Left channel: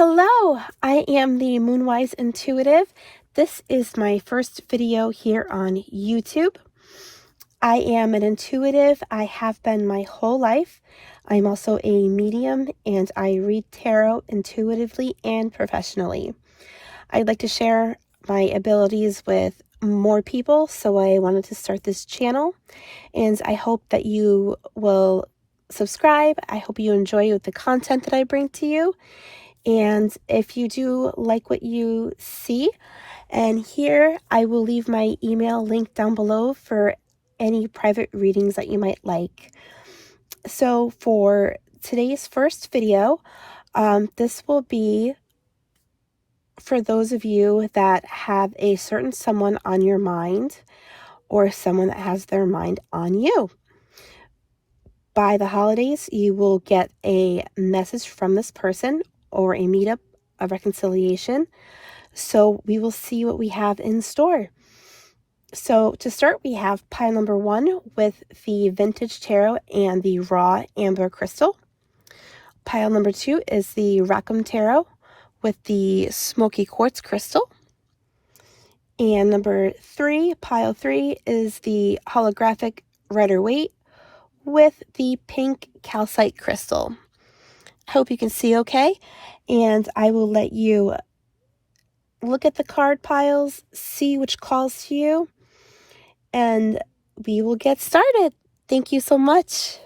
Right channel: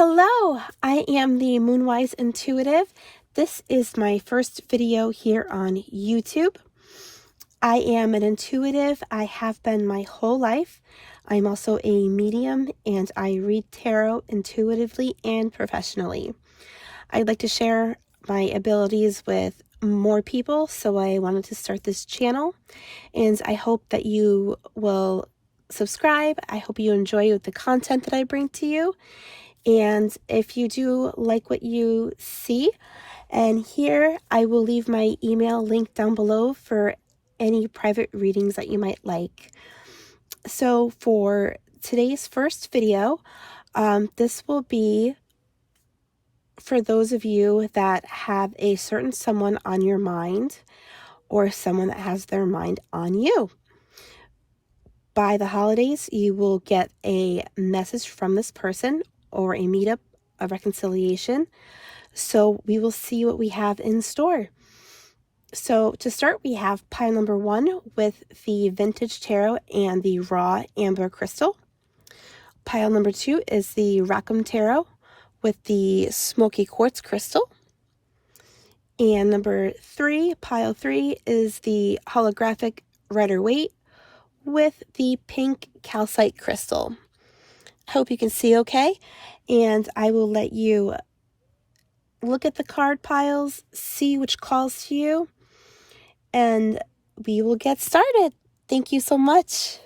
Hello, I am the Moonwise Intuitive. This is my first video here on YouTube. I am an intuitive. I have been my whole life. I'm also a medium and I read tarot intuitively and professionally. I'd like to share my abilities with more people, so I wanted to start this channel, and I hope that you will subscribe. I hope you enjoy the content that I bring to you. And if you do like what you see and hear, I will leave my email link down below for any private readings that you might like. So for today's first video, this will be for those of you that have a certain someone on your mind or someone that has their mind on you. By the holidays, you will get a message from this person or a meetup, a reconciliation. So we will see what we have in store. So to start, we have pile number 1 with the vintage tarot and the raw amber crystal. Pile number 2 is the Rackham tarot with the smoky quartz crystal. And number 3, pile 3, is the holographic Rider-Waite with the pink calcite crystal. I hope you can see okay, and I will let you look at the card piles, see which calls to you, and we will get started. Thank you so much.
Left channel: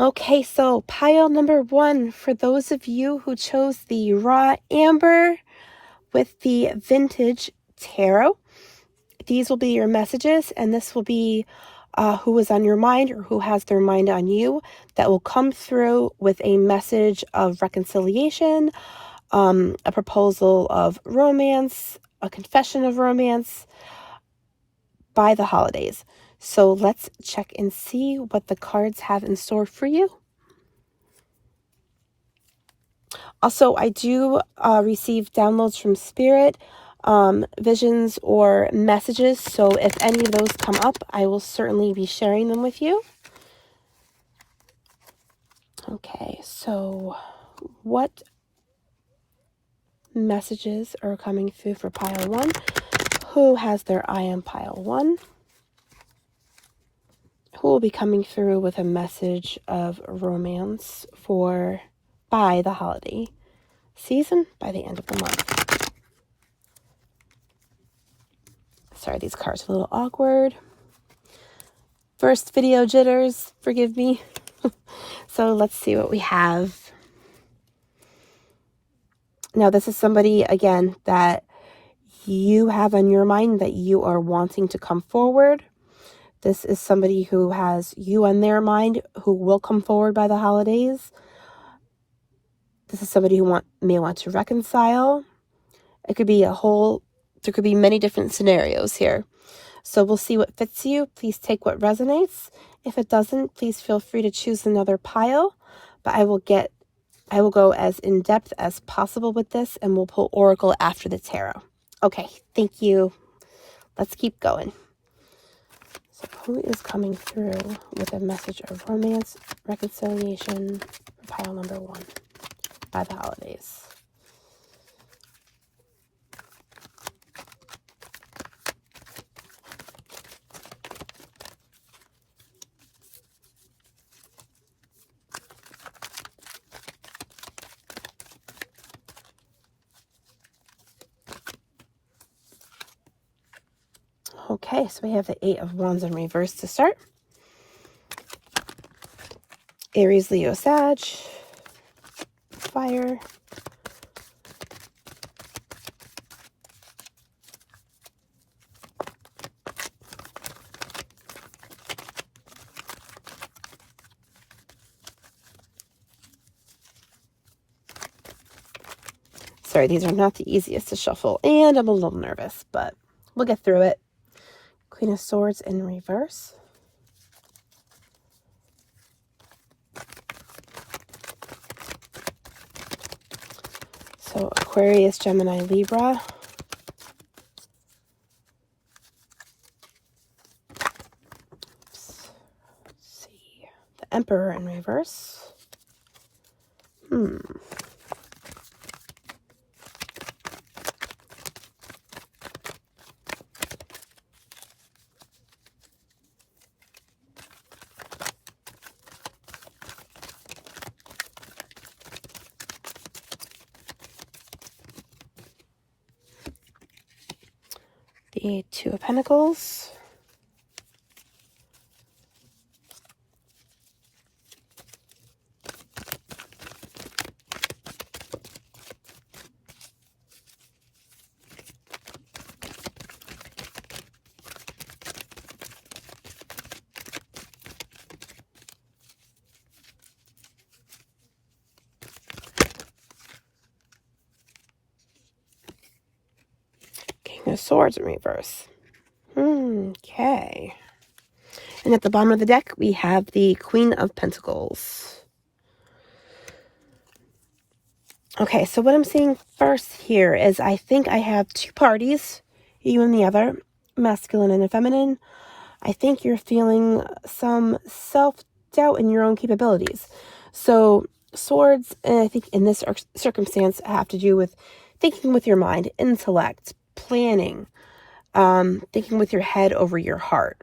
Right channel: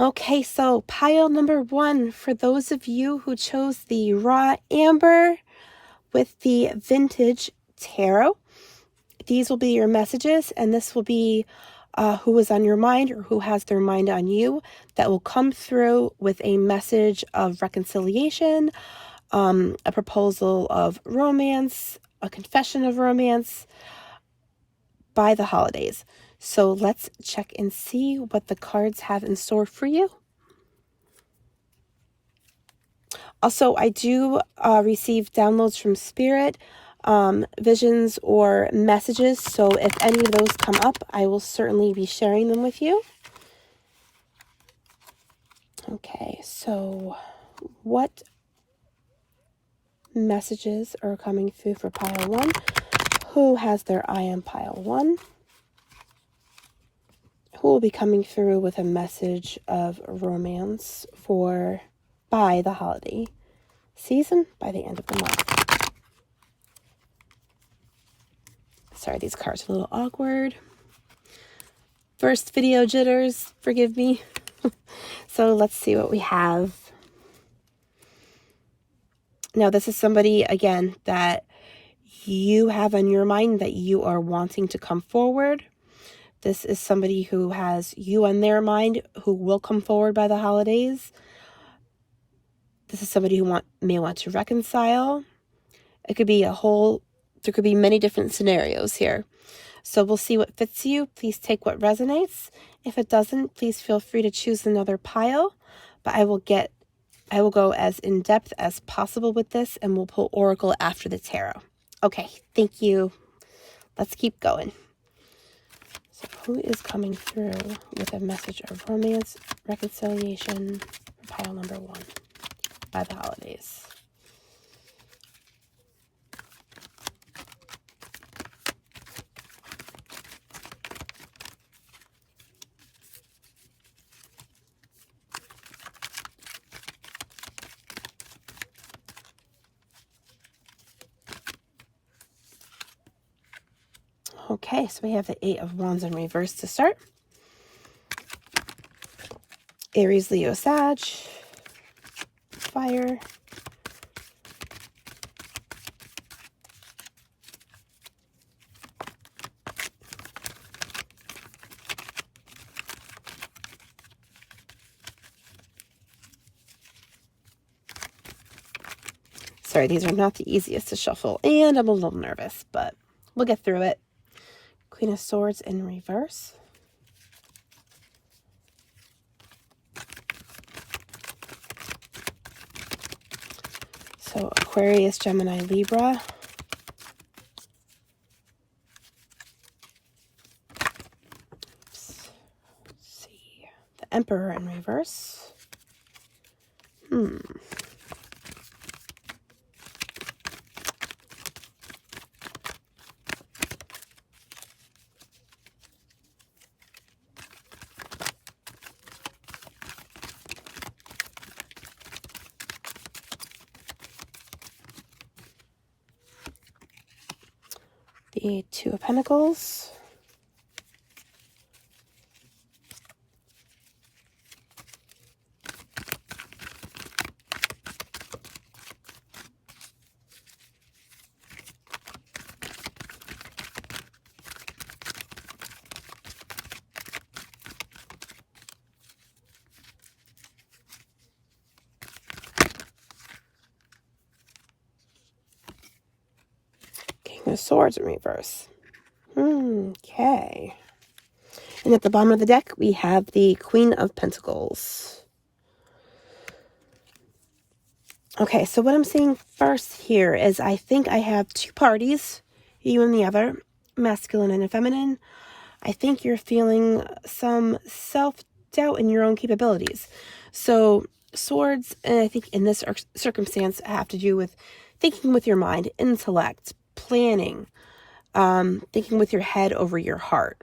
Okay, so pile number 1, for those of you who chose the raw amber with the vintage tarot, these will be your messages, and this will be who is on your mind or who has their mind on you that will come through with a message of reconciliation, a proposal of romance, a confession of romance by the holidays. So let's check and see what the cards have in store for you. Also, I do receive downloads from Spirit, visions, or messages. So if any of those come up, I will certainly be sharing them with you. Okay, so what messages are coming through for pile 1? Who has their eye on pile 1? Who will be coming through with a message of romance by the holiday season, by the end of the month? Sorry, these cards are a little awkward. First video jitters, forgive me. So let's see what we have. Now, this is somebody, again, that you have on your mind that you are wanting to come forward. This is somebody who has you on their mind who will come forward by the holidays. This is somebody who may want to reconcile. It could be there could be many different scenarios here. So we'll see what fits you. Please take what resonates. If it doesn't, please feel free to choose another pile. But I will go as in-depth as possible with this, and we'll pull Oracle after the tarot. Okay, thank you. Let's keep going. So who is coming through with a message of romance, reconciliation, pile number 1 by the holidays? Okay, so we have the 8 of Wands in reverse to start. Aries, Leo, Sag, fire. Sorry, these are not the easiest to shuffle, and I'm a little nervous, but we'll get through it. Queen of Swords in reverse. So Aquarius, Gemini, Libra. Let's see. The Emperor in reverse. The Two of Pentacles. King of Swords in reverse. Okay. And at the bottom of the deck, we have the Queen of Pentacles. Okay, so what I'm seeing first here is I think I have two parties, you and the other, masculine and feminine. I think you're feeling some self-doubt in your own capabilities. So swords, and I think in this circumstance, have to do with thinking with your mind, intellect, planning, thinking with your head over your heart.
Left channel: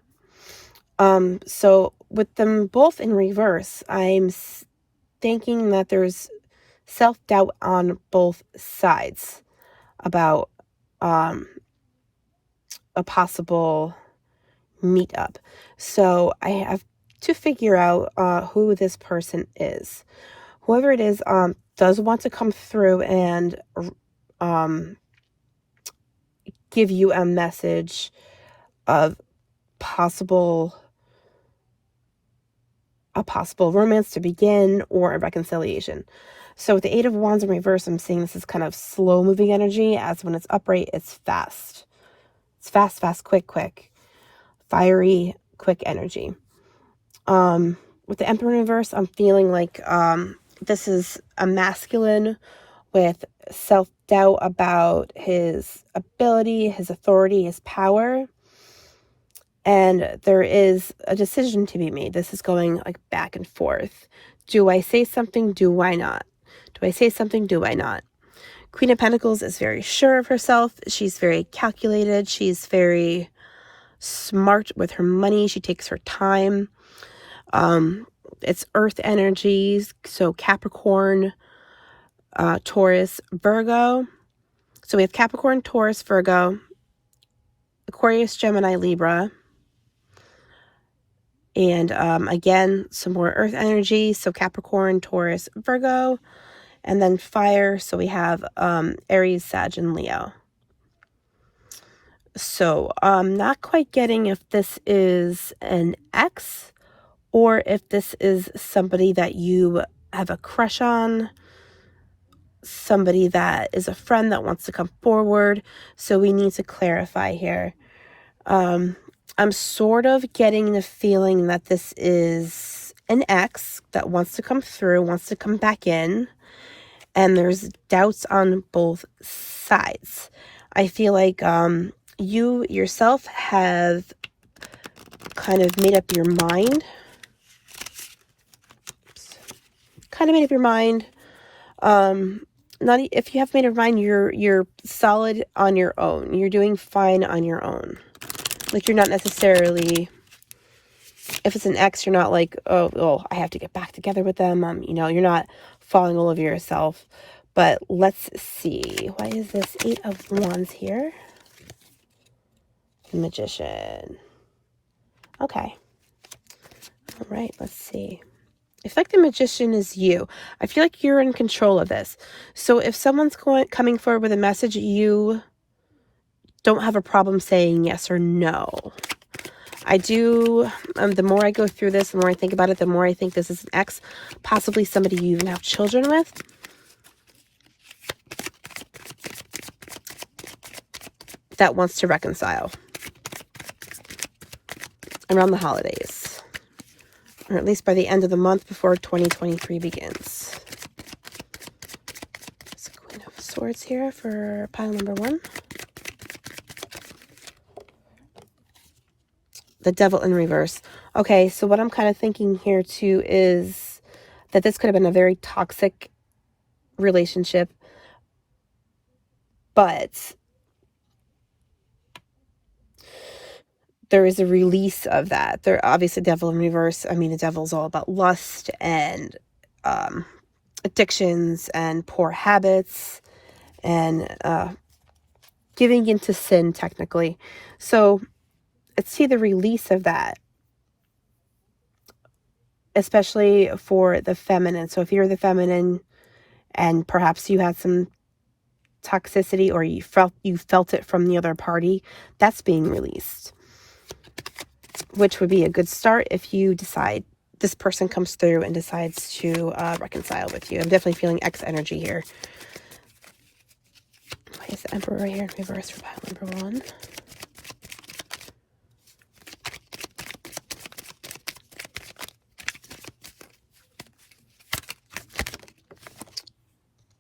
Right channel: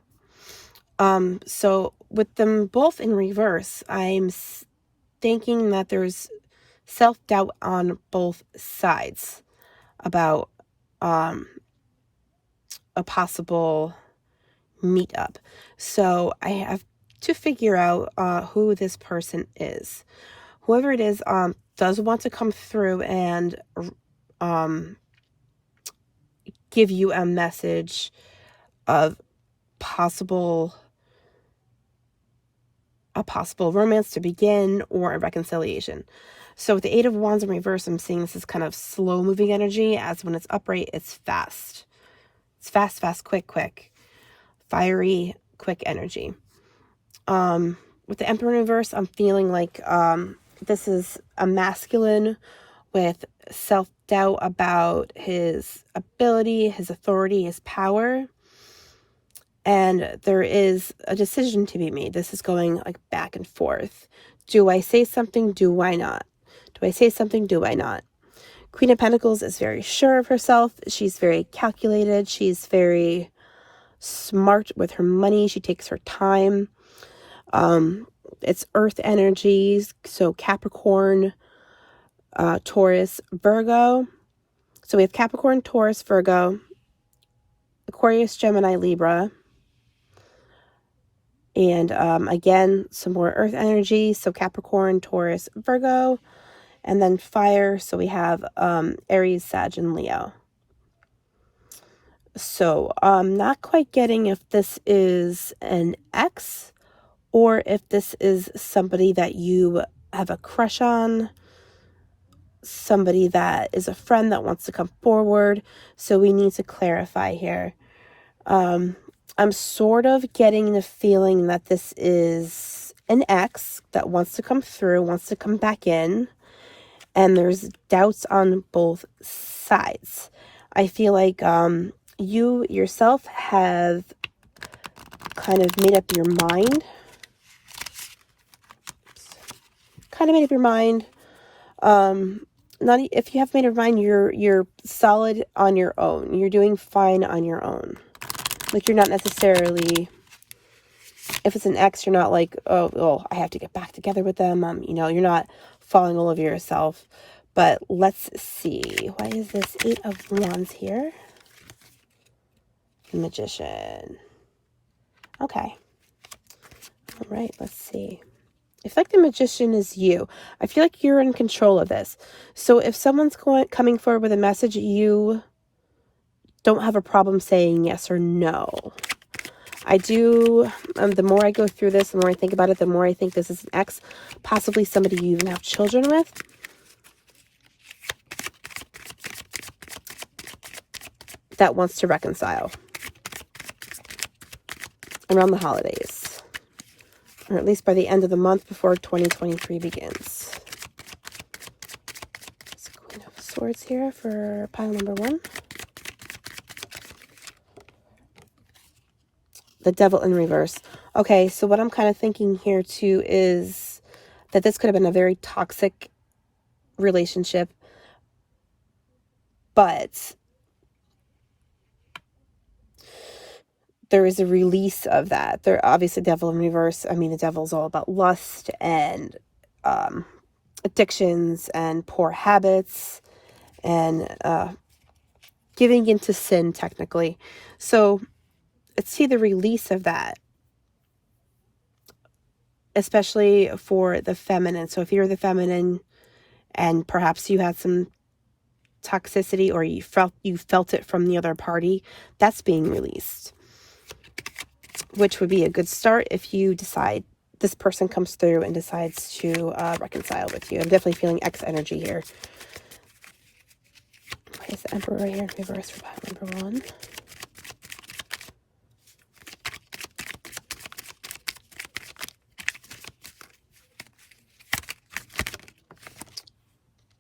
So with them both in reverse, I'm thinking that there's self-doubt on both sides about a possible meetup. So I have to figure out who this person is. Whoever it is does want to come through and give you a message of a possible romance to begin or a reconciliation. So with the Eight of Wands in reverse, I'm seeing this is kind of slow moving energy, as when it's upright, it's fast. It's fast, fast, quick, quick. Fiery, quick energy. With the Emperor in reverse, I'm feeling like this is a masculine with self-doubt about his ability, his authority, his power. And there is a decision to be made. This is going like back and forth. Do I say something? Do I not? Do I say something? Do I not? Queen of Pentacles is very sure of herself. She's very calculated. She's very smart with her money. She takes her time. It's earth energies. So Capricorn, Taurus, Virgo. So we have Capricorn, Taurus, Virgo, Aquarius, Gemini, Libra. And again, some more earth energy. So Capricorn, Taurus, Virgo. And then fire. So we have Aries, Sag, and Leo. So I'm not quite getting if this is an ex or if this is somebody that you have a crush on. Somebody that is a friend that wants to come forward. So we need to clarify here. I'm sort of getting the feeling that this is an ex that wants to come through, wants to come back in, and there's doubts on both sides. I feel like you yourself have kind of made up your mind. Not if you have made up your mind, you're solid on your own. You're doing fine on your own. Like, you're not necessarily, if it's an ex, you're not like, oh, I have to get back together with them. You're not falling all over yourself. But let's see. What is this Eight of Wands here? Magician. Okay. All right, let's see. I feel like the Magician is you. I feel like you're in control of this. So if someone's coming forward with a message, you don't have a problem saying yes or no. I do, the more I go through this, the more I think about it, the more I think this is an ex, possibly somebody you even have children with. That wants to reconcile around the holidays, or at least by the end of the month before 2023 begins. So, Queen of Swords here for pile number 1. The Devil in reverse. Okay, so what I'm kind of thinking here too is that this could have been a very toxic relationship, but there is a release of that. There obviously, Devil in reverse, I mean, the devil's all about lust and addictions and poor habits and giving into sin, technically. So let's see the release of that, especially for the feminine. So if you're the feminine and perhaps you had some toxicity or you felt it from the other party, that's being released, which would be a good start if you decide this person comes through and decides to reconcile with you. I'm definitely feeling X energy here. Why is the Emperor right here in reverse for pile number 1?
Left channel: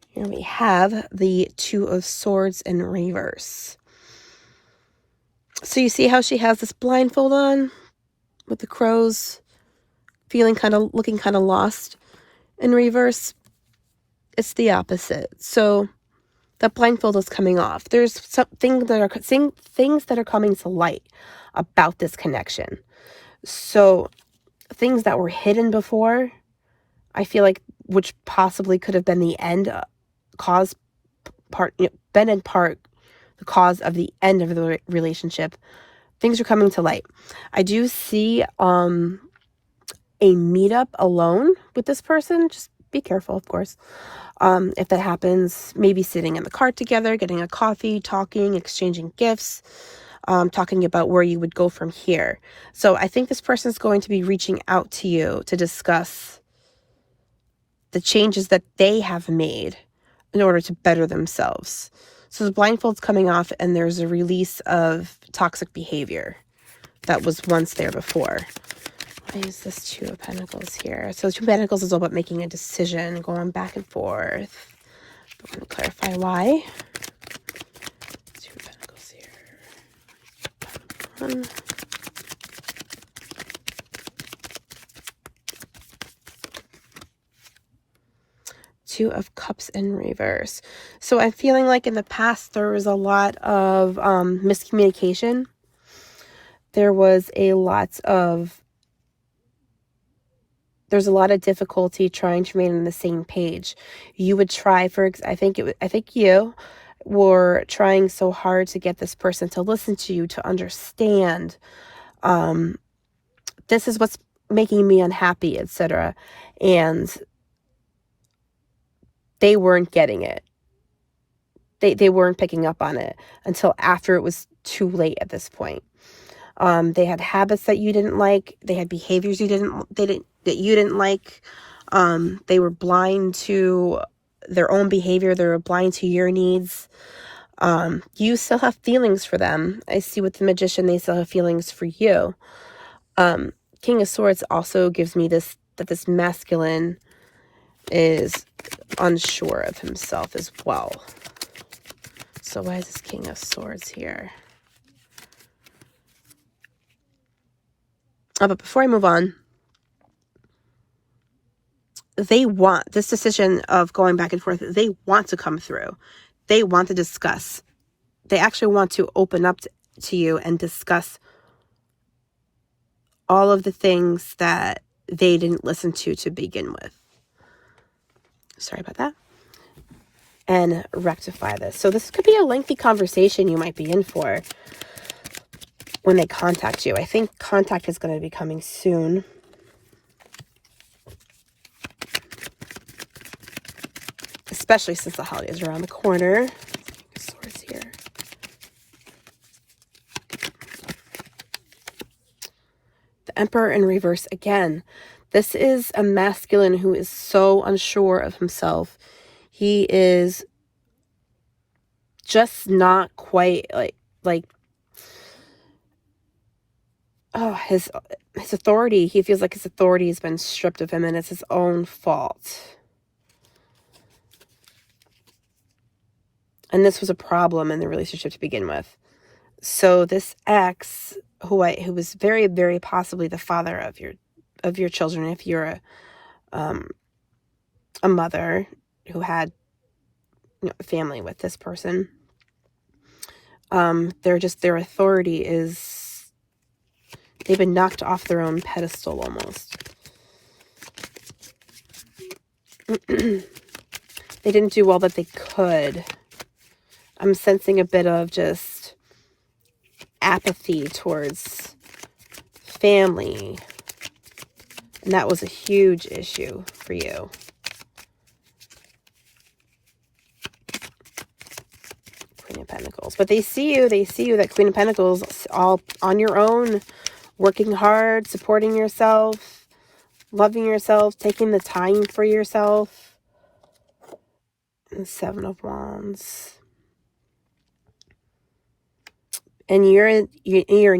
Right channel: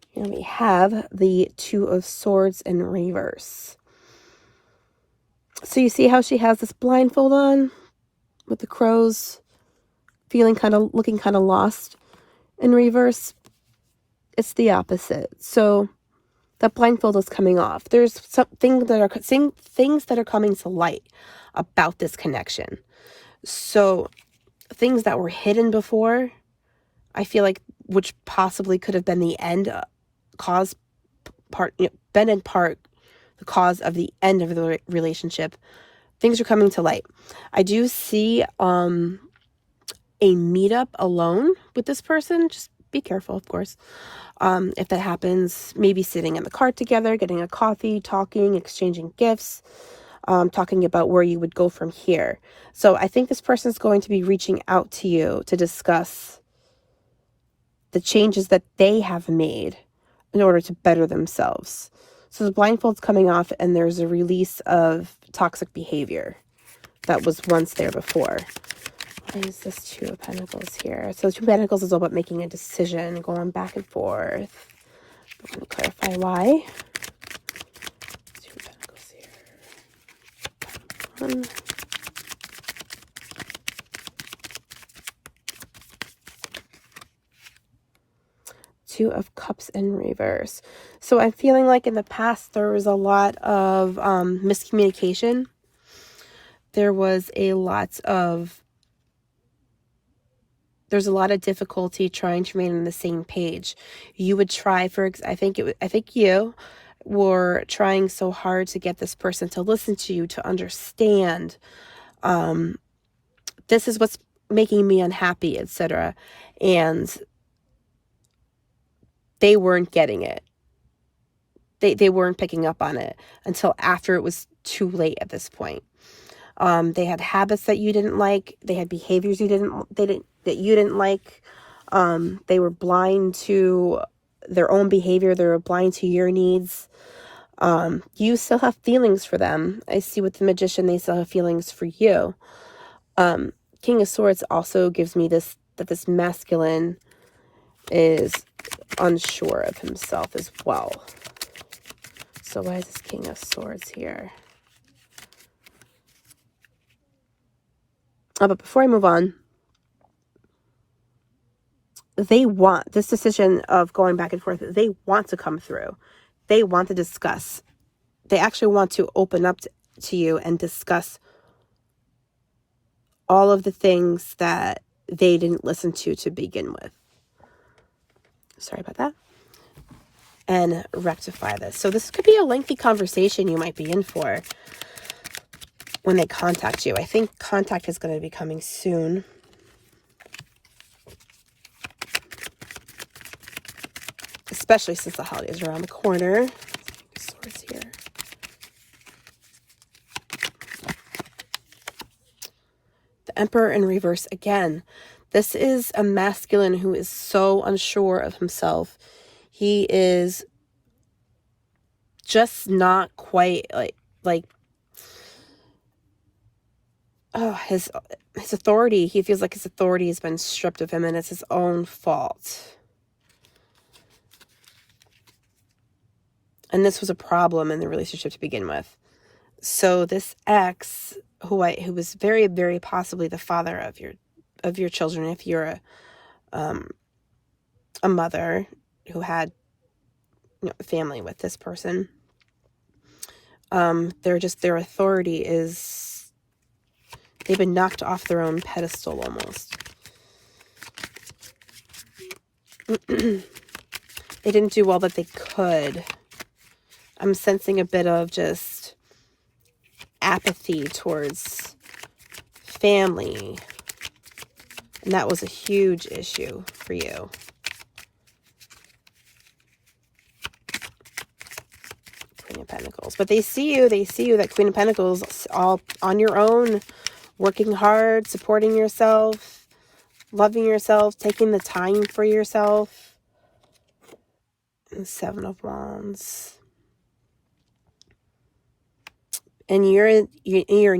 Here we have the Two of Swords in reverse. So you see how she has this blindfold on with the crows, looking kind of lost. In reverse, it's the opposite. So that blindfold is coming off. There's things that are coming to light about this connection. So things that were hidden before, I feel like, which possibly could have been the end been in part the cause of the end of the relationship. Things are coming to light. I do see a meetup alone with this person. Just be careful, of course. If that happens, maybe sitting in the car together, getting a coffee, talking, exchanging gifts, talking about where you would go from here. So I think this person is going to be reaching out to you to discuss the changes that they have made in order to better themselves. So the blindfold's coming off and there's a release of toxic behavior that was once there before. What is this Two of Pentacles here? So Two of Pentacles is all about making a decision, going back and forth. But let me clarify why. Two of Pentacles here. Two of Cups in reverse. So I'm feeling like in the past there was a lot of miscommunication. There was a lot of difficulty trying to remain on the same page. You would try I think you were trying so hard to get this person to listen to you, to understand this is what's making me unhappy, etc. And they weren't getting it. They weren't picking up on it until after it was too late at this point. They had habits that you didn't like. They had behaviors that you didn't like. They were blind to their own behavior. They were blind to your needs. You still have feelings for them. I see with the Magician, they still have feelings for you. King of Swords also gives me this, that this masculine is unsure of himself as well. So why is this King of Swords here? But before I move on, they want this decision of going back and forth. They want to come through. They want to discuss. They actually want to open up to you and discuss all of the things that they didn't listen to begin with. Sorry about that. And rectify this. So this could be a lengthy conversation you might be in for when they contact you. I think contact is going to be coming soon. Especially since the holiday is around the corner. Swords here. The Emperor in reverse again. This is a masculine who is so unsure of himself. He is just not quite like his authority. He feels like his authority has been stripped of him and it's his own fault. And this was a problem in the relationship to begin with. So this ex, who was very, very possibly the father of your children, if you're a mother who had a family with this person, their authority is, they've been knocked off their own pedestal almost. They didn't do all that they could. I'm sensing a bit of just apathy towards family. And that was a huge issue for you. Queen of Pentacles. But they see you, that Queen of Pentacles, all on your own, working hard, supporting yourself, loving yourself, taking the time for yourself. And 7 of Wands. And you're in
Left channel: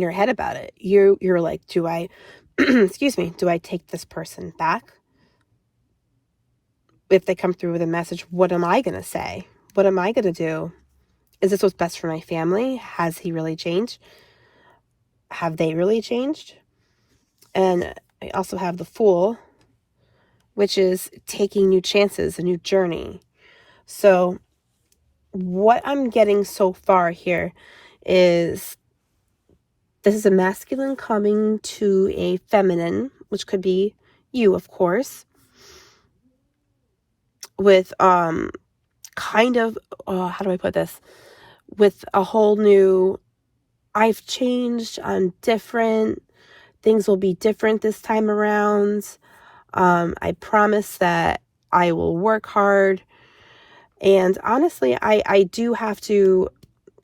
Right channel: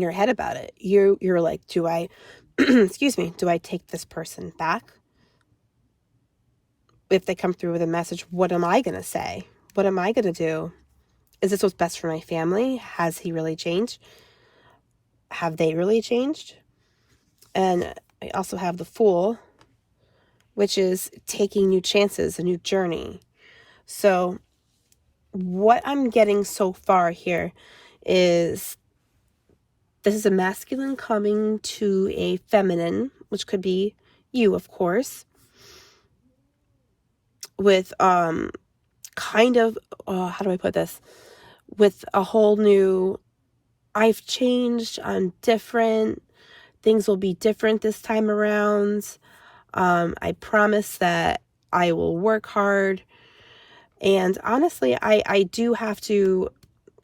your head about it. You're like, do I, excuse me, do I take this person back? If they come through with a message, what am I going to say? What am I going to do? Is this what's best for my family? Has he really changed? Have they really changed? And I also have the Fool, which is taking new chances, a new journey. So what I'm getting so far here is this is a masculine coming to a feminine, which could be you, of course, with kind of, how do I put this? With a whole new, I've changed, I'm different, things will be different this time around. I promise that I will work hard. And honestly, I do have to,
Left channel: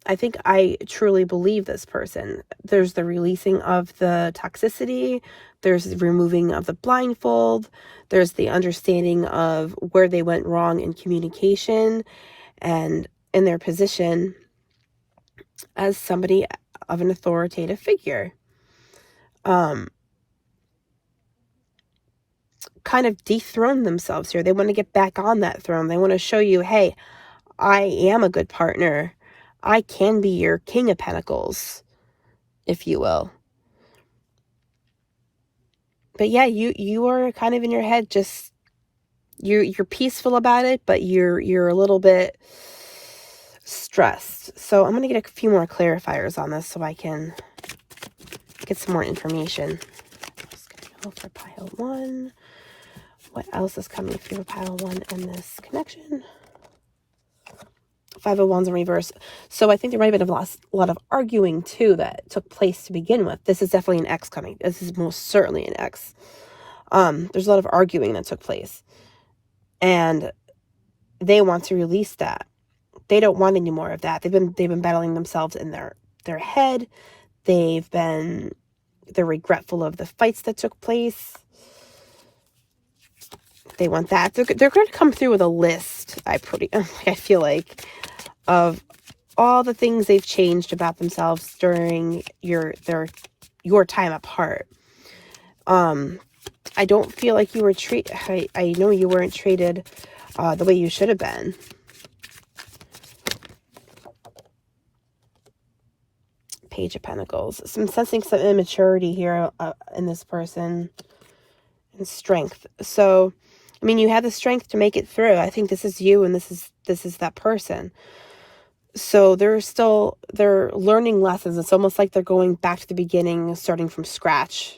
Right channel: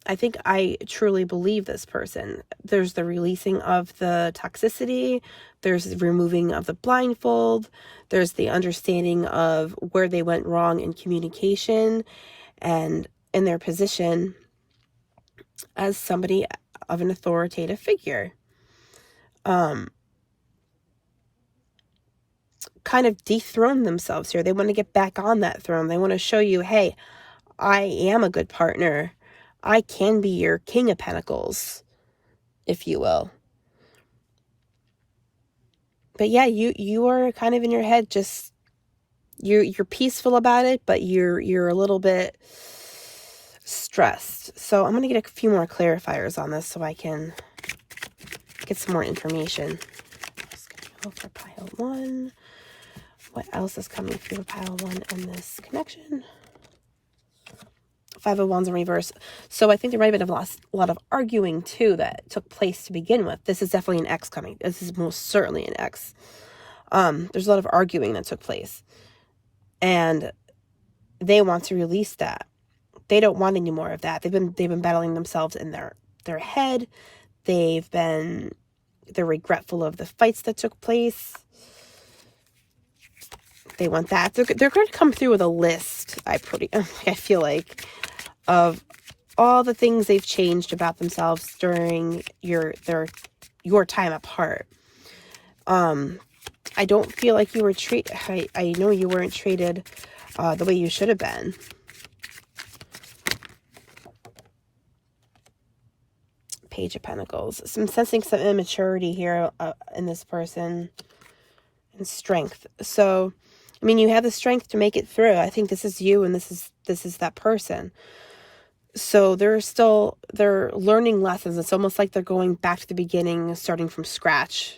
I think I truly believe this person. There's the releasing of the toxicity. There's the removing of the blindfold. There's the understanding of where they went wrong in communication and in their position as somebody of an authoritative figure. Kind of dethrone themselves here. They want to get back on that throne. They want to show you, hey, I am a good partner. I can be your King of Pentacles, if you will. But yeah, you are kind of in your head, just you're peaceful about it, but you're a little bit stressed. So I'm gonna get a few more clarifiers on this so I can get some more information. Go for pile 1. What else is coming through pile 1 in this connection? 5 of Wands in reverse. So I think there might have been a lot of arguing too that took place to begin with. This is definitely an X coming. This is most certainly an X. There's a lot of arguing that took place. And they want to release that. They don't want any more of that. They've been battling themselves in their head. They're regretful of the fights that took place. They want that. They're going to come through with a list, I feel like, of all the things they've changed about themselves during your time apart. I don't feel like you were treated, I know you weren't treated the way you should have been. Page of Pentacles. So I'm sensing some immaturity here in this person. And strength. So, I mean, you have the strength to make it through. I think this is you and this is that person. So they're learning lessons. It's almost like they're going back to the beginning, starting from scratch.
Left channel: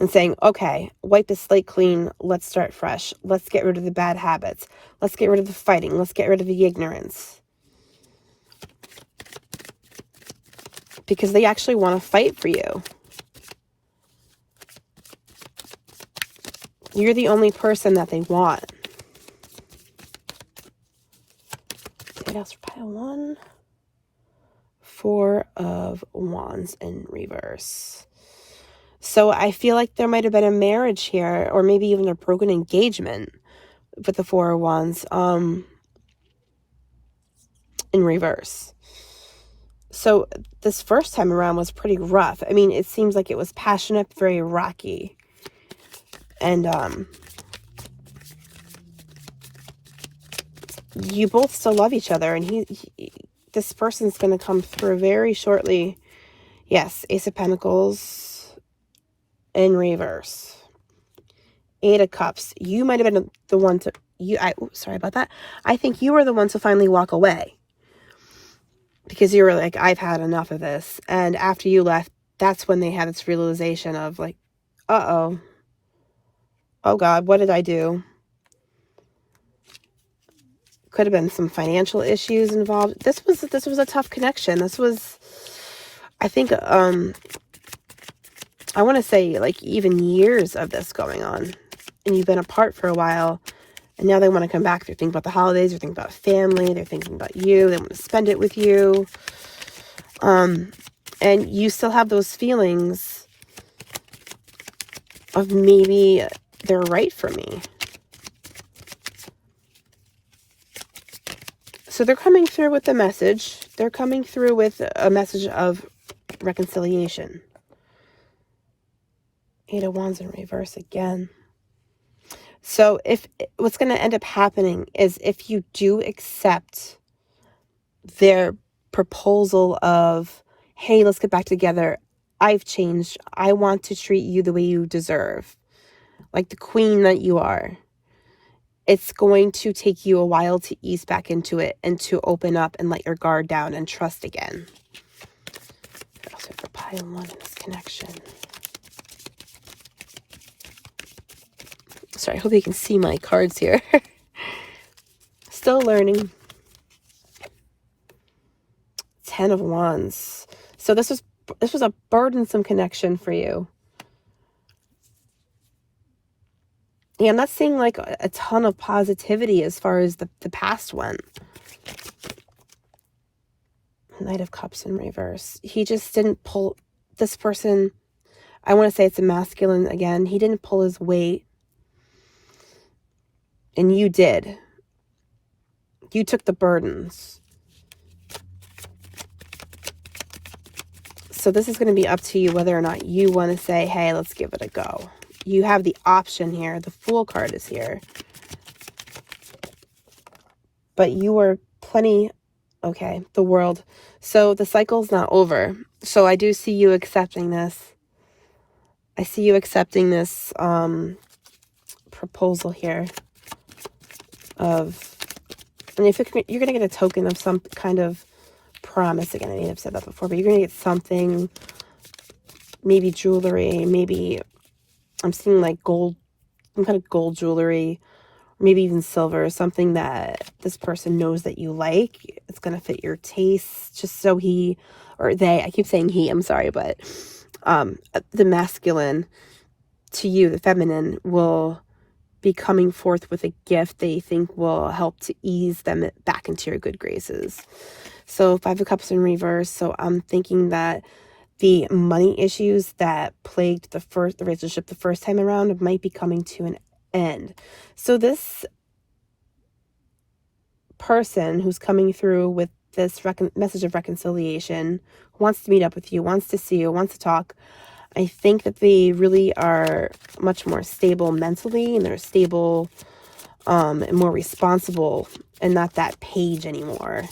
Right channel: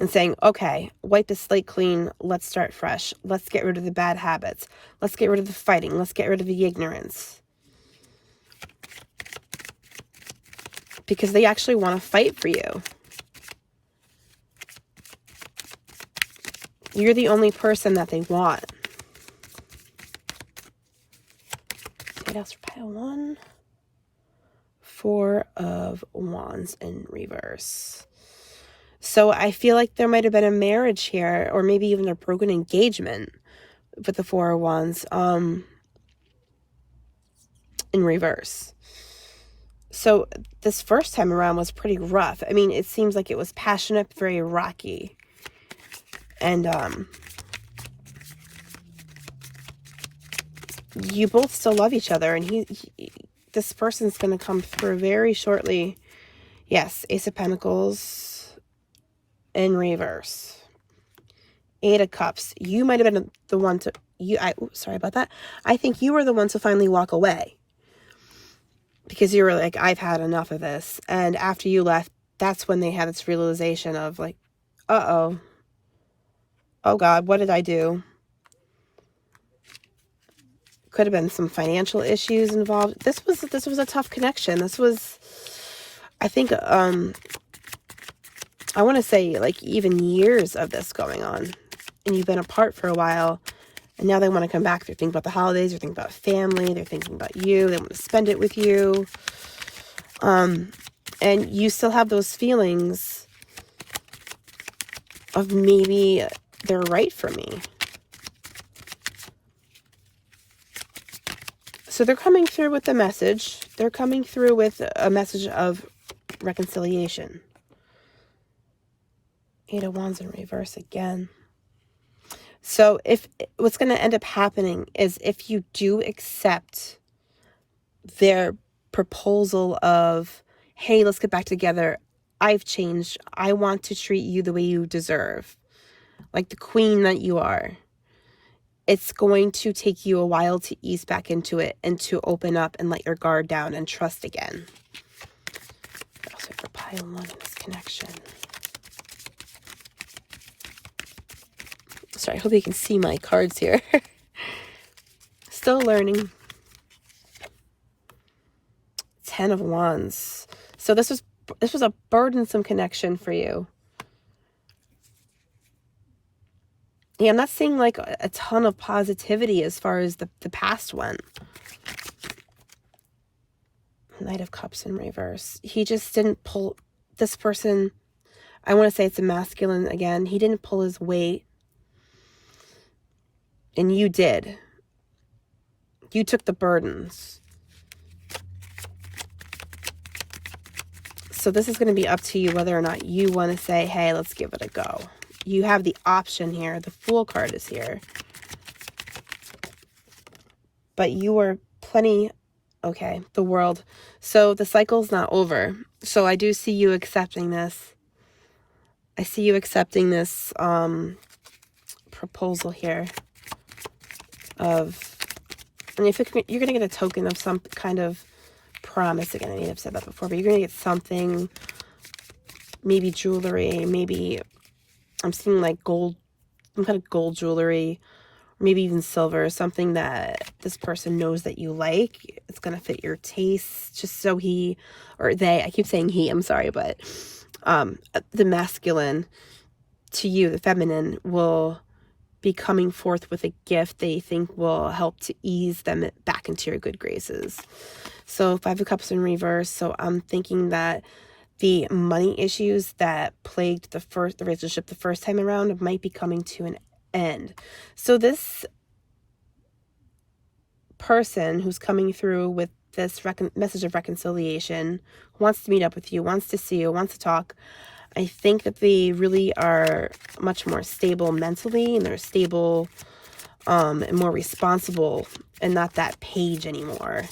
And saying, okay, wipe the slate clean. Let's start fresh. Let's get rid of the bad habits. Let's get rid of the fighting. Let's get rid of the ignorance. Because they actually want to fight for you. You're the only person that they want. What else for pile 1? 4 of Wands in reverse. So I feel like there might have been a marriage here, or maybe even a broken engagement with the 4 of Wands in reverse. So this first time around was pretty rough. I mean, it seems like it was passionate, very rocky. And you both still love each other, and this person's going to come through very shortly. Yes, Ace of Pentacles in reverse. 8 of Cups. You might have been the one to, sorry about that. I think you were the one to finally walk away. Because you were like, I've had enough of this. And after you left, that's when they had this realization of like, uh-oh. Oh God, what did I do? Could have been some financial issues involved. This was a tough connection. This was, I think, I want to say like even years of this going on. And you've been apart for a while. And now they want to come back. They're thinking about the holidays. They're thinking about family. They're thinking about you. They want to spend it with you. And you still have those feelings of maybe they're right for me. So they're coming through with a message. They're coming through with a message of reconciliation. 8 of Wands in reverse again. So what's going to end up happening is if you do accept their proposal of, hey, let's get back together. I've changed. I want to treat you the way you deserve. Like the queen that you are. It's going to take you a while to ease back into it and to open up and let your guard down and trust again. Also for pile 1 in this connection. Sorry, I hope you can see my cards here. Still learning. 10 of Wands. So this was a burdensome connection for you. Yeah, I'm not seeing like a ton of positivity as far as the past went. Knight of Cups in reverse. He just didn't pull, this person, I want to say it's a masculine again. He didn't pull his weight. And you did. You took the burdens. So this is going to be up to you whether or not you want to say, hey, let's give it a go. You have the option here. The Fool card is here. But you are plenty, okay, the World. So the cycle's not over. So I do see you accepting this. I see you accepting this proposal here of, and if you're going to get a token of some kind of promise, again, I may have said that before, but you're going to get something, maybe jewelry, maybe, I'm seeing like gold, some kind of gold jewelry, or maybe even silver, something that this person knows that you like. It's going to fit your taste, just so he, or they, I keep saying he, I'm sorry, but the masculine to you, the feminine, will be coming forth with a gift they think will help to ease them back into your good graces. So 5 of Cups in reverse. So I'm thinking that the money issues that plagued the relationship the first time around might be coming to an end. So this person who's coming through with this message of reconciliation wants to meet up with you, wants to see you, wants to talk. I think that they really are much more stable mentally, and they're stable and more responsible, and not that Page anymore.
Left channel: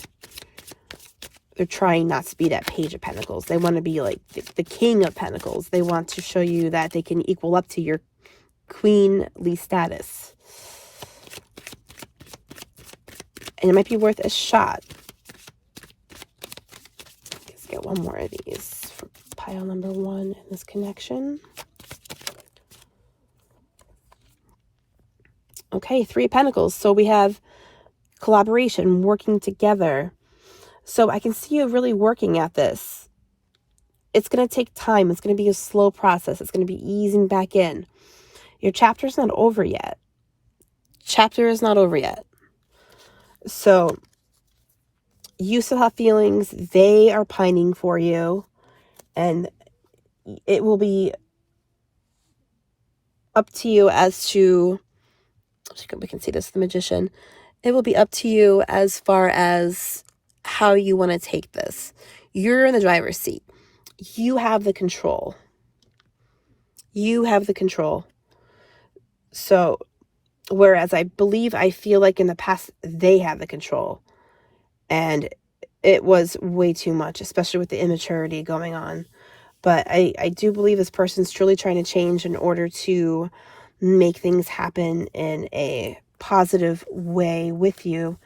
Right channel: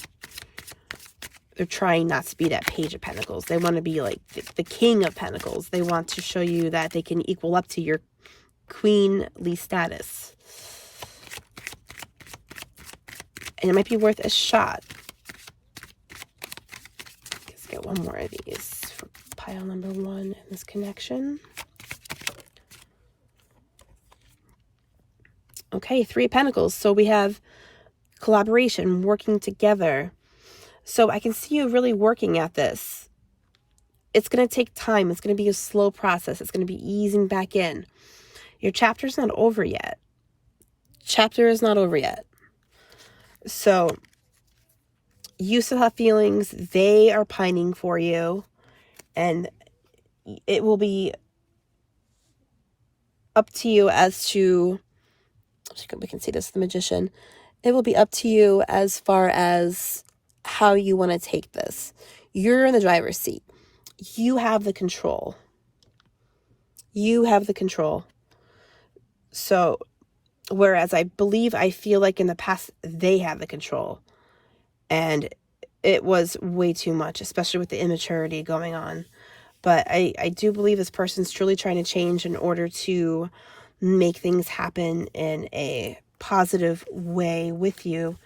They're trying not to be that Page of Pentacles. They want to be like the King of Pentacles. They want to show you that they can equal up to your queenly status. And it might be worth a shot. Let's get one more of these for pile number 1 in this connection. Okay, 3 of Pentacles. So we have collaboration, working together. So I can see you really working at this. It's going to take time. It's going to be a slow process. It's going to be easing back in. Your chapter's not over yet. Chapter is not over yet. So you still have feelings. They are pining for you. And it will be up to you as to, we can see this, the Magician. It will be up to you as far as how you want to take this. You're in the driver's seat. You have the control. You have the control. So Whereas I feel like in the past, they had the control. And it was way too much, especially with the immaturity going on. But I do believe this person's truly trying to change in order to make things happen in a positive way with you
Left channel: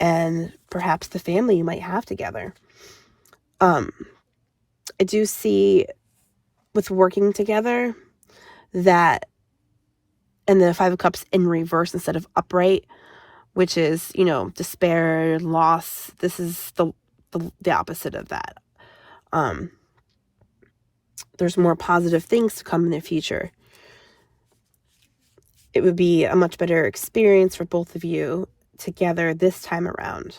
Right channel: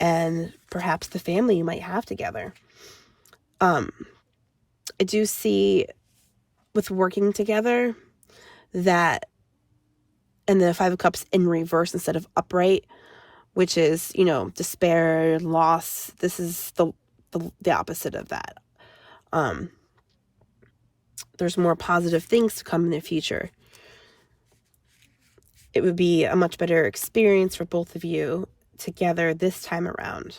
and perhaps the family you might have together. I do see with working together that, and the Five of Cups in reverse instead of upright, which is, you know, despair, loss. This is the opposite of that. There's more positive things to come in the future. It would be a much better experience for both of you together this time around.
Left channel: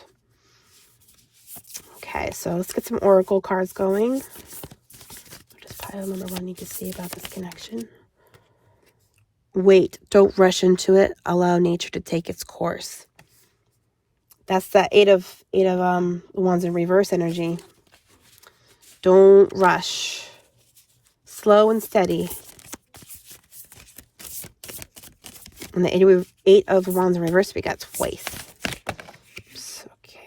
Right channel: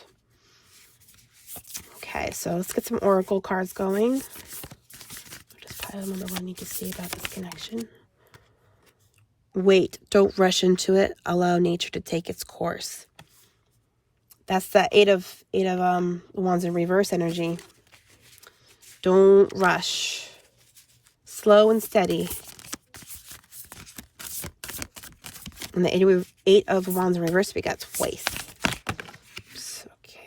Okay, so let's get some oracle cards going. Just pile them on what I need to say about this connection. Wait, don't rush into it. Allow nature to take its course. That's that eight of wands in reverse energy. Don't rush. Slow and steady. And the eight of wands in reverse, we got twice. Okay.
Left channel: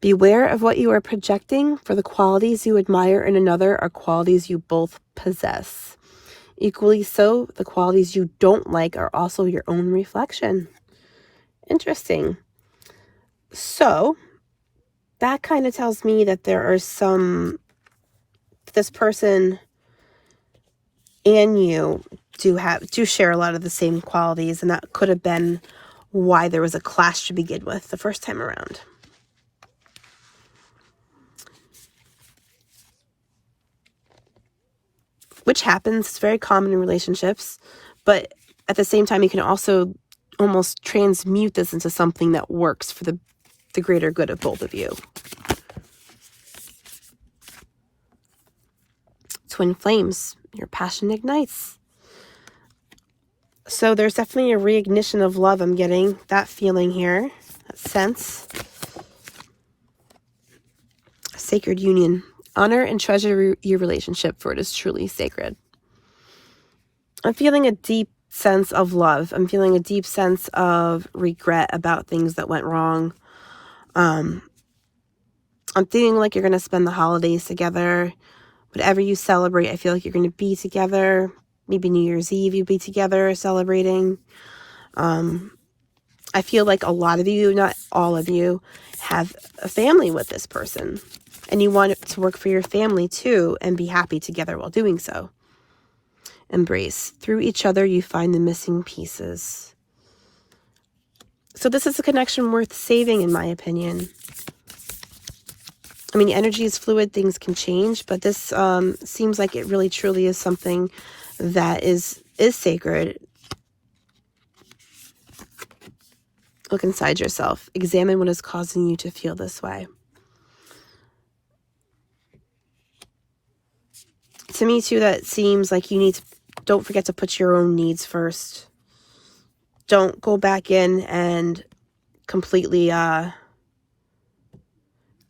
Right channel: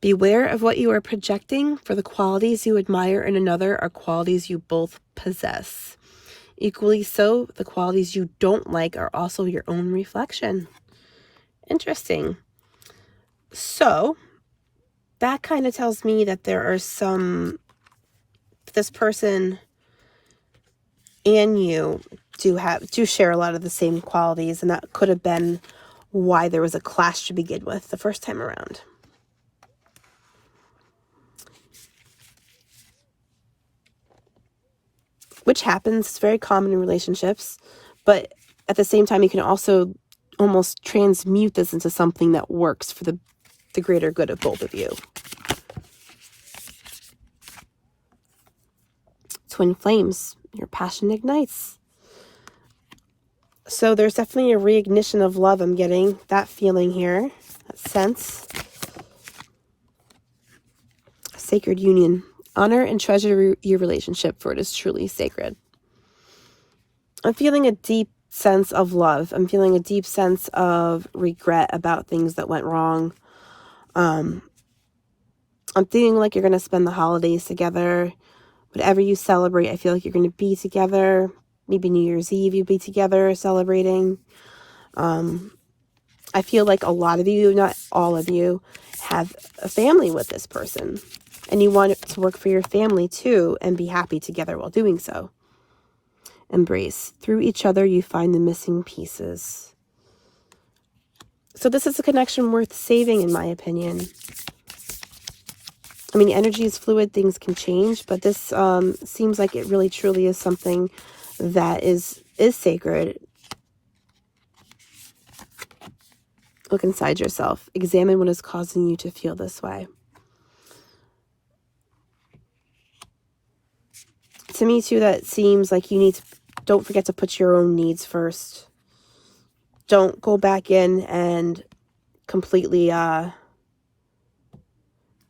Beware of what you are projecting, for the qualities you admire in another are qualities you both possess. Equally so, the qualities you don't like are also your own reflection. Interesting. So, that kind of tells me that there are this person and you do share a lot of the same qualities, and that could have been why there was a clash to begin with the first time around. Which happens, it's very common in relationships, but at the same time, you can also almost transmute this into something that works for the greater good of both of you. Twin flames, your passion ignites. So there's definitely a reignition of love. I'm getting that feeling here, that sense. Sacred union. Honor and treasure your relationship, for it is truly sacred. I'm feeling a deep sense of love. I'm feeling a deep sense of regret about things that went wrong. I'm feeling like you're going to spend the holidays together. Whatever you celebrate, I feel like you're going to be together. Maybe New Year's Eve, you'll be together celebrating. I feel like a lot of you, not all of you, have a family with this person. And you want it to work for your family too, and be happy together while doing so. Embrace. Through each other, you find the missing pieces. So this is a connection worth saving, in my opinion. I mean, energy is fluid, things can change, but this seems like it really truly is something that is sacred. Look inside yourself. Examine what is causing you to feel this way. To me, too, that seems like you need to, don't forget to put your own needs first. Don't go back in and completely,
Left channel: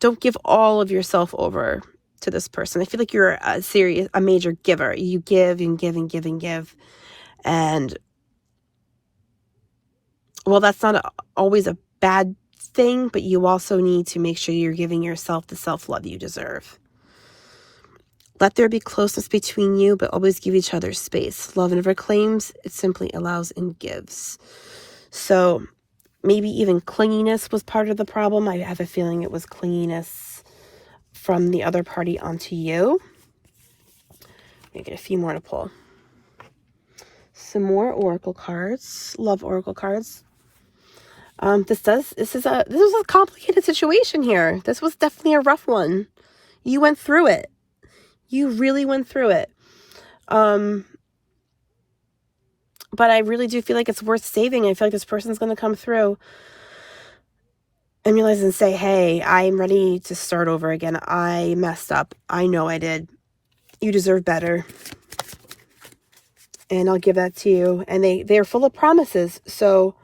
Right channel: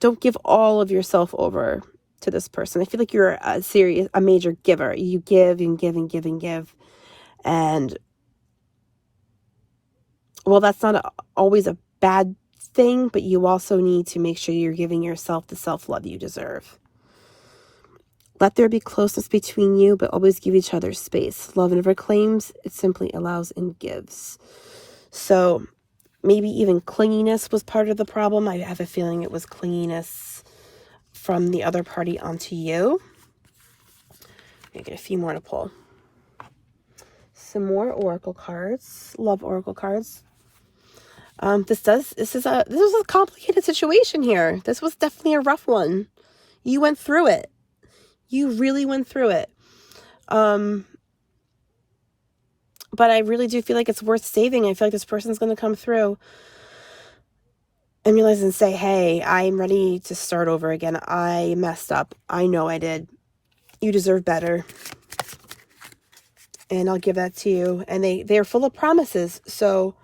don't give all of yourself over to this person. I feel like you're a major giver. You give and give and give and give. And, well, that's not always a bad thing, but you also need to make sure you're giving yourself the self-love you deserve. Let there be closeness between you, but always give each other space. Love never claims, it simply allows and gives. So maybe even clinginess was part of the problem. I have a feeling it was clinginess from the other party onto you. I'm gonna get a few more to pull. Some more oracle cards. Love oracle cards. This is a complicated situation here. This was definitely a rough one. You went through it. You really went through it. But I really do feel like it's worth saving. I feel like this person's going to come through and realize and say, hey, I'm ready to start over again. I messed up. I know I did. You deserve better. And I'll give that to you. And they're full of promises. So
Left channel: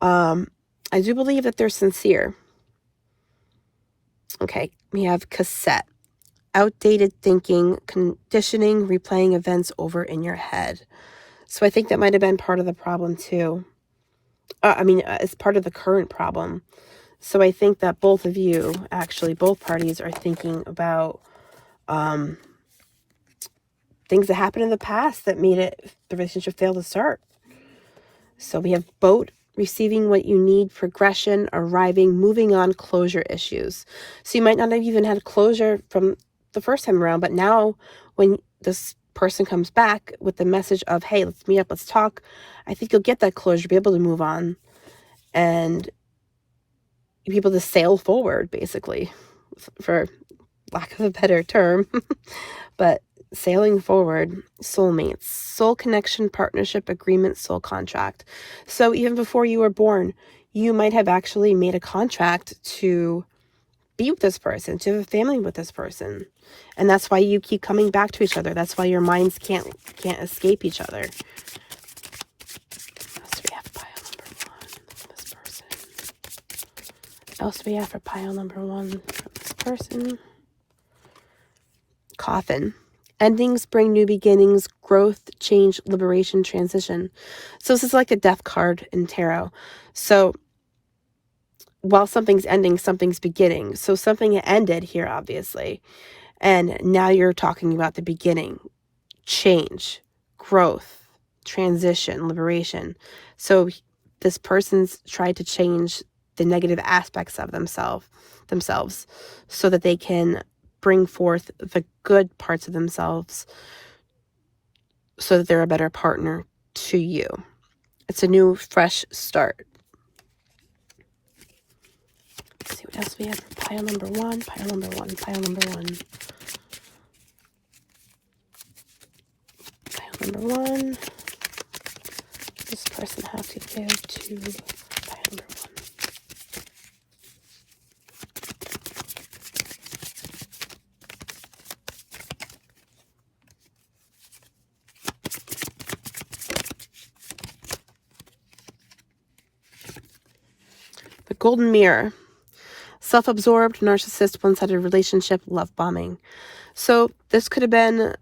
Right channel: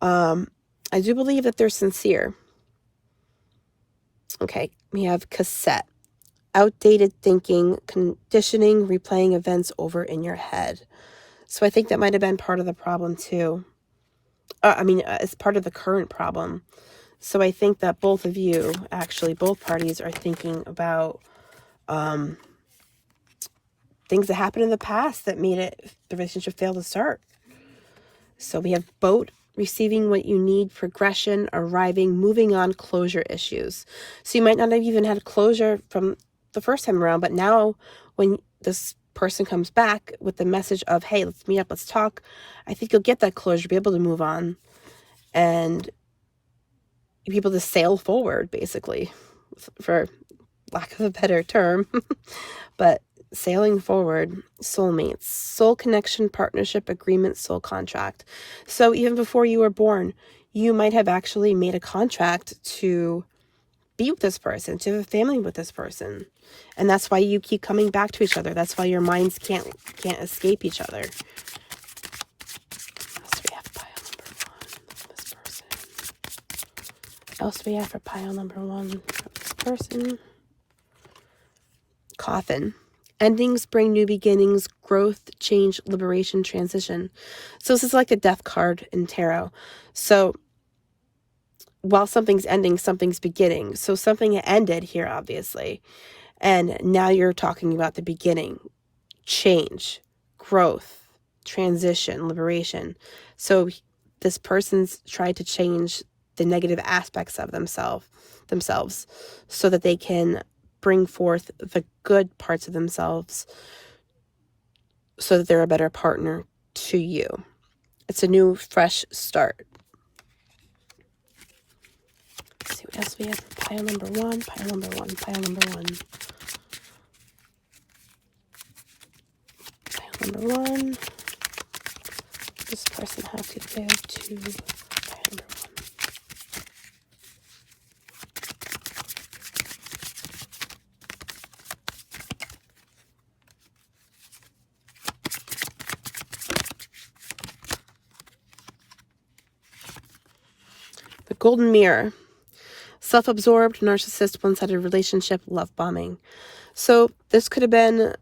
I do believe that they're sincere. Okay, we have cassette. Outdated thinking, conditioning, replaying events over in your head. So I think that might have been part of the problem too. It's part of the current problem. So I think that both of you, actually, both parties are thinking about things that happened in the past that made the relationship fail to start. So we have boat, receiving what you need, progression, arriving, moving on, closure issues. So you might not have even had closure from the first time around, but now when this person comes back with the message of, hey, let's meet up, let's talk, I think you'll get that closure, be able to move on and be able to sail forward, basically, for lack of a better term. But sailing forward, soulmates, soul connection, partnership, agreement, soul contract. So even before you were born, you might have actually made a contract to be with this person, to have a family with this person. And that's why you keep coming back to each other. That's why your minds can't escape each other. What else do we have for pile number one? Person. Coffin. Endings bring new beginnings, growth, change, liberation, transition. So this is like a death card in tarot. So while something's ending, something's beginning. So something ended here, obviously. And now you're talking about the beginning, change, growth, transition, liberation. So this person's tried to change the negative aspects of themselves so that they can bring forth the good parts of themselves so that they're a better partner to you. It's a new, fresh start. Let's see what else we have. Pile number one, pile number one, pile number one. Pile number one. This person has to go to pile number one. The Golden Mirror. Self-absorbed, narcissist, one-sided relationship, love bombing. So this could have been,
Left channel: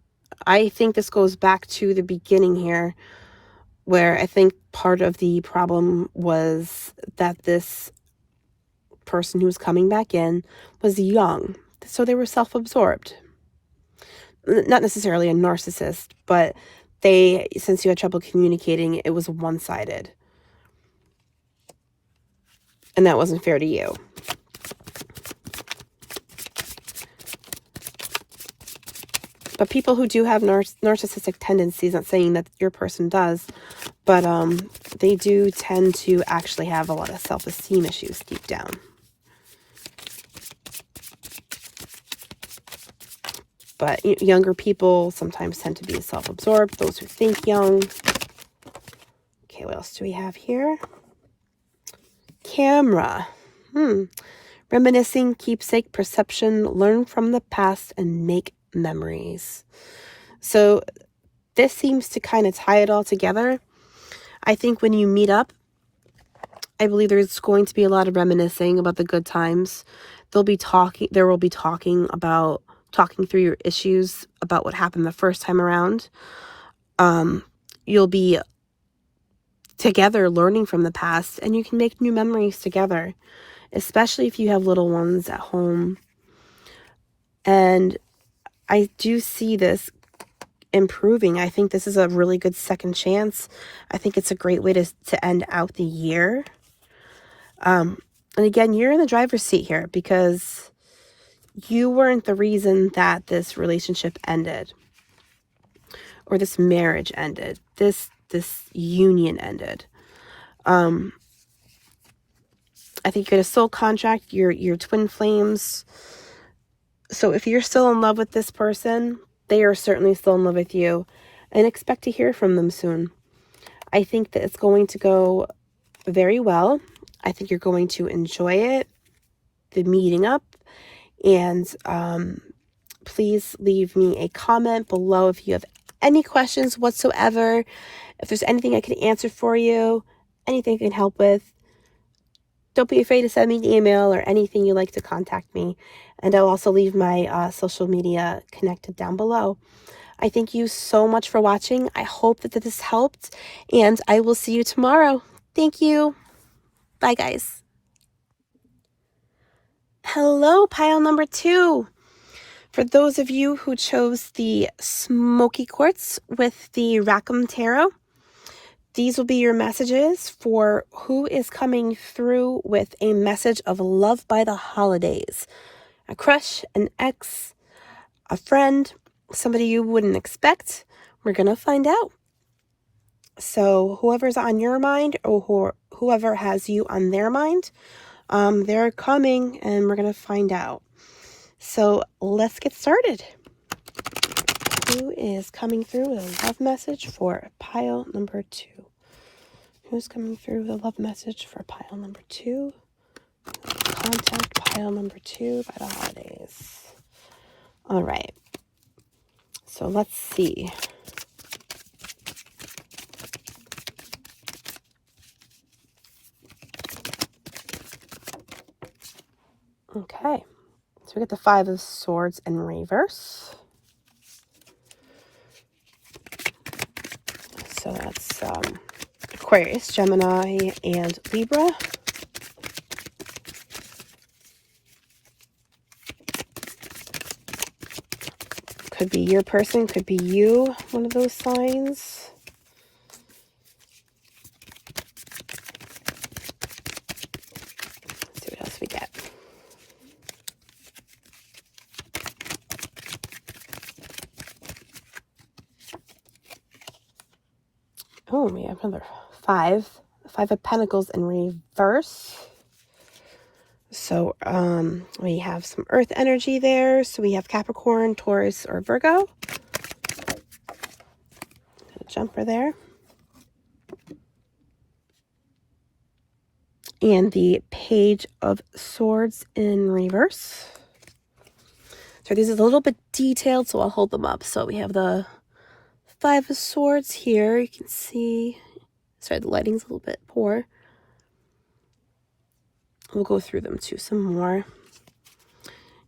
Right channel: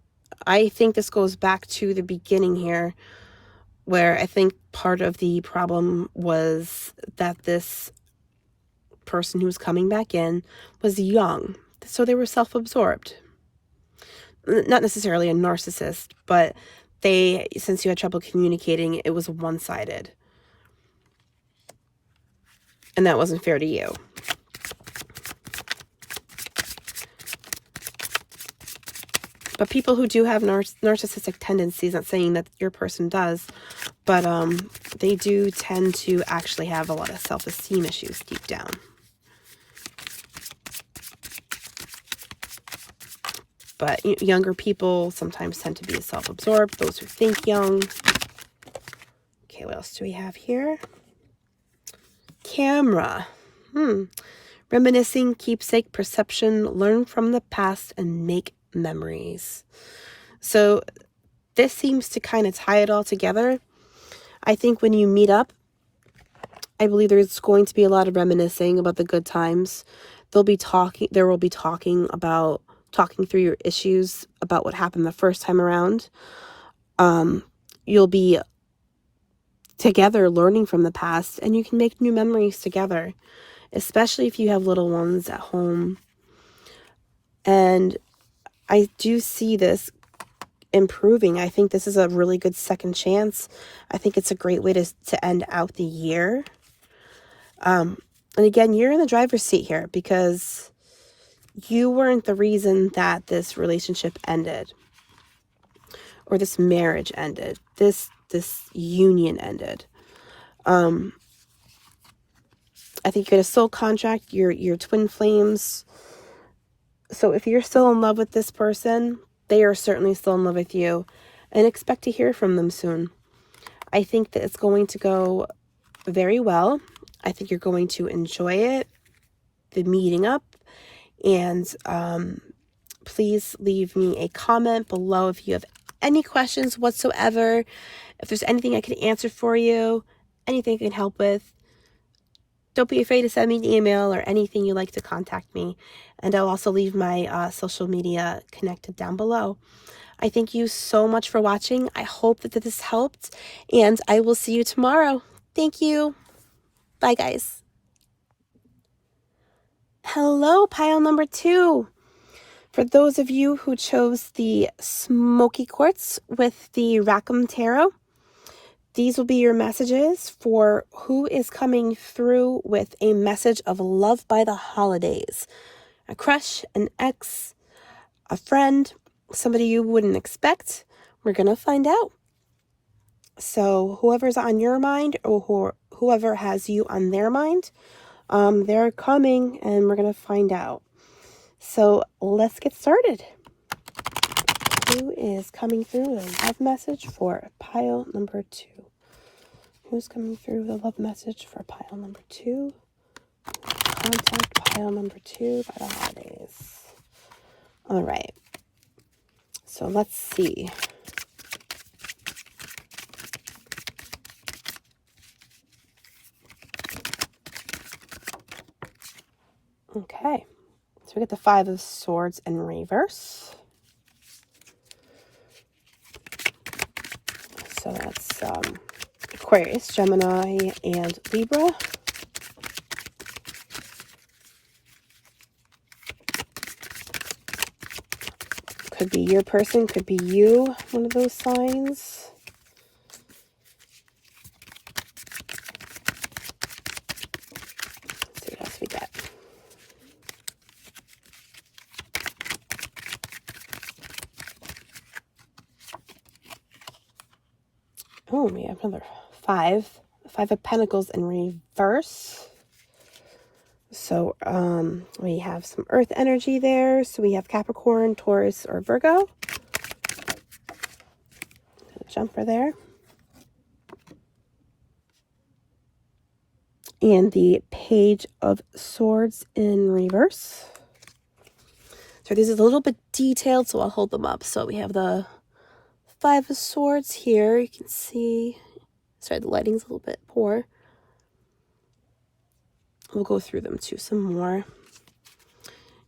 I think this goes back to the beginning here, where I think part of the problem was that this person who was coming back in was young. So they were self-absorbed. Not necessarily a narcissist, but since you had trouble communicating, it was one-sided. And that wasn't fair to you. But people who do have narcissistic tendencies, not saying that your person does, but they do tend to actually have a lot of self-esteem issues deep down. But younger people sometimes tend to be self-absorbed, those who think young. Okay, what else do we have here? Camera. Reminiscing, keepsake, perception, learn from the past, and make memories. So this seems to kind of tie it all together. I think when you meet up, I believe there's going to be a lot of reminiscing about the good times. There will be talking through your issues about what happened the first time around. You'll be together learning from the past, and you can make new memories together, especially if you have little ones at home. And I do see this improving. I think this is a really good second chance. I think it's a great way to end out the year. And again, you're in the driver's seat here because you weren't the reason that this relationship ended or this marriage ended, this union ended. I think you had a soul contract, you're twin flames. So if you're still in love with this person, they are certainly still in love with you, and expect to hear from them soon. I think that it's going to go very well. I think you're going to enjoy it, the meeting up, and please leave me a comment below if you have any questions whatsoever. If there's anything I can answer for you, anything I can help with, don't be afraid to send me an email or anything you'd like to contact me. And I'll also leave my social media connected down below. I thank you so much for watching. I hope that this helped, and I will see you tomorrow. Thank you. Bye, guys. Hello, pile number 2. For those of you who chose the Smoky Quartz with the Rackham Tarot, these will be your messages for who is coming through with a message of love by the holidays. A crush, an ex, a friend, somebody you wouldn't expect. We're going to find out. So whoever's on your mind or whoever has you on their mind, they're coming and we're going to find out. So let's get started. Who is coming through with a love message for pile number 2? Who's coming through with a love message for pile number 2? Contact pile number 2 by the holidays. All right. So let's see. Okay. So we get the 5 of Swords in reverse. So that's Aquarius, Gemini, and Libra. Could be your person, could be you, one of those signs. Let's see what else we get. Oh, we have another 5. 5 of Pentacles in reverse. So we have some earth energy there. So we have Capricorn, Taurus, or Virgo. A jumper there. And the Page of Swords in reverse. So this is a little bit detailed, so I'll hold them up. So we have the 5 of Swords here. You can see, sorry, the lighting's a little bit poor. We'll go through them too some more.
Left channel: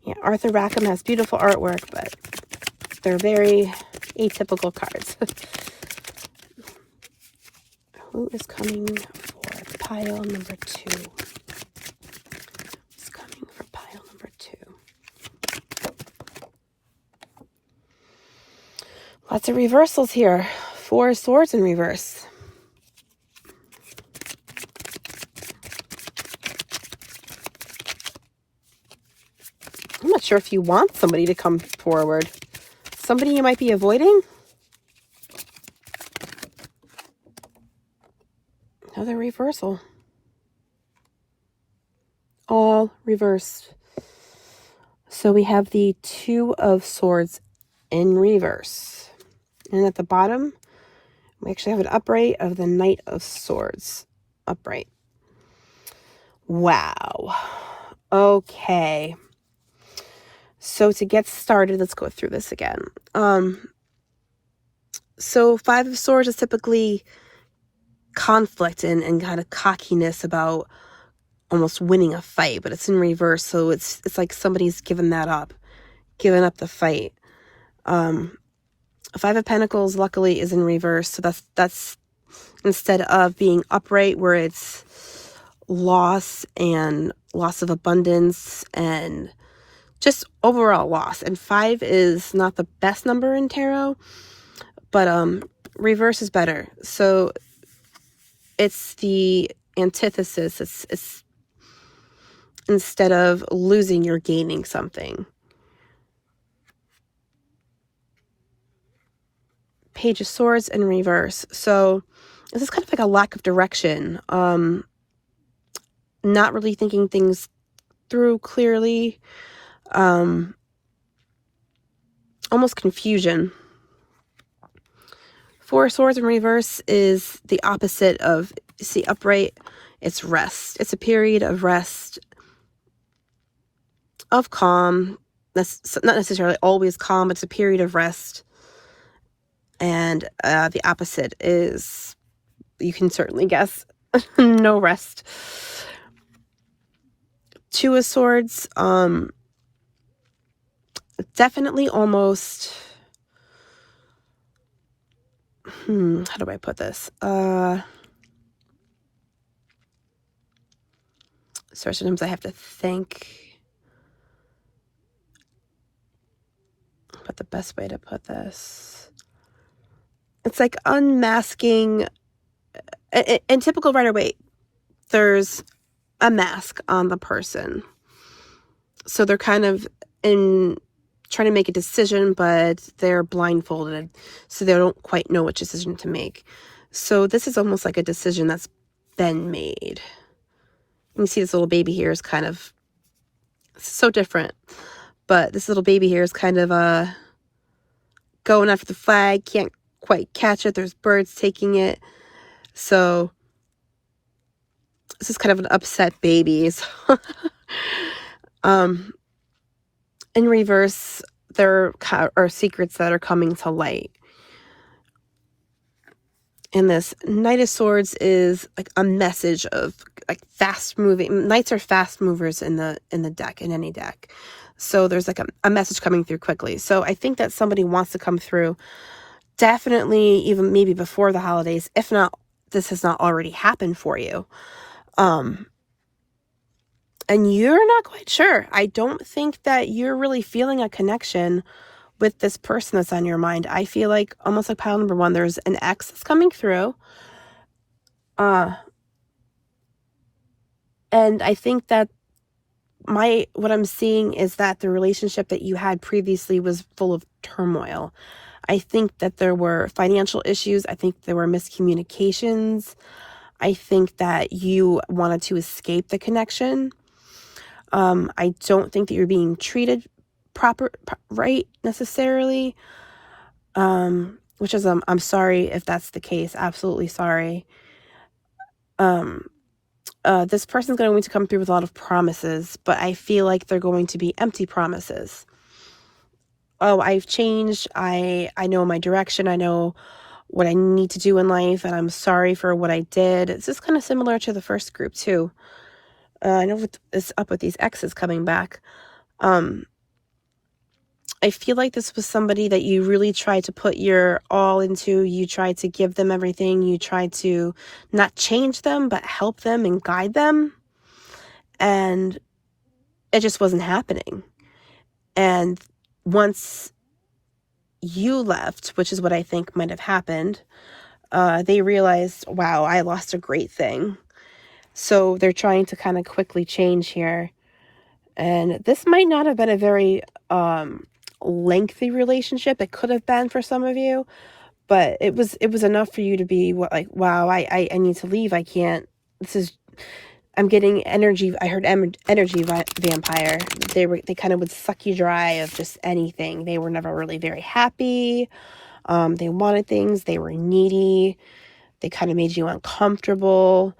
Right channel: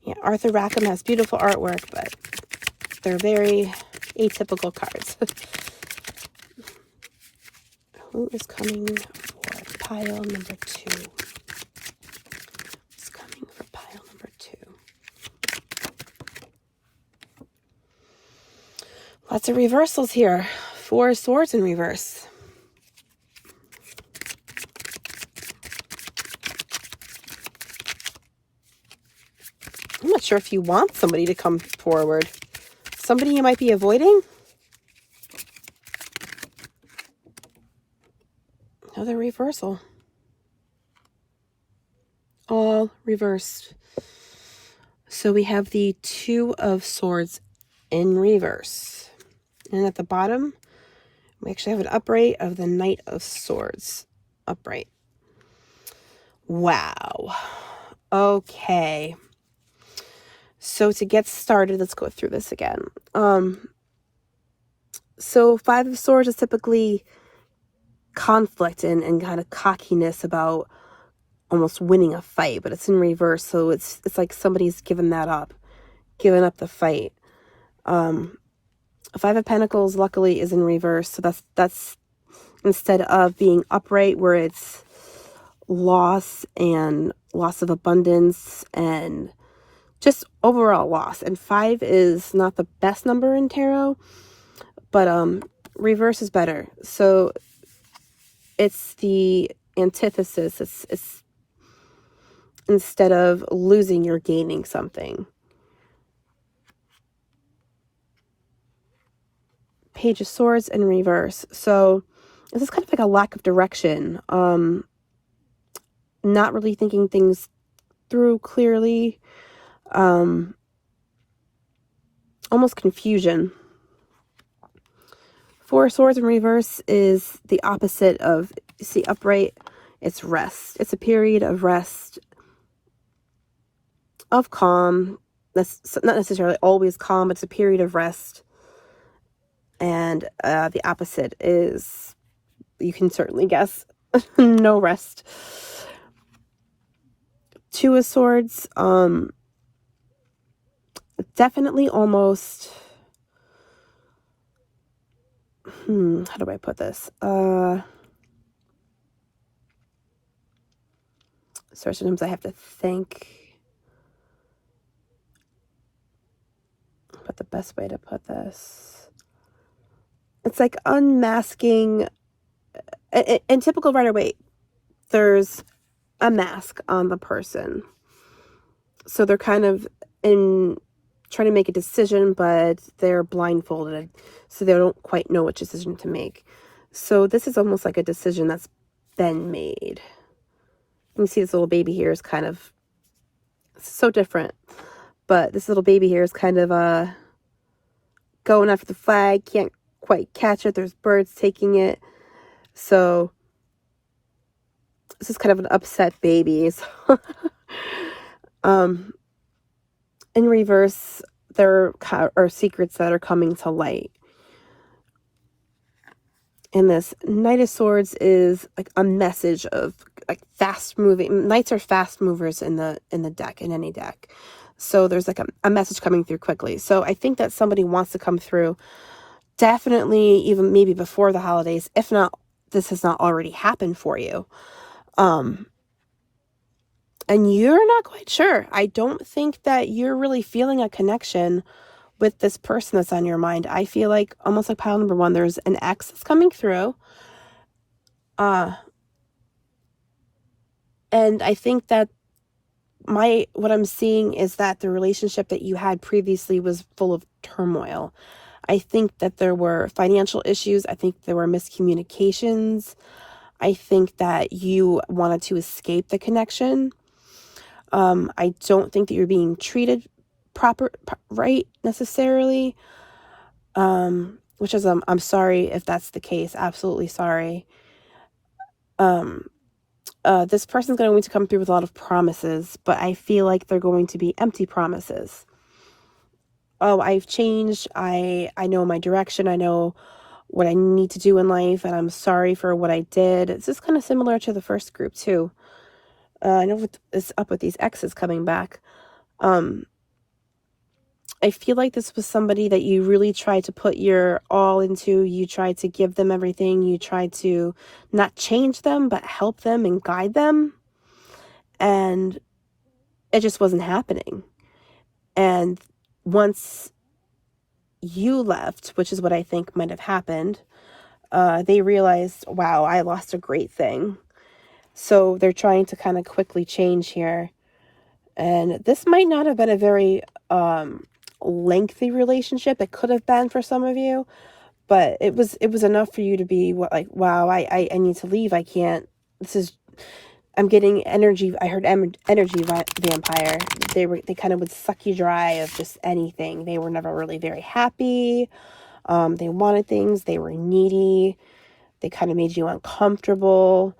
Yeah, Arthur Rackham has beautiful artwork, but they're very atypical cards. Who is coming for pile number 2? Who's coming for pile number 2? Lots of reversals here. 4 swords in reverse. I'm not sure if you want somebody to come forward. Somebody you might be avoiding? Another reversal. All reversed. So we have the 2 of Swords in reverse. And at the bottom, we actually have an upright of the Knight of Swords. Upright. Wow. Okay. So to get started, let's go through this again. So 5 of Swords is typically conflict and kind of cockiness about almost winning a fight, but it's in reverse, so it's like somebody's given up the fight. 5 of Pentacles luckily is in reverse, so that's instead of being upright where it's loss of abundance and just overall loss. And 5 is not the best number in tarot, but reverse is better. So it's the antithesis. It's instead of losing, you're gaining something. Page of Swords in reverse. So this is kind of like a lack of direction. Not really thinking things through clearly. Almost confusion. 4 swords in reverse is the opposite of, see, upright. It's rest. It's a period of rest, of calm. That's not necessarily always calm, but it's a period of rest. And the opposite is, you can certainly guess, no rest. 2 of Swords, definitely almost how do I put this? Sorry, sometimes I have to think. But the best way to put this, it's like unmasking. In typical Rider-Waite, there's a mask on the person. So they're kind of trying to make a decision, but they're blindfolded, so they don't quite know which decision to make. So this is almost like a decision that's been made. You can see this little baby here is kind of so different, but this little baby here is kind of going after the flag, can't quite catch it. There's birds taking it. So this is kind of an upset baby. So in reverse, there are secrets that are coming to light. And this Knight of Swords is like a message of like fast moving. Knights are fast movers in the deck, in any deck. So there's like a message coming through quickly. So I think that somebody wants to come through, definitely even maybe before the holidays, if not, this has not already happened for you. And you're not quite sure. I don't think that you're really feeling a connection with this person that's on your mind. I feel like, almost like pile number one, there's an ex that's coming through. And I think that what I'm seeing is that the relationship that you had previously was full of turmoil. I think that there were financial issues. I think there were miscommunications. I think that you wanted to escape the connection. I don't think that you're being treated right necessarily. Which is, I'm sorry if that's the case. Absolutely sorry. This person's going to come through with a lot of promises, but I feel like they're going to be empty promises. Oh, I've changed. I know my direction. I know what I need to do in life, and I'm sorry for what I did. It's just kind of similar to the first group too. I know what's up with these exes coming back. I feel like this was somebody that you really tried to put your all into. You tried to give them everything. You tried to not change them, but help them and guide them. And it just wasn't happening. And once you left, which is what I think might have happened, they realized, wow, I lost a great thing. So they're trying to kind of quickly change here. And this might not have been a very lengthy relationship. It could have been for some of you, but it was enough for you to be like, wow, I need to leave. I can't. I'm getting energy. I heard energy vampire. They kind of would suck you dry of just anything. They were never really very happy. They wanted things. They were needy. They kind of made you uncomfortable.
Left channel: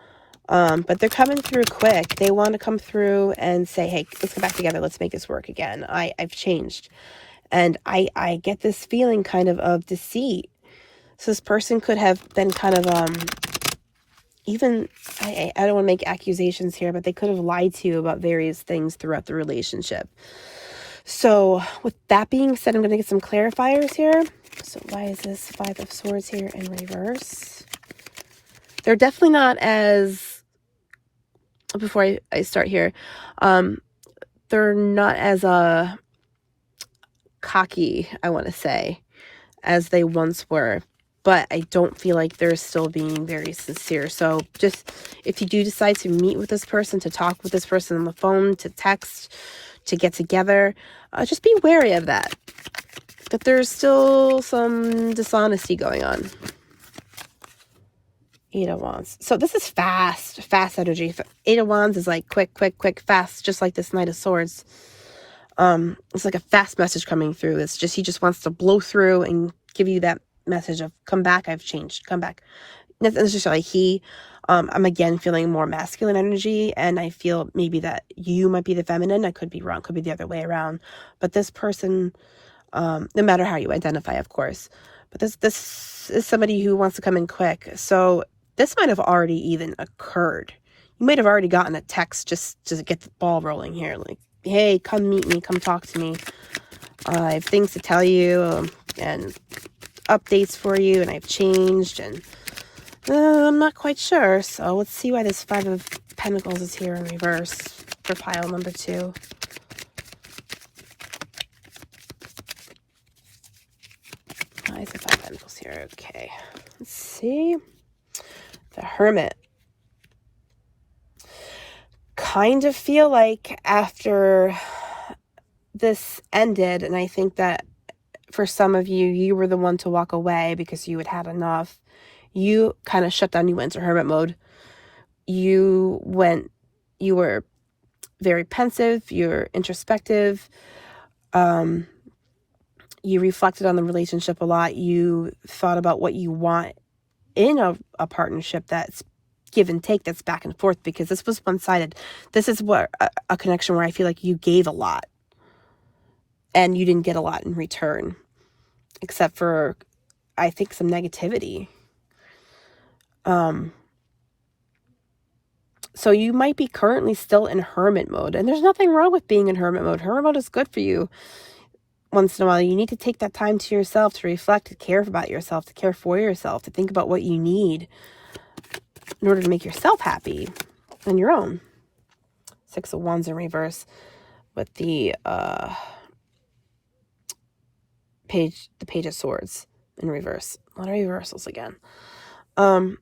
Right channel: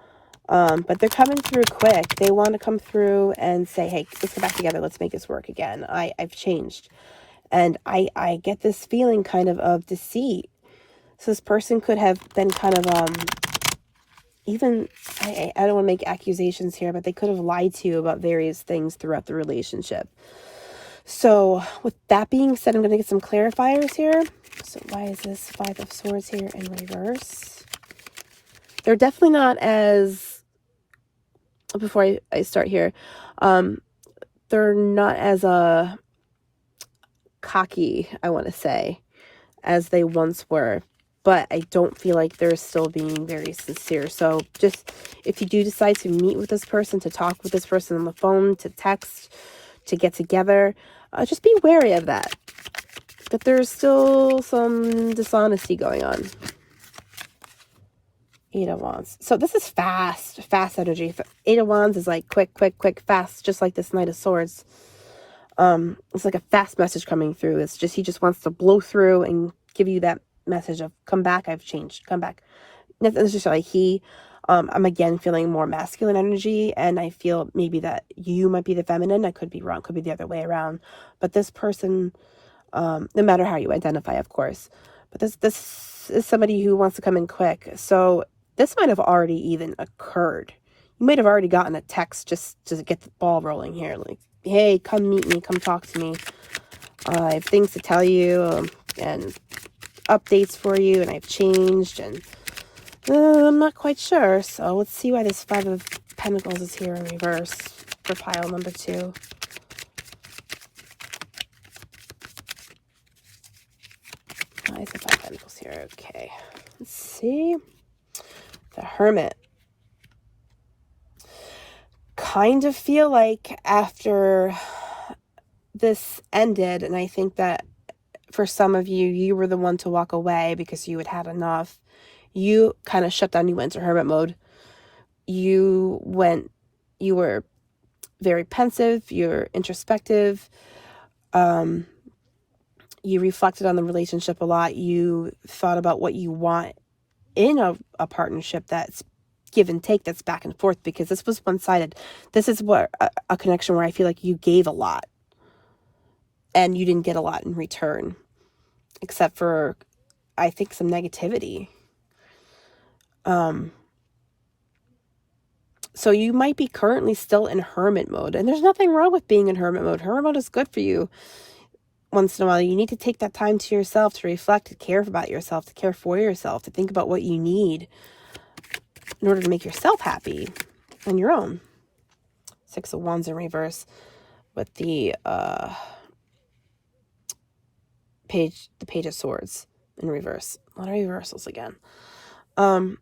But they're coming through quick. They want to come through and say, hey, let's get back together. Let's make this work again. I've changed. And I get this feeling kind of deceit. So this person could have been kind of, even, I don't want to make accusations here, but they could have lied to you about various things throughout the relationship. So with that being said, I'm going to get some clarifiers here. So why is this Five of Swords here in reverse? They're definitely not as, before I start here, they're not as cocky, I want to say, as they once were, but I don't feel like they're still being very sincere. So just, if you do decide to meet with this person, to talk with this person on the phone, to text, to get together, just be wary of that there's still some dishonesty going on. Eight of Wands. So this is fast energy. Eight of Wands is like quick, fast, just like this Knight of Swords. It's like a fast message coming through. It's just, he just wants to blow through and give you that message of, come back, I've changed, come back. That's just like I'm again feeling more masculine energy, and I feel maybe that you might be the feminine. I could be wrong, could be the other way around. But this person, no matter how you identify, of course, but this is somebody who wants to come in quick. So this might have already even occurred. You might have already gotten a text just to get the ball rolling here, like, hey, come meet me, come talk to me. I have things to tell you, and updates for you, and I've changed, and I'm not quite sure. So let's see why this Five of Pentacles is here in reverse for pile number 2. Why is the Five of Pentacles here? Okay, let's see. The Hermit. Kind of feel like after this ended, and I think that for some of you, you were the one to walk away because you had enough. You kind of shut down. You went into hermit mode. You were very pensive. You're introspective. You reflected on the relationship a lot. You thought about what you want in a partnership that's give and take, that's back and forth, because this was one-sided. This is what a connection where I feel like you gave a lot and you didn't get a lot in return, except for, I think, some negativity. So you might be currently still in hermit mode, and there's nothing wrong with being in hermit mode. Hermit mode is good for you. Once in a while, you need to take that time to yourself, to reflect, to care about yourself, to care for yourself, to think about what you need in order to make yourself happy on your own. Six of Wands in reverse with the Page of Swords in reverse. A lot of reversals again. I'm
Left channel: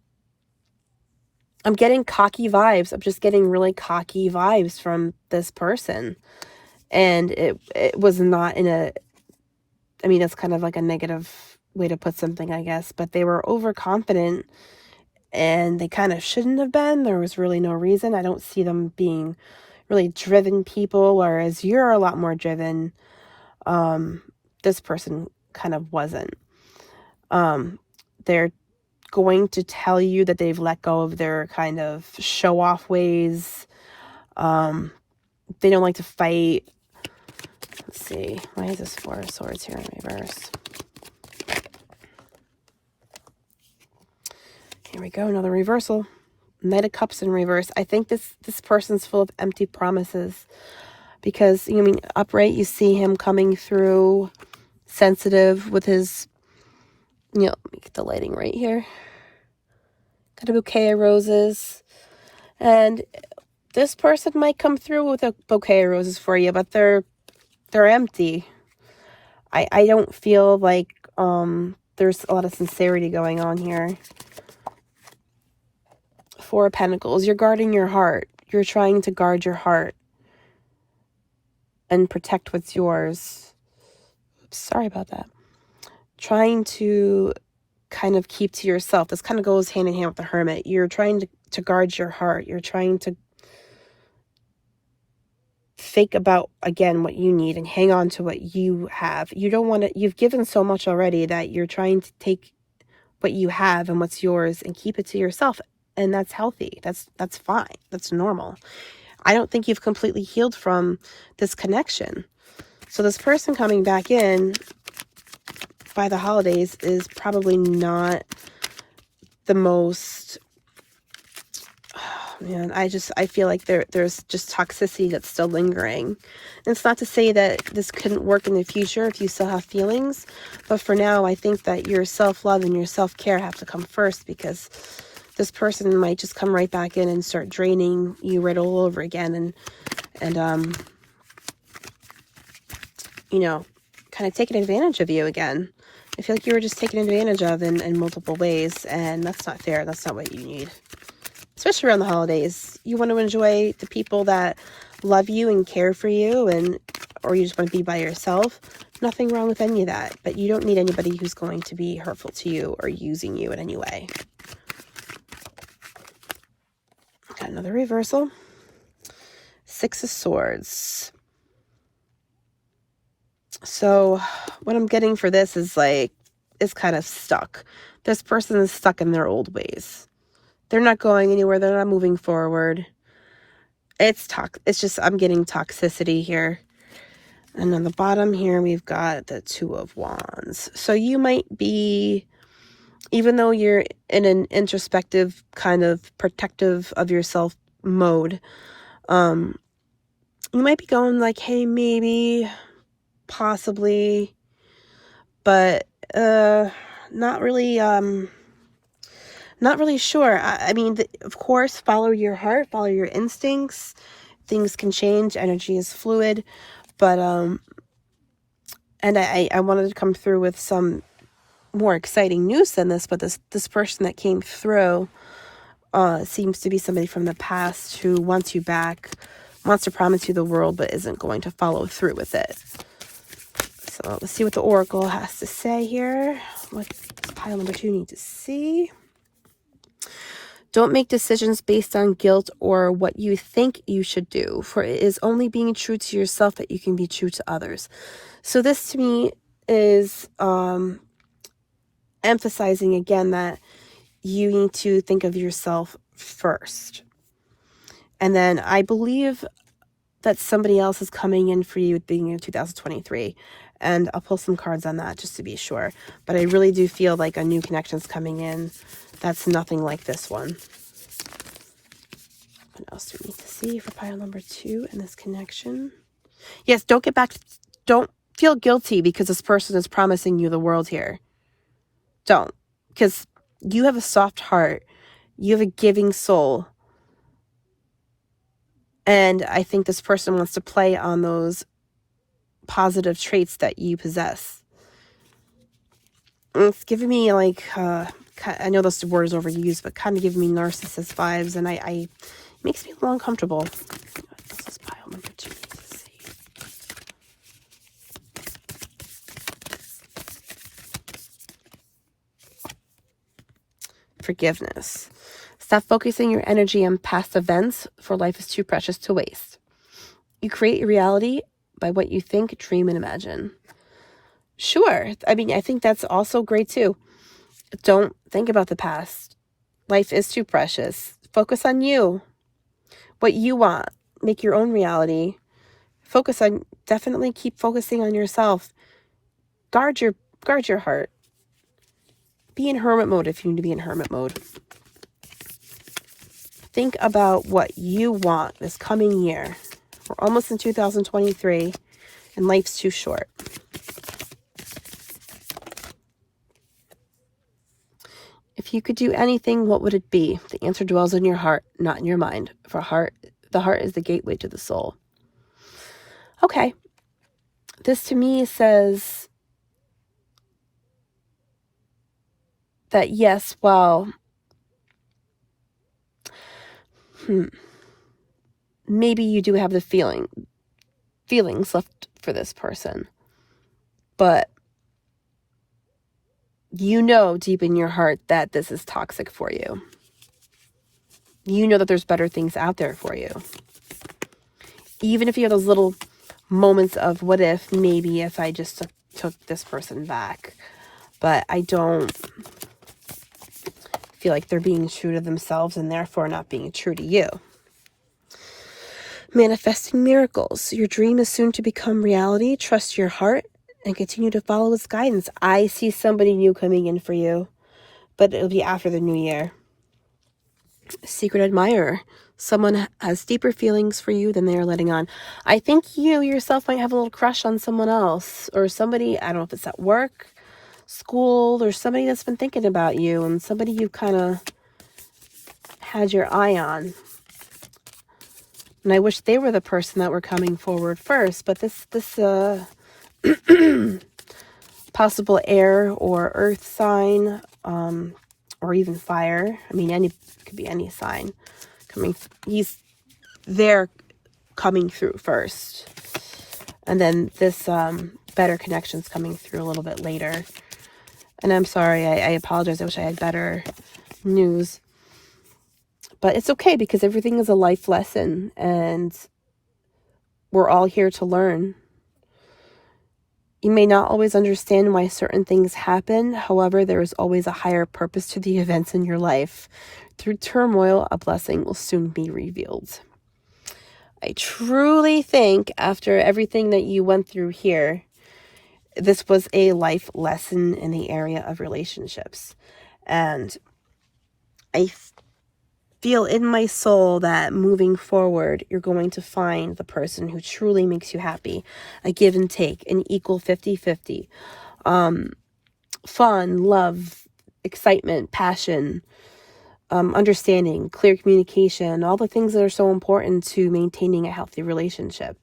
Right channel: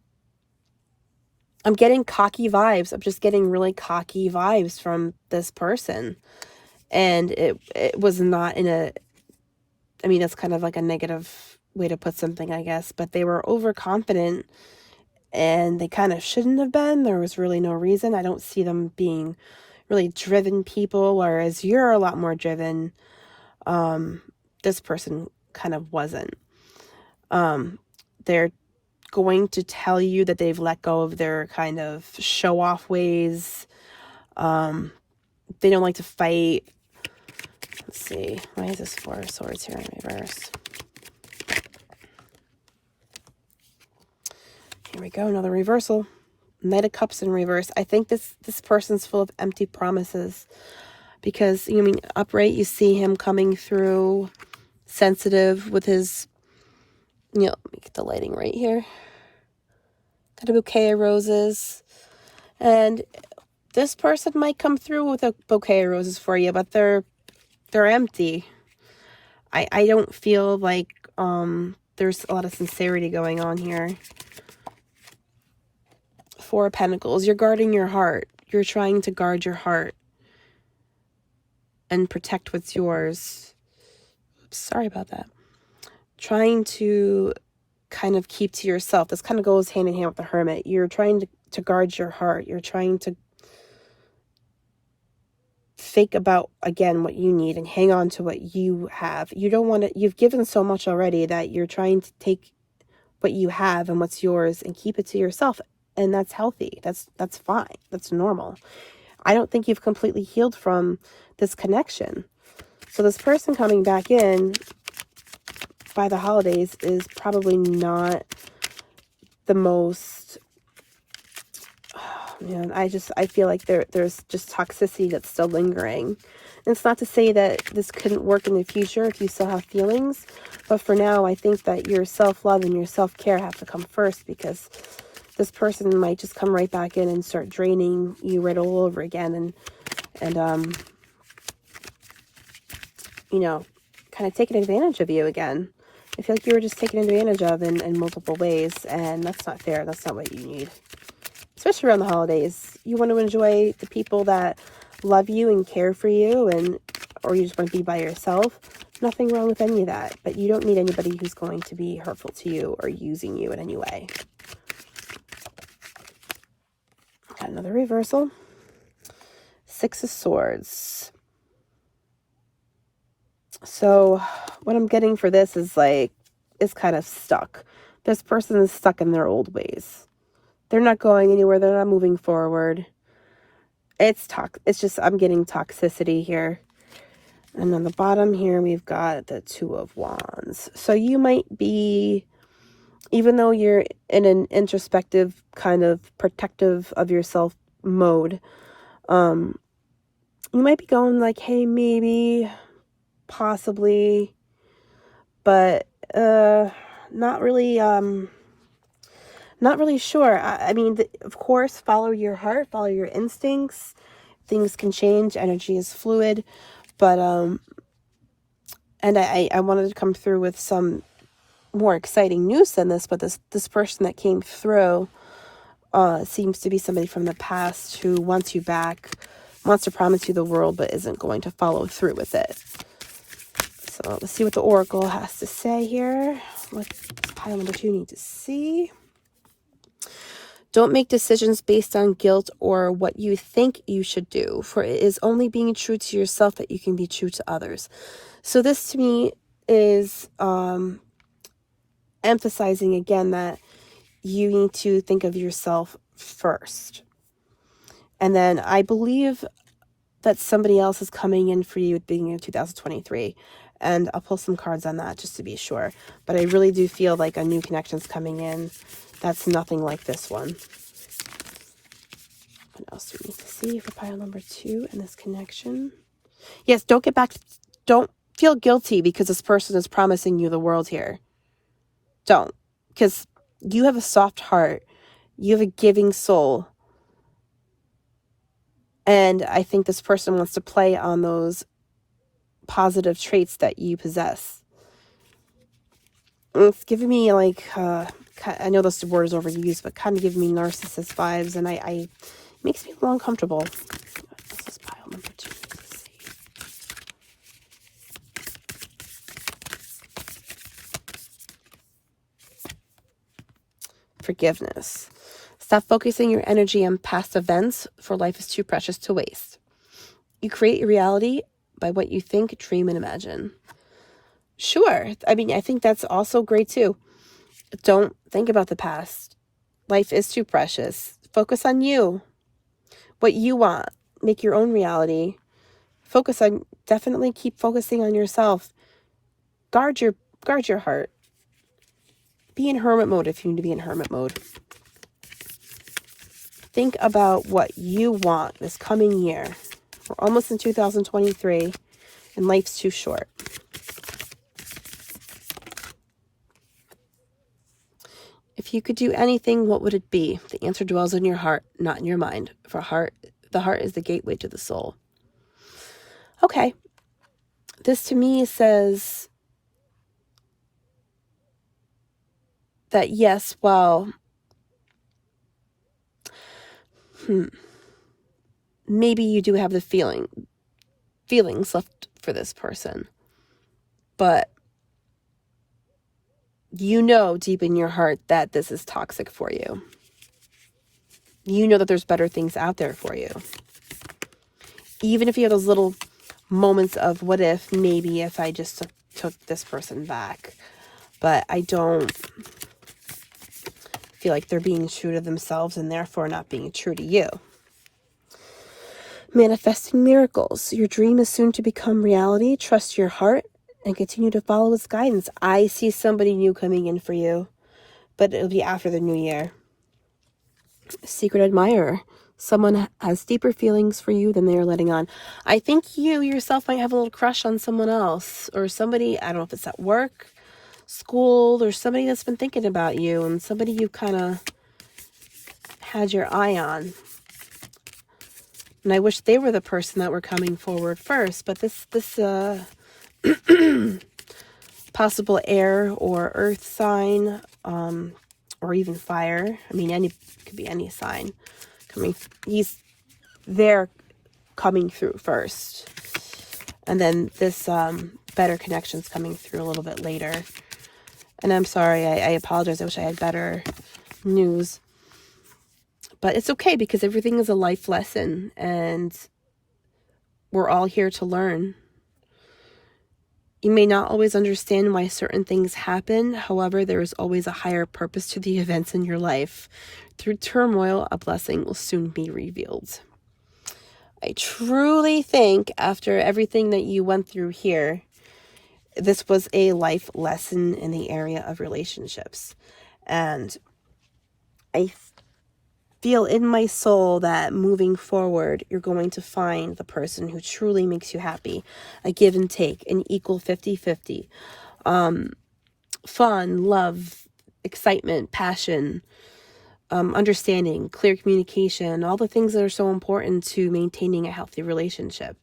getting cocky vibes. I'm just getting really cocky vibes from this person. And it was not in a, I mean, that's kind of like a negative way to put something, I guess, but they were overconfident and they kind of shouldn't have been. There was really no reason. I don't see them being really driven people, whereas you're a lot more driven. This person kind of wasn't. They're going to tell you that they've let go of their kind of show-off ways. They don't like to fight. Let's see. Why is this Four of Swords here in reverse? Here we go. Another reversal. Knight of Cups in reverse. I think this person's full of empty promises, because, I mean, upright, you see him coming through sensitive with his, let me get the lighting right here. Got a bouquet of roses. And this person might come through with a bouquet of roses for you, but they're empty. I don't feel like there's a lot of sincerity going on here. Four of Pentacles. You're guarding your heart. You're trying to guard your heart and protect what's yours. Sorry about that. Trying to kind of keep to yourself. This kind of goes hand in hand with the Hermit. You're trying to guard your heart. You're trying to think about, again, what you need and hang on to what you have. You don't want to, you've given so much already that you're trying to take what you have and what's yours and keep it to yourself. And that's healthy. That's fine. That's normal. I don't think you've completely healed from this connection. So this person coming back in by the holidays is probably not the most, man, I feel like there's just toxicity that's still lingering. And it's not to say that this couldn't work in the future if you still have feelings, but for now, I think that your self-love and your self-care have to come first, because this person might just come right back in and start draining you right all over again, and kind of taking advantage of you again. I feel like you were just taken advantage of in multiple ways, and that's not fair. That's not what you need. Especially around the holidays. You want to enjoy the people that love you and care for you, or you just want to be by yourself. Nothing wrong with any of that, but you don't need anybody who's going to be hurtful to you or using you in any way. Got another reversal. Six of Swords. So what I'm getting for this is kind of stuck. This person is stuck in their old ways. They're not going anywhere. They're not moving forward. It's just, I'm getting toxicity here. And on the bottom here, we've got the Two of Wands. So you might be, even though you're in an introspective, kind of protective of yourself mode, you might be going like, hey, maybe, possibly, but not really sure. I mean, of course, follow your heart, follow your instincts. Things can change. Energy is fluid. But, and I wanted to come through with some more exciting news than this, but this person that came through seems to be somebody from the past who wants you back, wants to promise you the world, but isn't going to follow through with it. So let's see what the Oracle has to say here. What does pile number 2 need to see? Don't make decisions based on guilt or what you think you should do, for it is only being true to yourself that you can be true to others. So this to me is emphasizing again that you need to think of yourself first. And then I believe that somebody else is coming in for you at the beginning of 2023. And I'll pull some cards on that just to be sure. But I really do feel like a new connection's coming in that's nothing like this one. What else do we need to see for pile number 2 in this connection? Yes, don't feel guilty because this person is promising you the world here. Don't. Because you have a soft heart. You have a giving soul. And I think this person wants to play on those positive traits that you possess. It's giving me like, I know this word is overused, but kind of giving me narcissist vibes, and it makes me a little uncomfortable. This is pile number 2. Let's see. Forgiveness. Stop focusing your energy on past events, for life is too precious to waste. You create your reality by what you think, dream, and imagine. Sure. I mean, I think that's also great too. Don't think about the past. Life is too precious. Focus on you. What you want. Make your own reality. Definitely keep focusing on yourself. Guard your heart. Be in hermit mode if you need to be in hermit mode. Think about what you want this coming year. We're almost in 2023, and life's too short. If you could do anything, what would it be? The answer dwells in your heart, not in your mind. For the heart is the gateway to the soul. Okay. This to me says that yes, well, maybe you do have the feelings left for this person, but you know deep in your heart that this is toxic for you. You know that there's better things out there for you. Even if you have those little moments of what if, maybe if I just took this person back. But I don't feel like they're being true to themselves and therefore not being true to you. Manifesting miracles. Your dream is soon to become reality. Trust your heart and continue to follow its guidance. I see somebody new coming in for you, but it'll be after the new year. Secret admirer. Someone has deeper feelings for you than they are letting on. I think you yourself might have a little crush on someone else, or somebody, I don't know if it's at work, school, or somebody that's been thinking about you, and somebody you kind of had your eye on. And I wish they were the person that were coming forward first, but this possible air or earth sign, or even fire. I mean, could be any sign coming. He's there coming through first, and then this better connection's coming through a little bit later. And I'm sorry, I apologize. I wish I had better news. But it's okay because everything is a life lesson and we're all here to learn. You may not always understand why certain things happen. However, there is always a higher purpose to the events in your life. Through turmoil, a blessing will soon be revealed. I truly think after everything that you went through here, this was a life lesson in the area of relationships. And I feel in my soul that moving forward, you're going to find the person who truly makes you happy. A give and take, an equal 50-50. fun, love, excitement, passion, understanding, clear communication, all the things that are so important to maintaining a healthy relationship.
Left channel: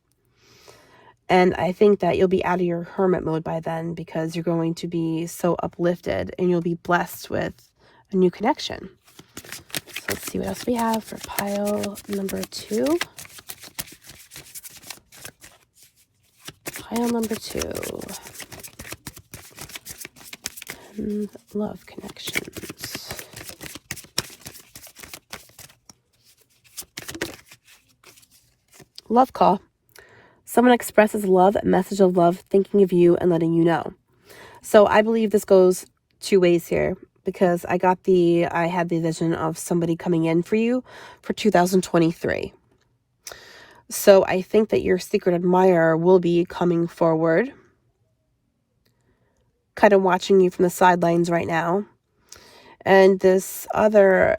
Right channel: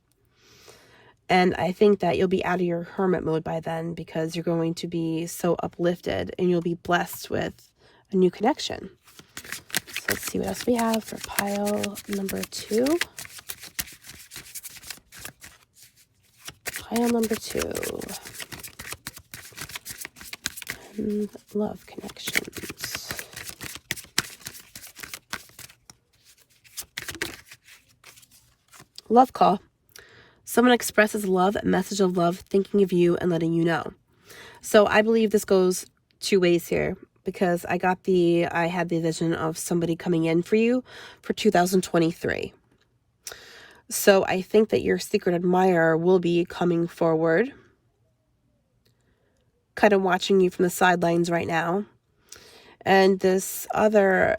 And I think that you'll be out of your hermit mode by then, because you're going to be so uplifted and you'll be blessed with a new connection. So let's see what else we have for pile number 2. Pile number 2. Love connections. Love call. Someone expresses love, a message of love, thinking of you and letting you know. So I believe this goes 2 ways here, because I had the vision of somebody coming in for you for 2023. So I think that your secret admirer will be coming forward, kind of watching you from the sidelines right now. And this other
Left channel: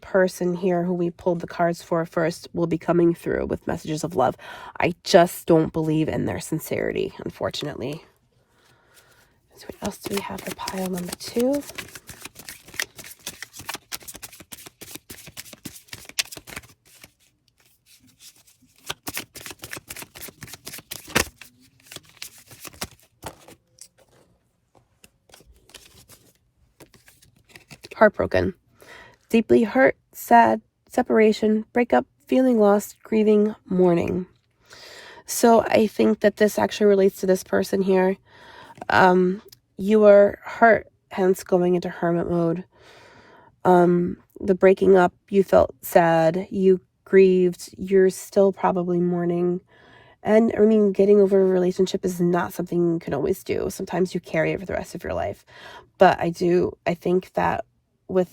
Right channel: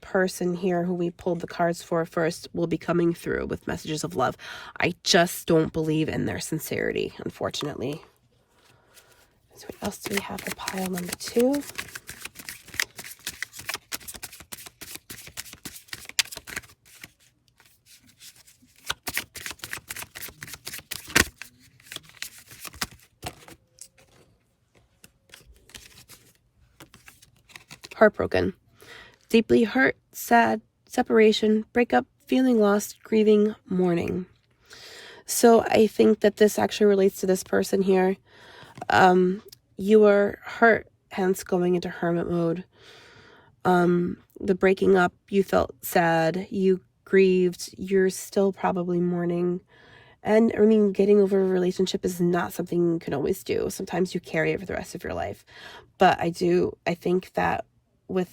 person here who we pulled the cards for first will be coming through with messages of love. I just don't believe in their sincerity, unfortunately. So what else do we have for pile number 2? Heartbroken. Deeply hurt, sad, separation, breakup, feeling lost, grieving, mourning. So I think that this actually relates to this person here. You were hurt, hence going into hermit mode. The breaking up, you felt sad, you grieved, you're still probably mourning. And I mean, getting over a relationship is not something you can always do. Sometimes you carry it for the rest of your life. But I think that with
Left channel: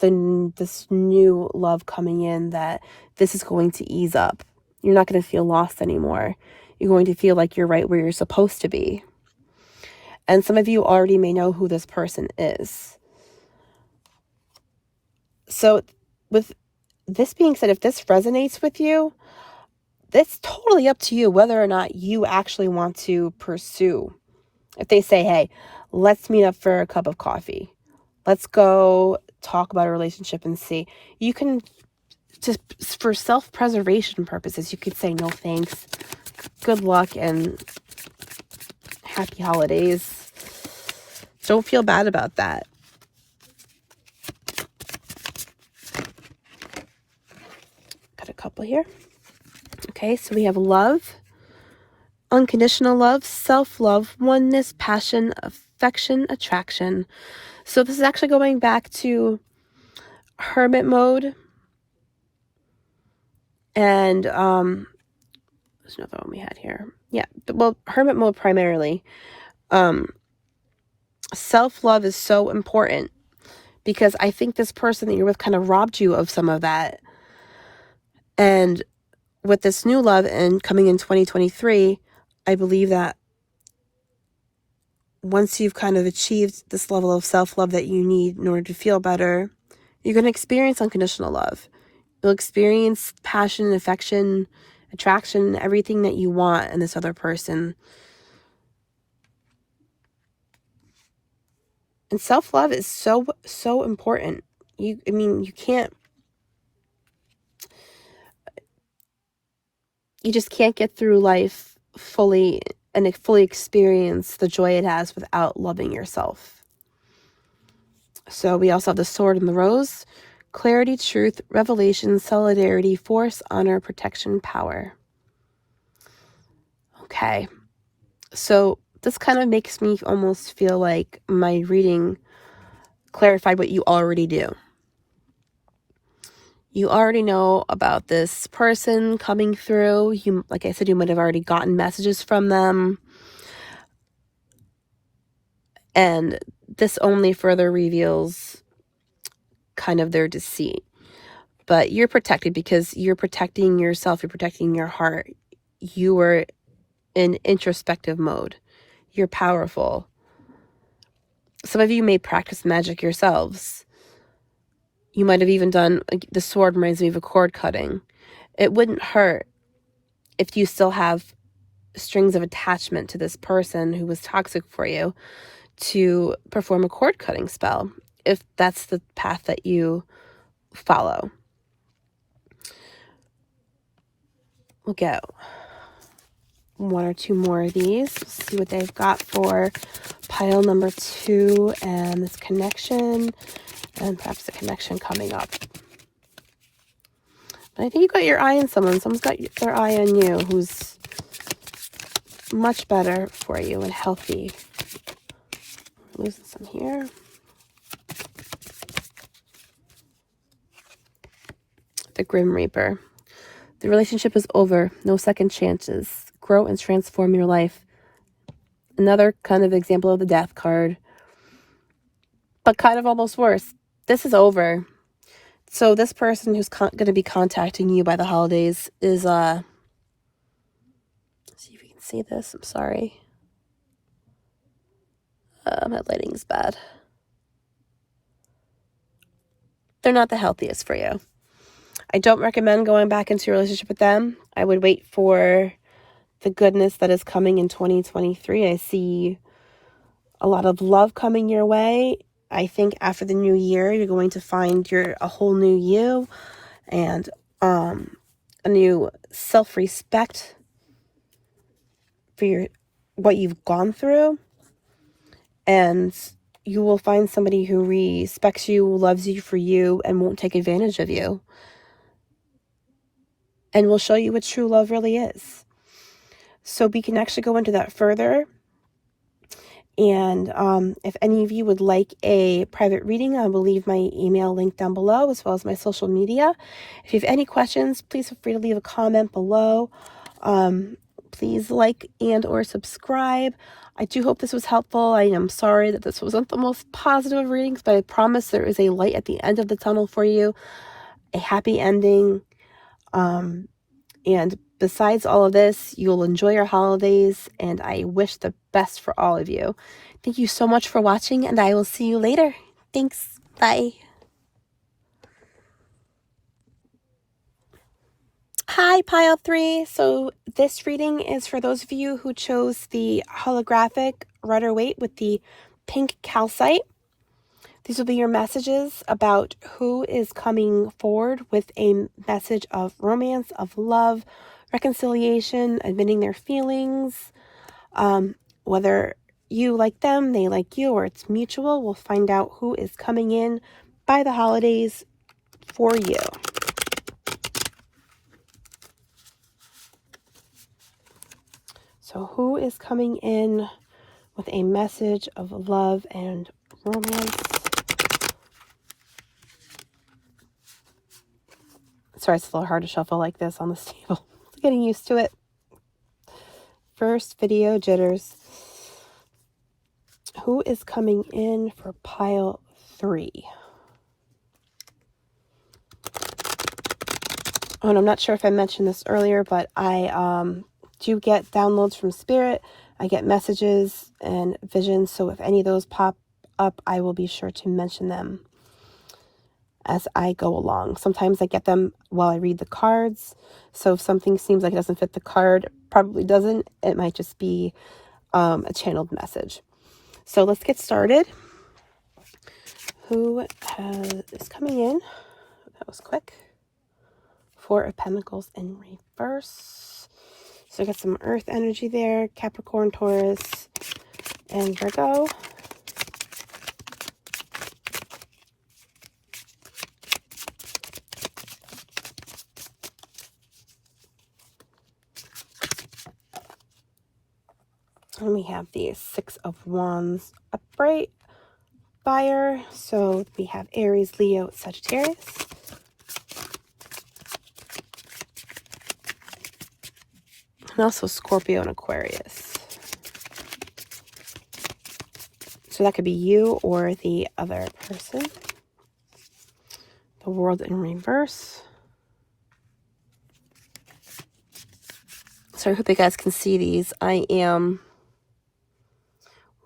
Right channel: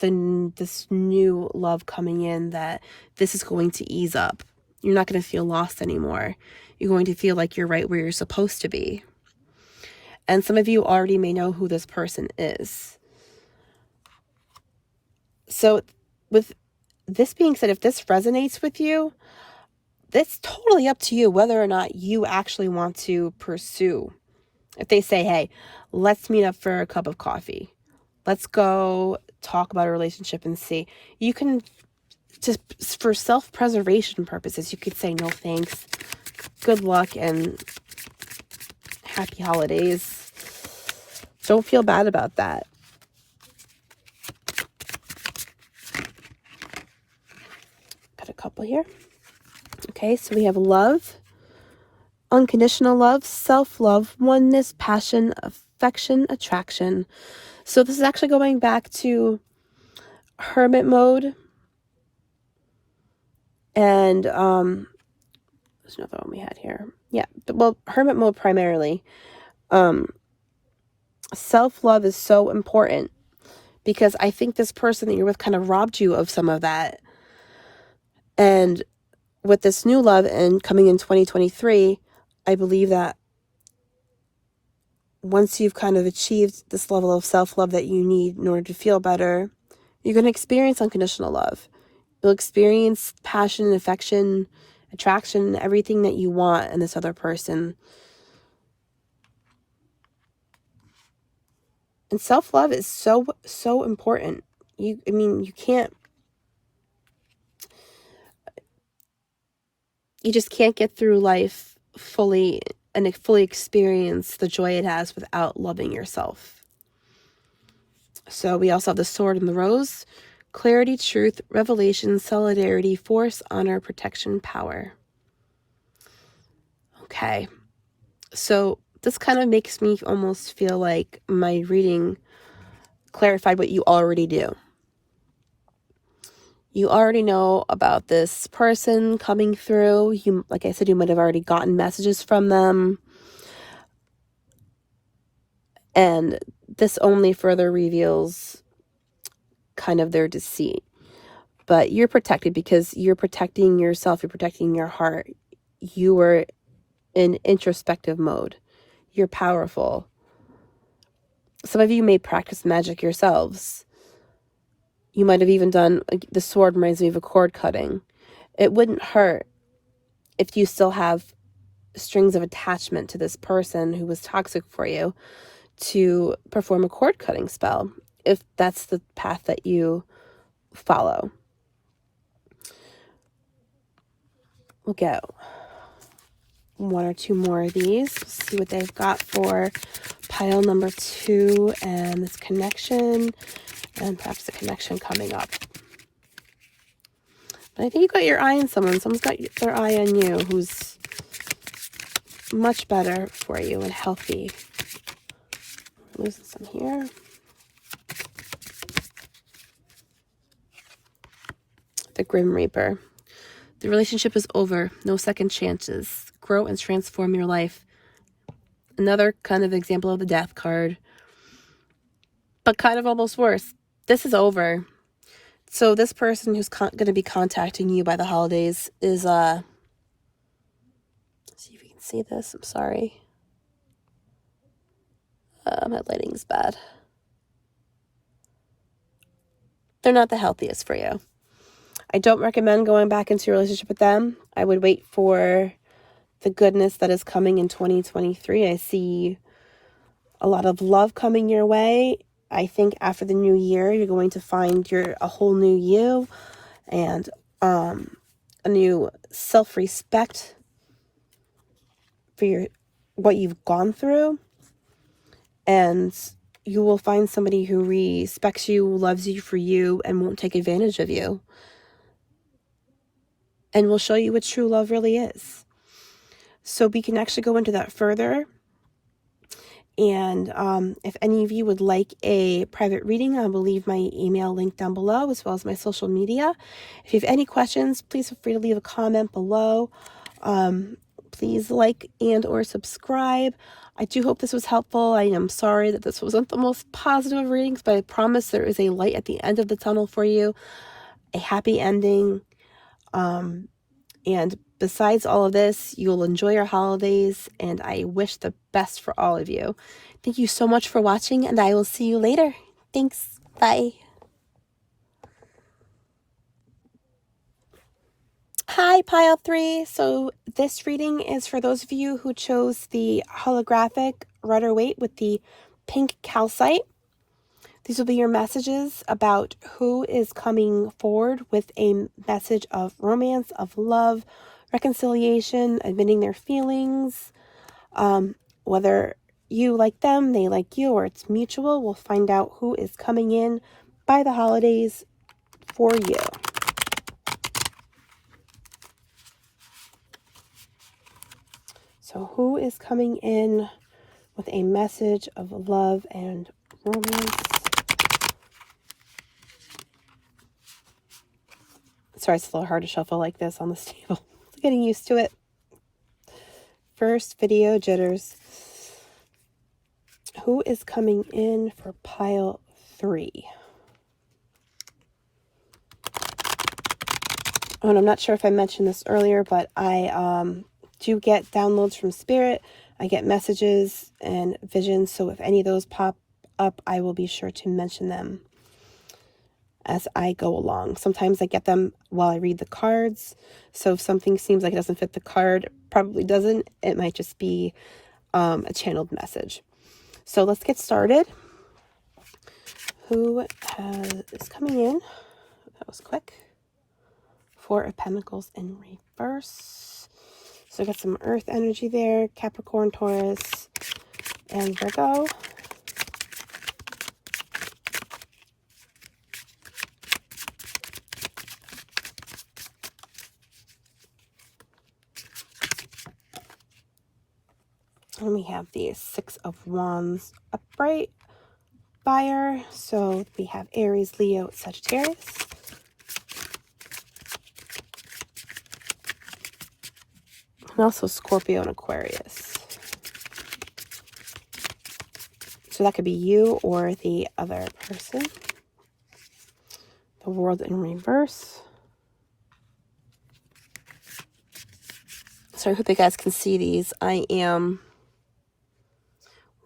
this new love coming in, that this is going to ease up. You're not going to feel lost anymore. You're going to feel like you're right where you're supposed to be. And some of you already may know who this person is. So with this being said, if this resonates with you, it's totally up to you whether or not you actually want to pursue. If they say, hey, let's meet up for a cup of coffee, let's go talk about a relationship and see, you can just, for self-preservation purposes, you could say no thanks, good luck, and happy holidays. Don't feel bad about that. Got a couple here. Okay, so we have love, unconditional love, self-love, oneness, passion, affection, attraction. So this is actually going back to hermit mode. And there's another one we had here. Yeah, well, hermit mode primarily. Self-love is so important, because I think this person that you're with kind of robbed you of some of that. And with this new love and coming in 2023, I believe that once you've kind of achieved this level of self-love that you need in order to feel better, you're going to experience unconditional love. You'll experience passion, affection, attraction, everything that you want in this other person. And self-love is so, so important. You just can't get through life fully and fully experience the joy it has without loving yourself. So we also have the sword and the rose. Clarity, truth, revelation, solidarity, force, honor, protection, power. Okay. So this kind of makes me almost feel like my reading clarified what you already do. You already know about this person coming through. You, like I said, you might have already gotten messages from them. And this only further reveals kind of their deceit. But you're protected because you're protecting yourself. You're protecting your heart. You are in introspective mode. You're powerful. Some of you may practice magic yourselves. You might have even done, the sword reminds me of a cord cutting. It wouldn't hurt if you still have strings of attachment to this person who was toxic for you to perform a cord cutting spell, if that's the path that you follow. We'll get one or two more of these. Let's see what they've got for pile number 2 and this connection, and perhaps a connection coming up. But I think you got your eye on someone. Someone's got their eye on you who's much better for you and healthy. I'm using some here. The Grim Reaper. The relationship is over. No second chances. Grow and transform your life. Another kind of example of the Death card. But kind of almost worse. This is over. So this person who's going to be contacting you by the holidays is, let's see if you can see this. I'm sorry. My lighting's bad. They're not the healthiest for you. I don't recommend going back into a relationship with them. I would wait for the goodness that is coming in 2023. I see a lot of love coming your way. I think after the new year, you're going to find a whole new you and a new self-respect for what you've gone through. And you will find somebody who respects you, loves you for you, and won't take advantage of you. And will show you what true love really is. So we can actually go into that further. And if any of you would like a private reading, I will leave my email link down below, as well as my social media. If you have any questions, please feel free to leave a comment below. Please like and or subscribe. I do hope this was helpful. I am sorry that this wasn't the most positive of readings, but I promise there is a light at the end of the tunnel for you, a happy ending. And besides all of this, you'll enjoy your holidays, and I wish the best for all of you. Thank you so much for watching, and I will see you later. Thanks. Bye. Hi, Pile 3. So this reading is for those of you who chose the holographic Rider-Waite with the pink calcite. These will be your messages about who is coming forward with a message of romance, of love, reconciliation, admitting their feelings. Whether you like them, they like you, or it's mutual, we'll find out who is coming in by the holidays for you. So who is coming in with a message of love and romance? Sorry, it's a little hard to shuffle like this on this table. Getting used to it. First video jitters. Who is coming in for pile 3? Oh, and I'm not sure if I mentioned this earlier, but I do get downloads from Spirit. I get messages and visions, so if any of those pop up, I will be sure to mention them as I go along. Sometimes I get them while I read the cards, so if something seems like it doesn't fit the card, probably doesn't. It might just be a channeled message. So let's get started. Who is coming in? That was quick. 4 of Pentacles in reverse. So I got some Earth energy there. Capricorn, Taurus, and Virgo. And we have the 6 of Wands upright fire. So we have Aries, Leo, Sagittarius. And also Scorpio and Aquarius. So that could be you or the other person. The World in reverse. So I hope you guys can see these. I am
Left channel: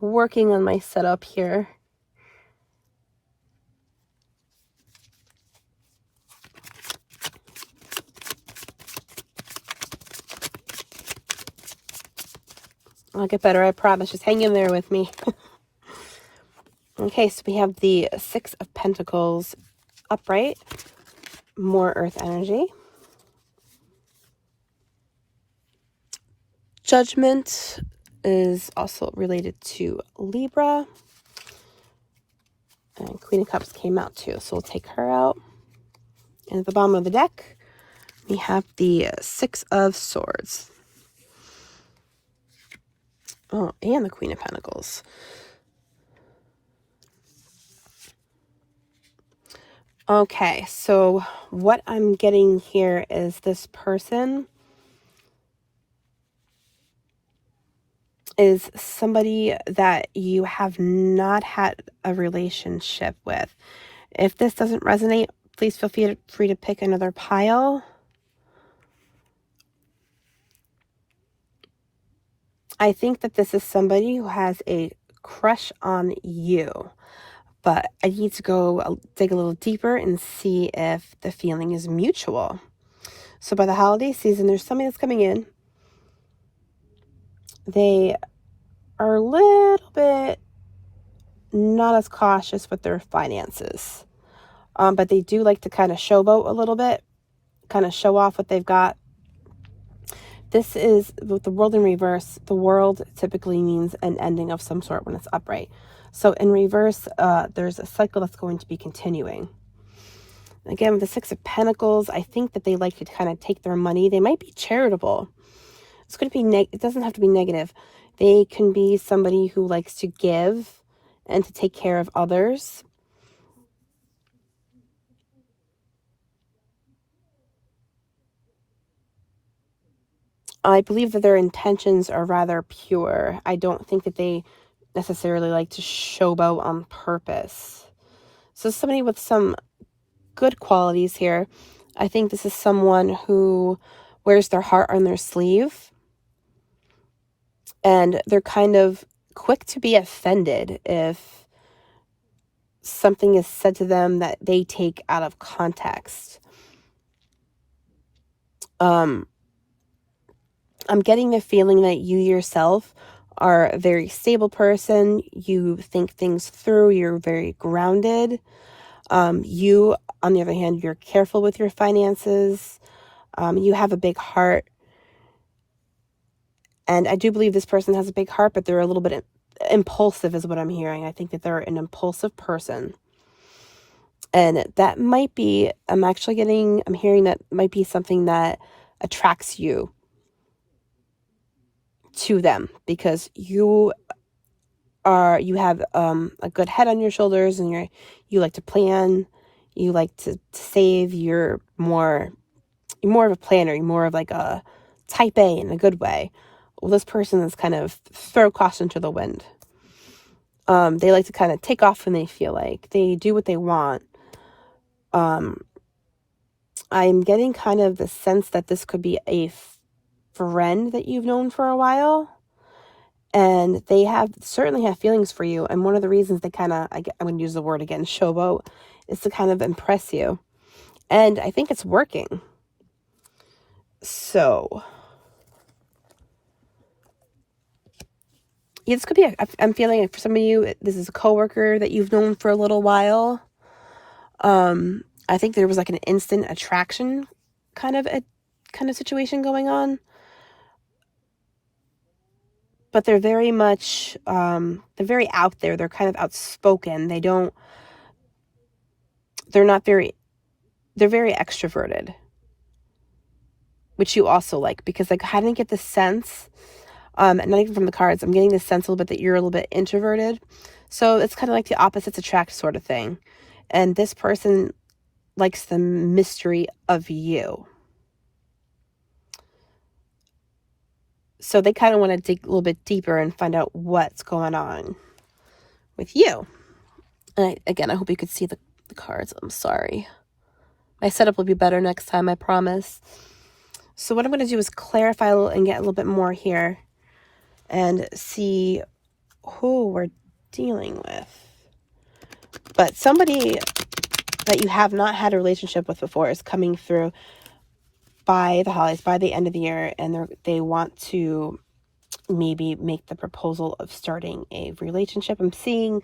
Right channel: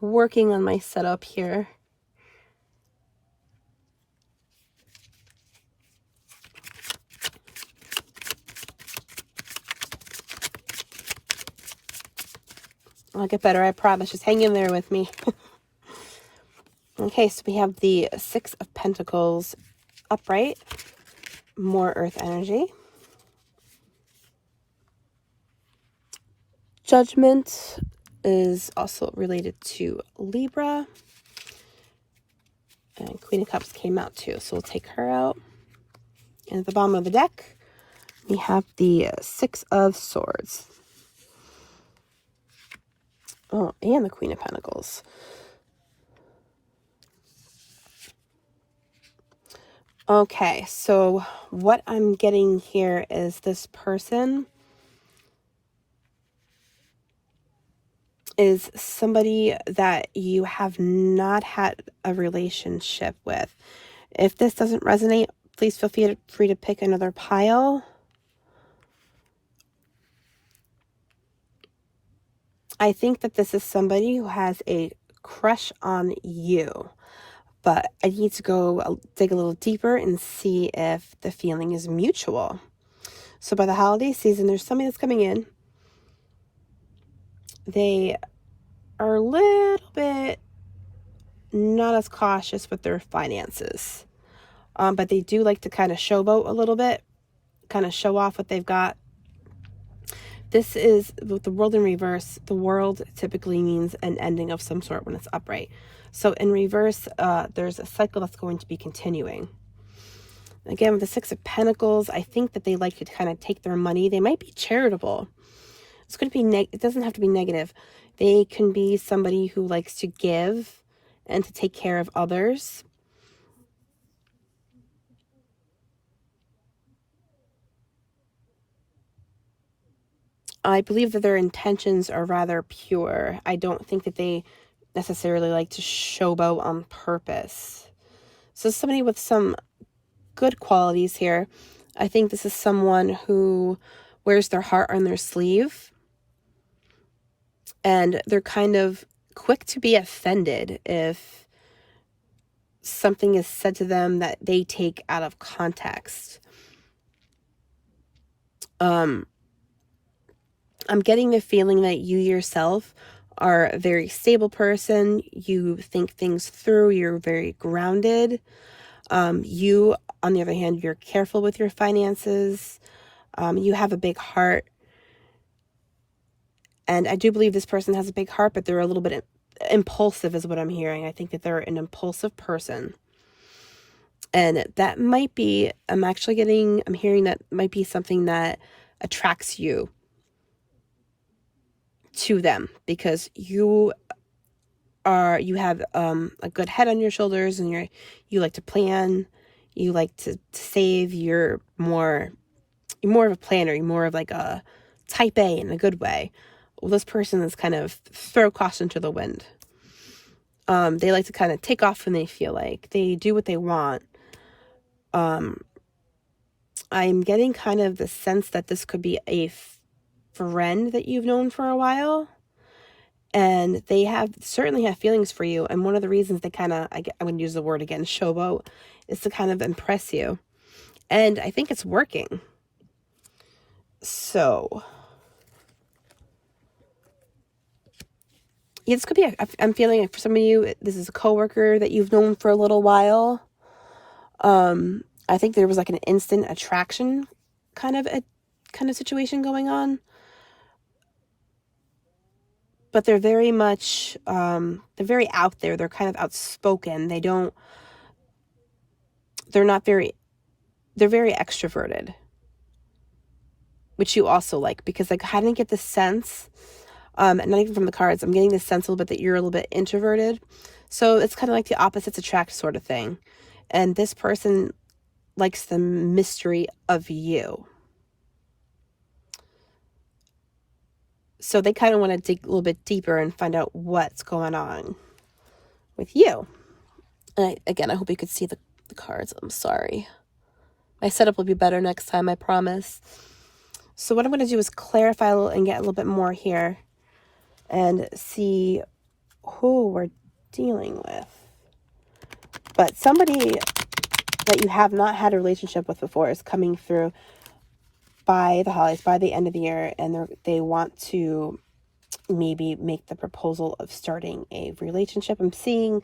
working on my setup here. I'll get better, I promise. Just hang in there with me. Okay, so we have the Six of Pentacles upright. More earth energy. Judgment is also related to Libra. And Queen of Cups came out too, so we'll take her out. And at the bottom of the deck, we have the Six of Swords. Oh, and the Queen of Pentacles. Okay, so what I'm getting here is this person is somebody that you have not had a relationship with. If this doesn't resonate, please feel free to pick another pile. I think that this is somebody who has a crush on you, but I need to go dig a little deeper and see if the feeling is mutual. So by the holiday season, there's somebody that's coming in. They are a little bit not as cautious with their finances, but they do like to kind of showboat a little bit, kind of show off what they've got. This is, with the world in reverse, the world typically means an ending of some sort when it's upright. So in reverse, there's a cycle that's going to be continuing. Again, with the Six of Pentacles, I think that they like to kind of take their money. They might be charitable. It's going to be, it doesn't have to be negative. They can be somebody who likes to give and to take care of others. I believe that their intentions are rather pure. I don't think that they necessarily like to showboat on purpose. So somebody with some good qualities here. I think this is someone who wears their heart on their sleeve. And they're kind of quick to be offended if something is said to them that they take out of context. I'm getting the feeling that you yourself are a very stable person. You think things through. You're very grounded. You, on the other hand, you're careful with your finances. You have a big heart. And I do believe this person has a big heart, but they're a little bit impulsive is what I'm hearing. I think that they're an impulsive person. And that might be, I'm hearing that might be something that attracts you to them, because you have a good head on your shoulders, and you like to plan, you like to save. You're more of a planner. You're more of like a type A in a good way. Well, this person is kind of throw caution to the wind. They like to kind of take off when they feel like. They do what they want. I'm getting kind of the sense that this could be a friend that you've known for a while, and they certainly have feelings for you. And one of the reasons they kind of, I'm going to use the word again, showboat, is to kind of impress you. And I think it's working. So this could be, I'm feeling like for some of you, this is a coworker that you've known for a little while. I think there was like an instant attraction kind of situation going on. But they're very much, they're very out there. They're kind of outspoken. They're very extroverted, which you also like, because like I didn't get the sense, not even from the cards, I'm getting the sense a little bit that you're a little bit introverted. So it's kind of like the opposites attract sort of thing. And this person likes the mystery of you. So they kind of want to dig a little bit deeper and find out what's going on with you. And again, I hope you could see the cards. I'm sorry. My setup will be better next time, I promise. So what I'm going to do is clarify a little and get a little bit more here and see who we're dealing with. But somebody that you have not had a relationship with before is coming through by the holidays, by the end of the year, and they want to maybe make the proposal of starting a relationship. I'm seeing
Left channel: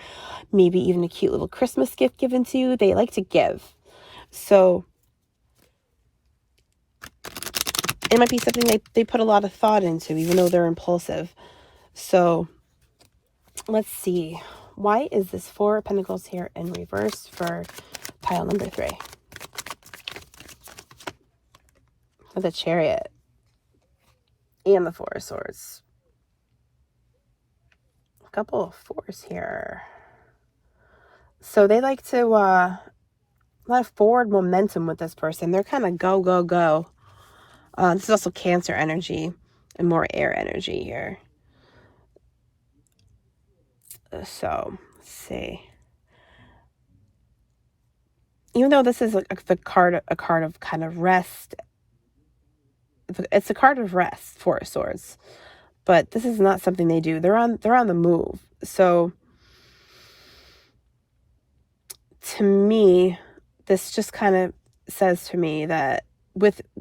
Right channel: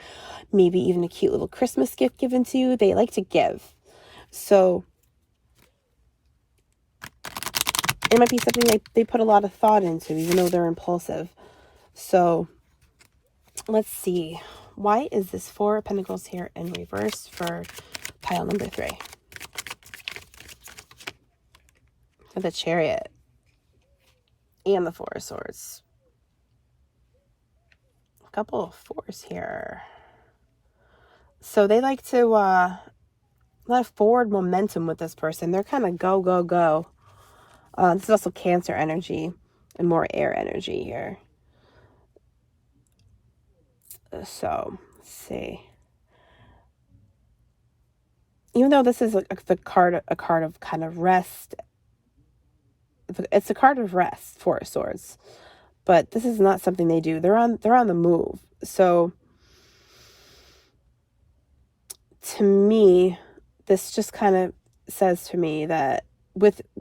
maybe even a cute little Christmas gift given to you. They like to give. So it might be something they put a lot of thought into, even though they're impulsive. So let's see. Why is this Four of Pentacles here in reverse for pile number 3? For the Chariot and the Four of Swords. A couple of fours here. So they like to, a lot of forward momentum with this person. They're kind of go, go, go. This is also Cancer energy and more air energy here. So, let's see. Even though this is a card of kind of rest, it's a card of rest, Four of Swords, but this is not something they do. They're on the move. So, to me, this just kind of says to me that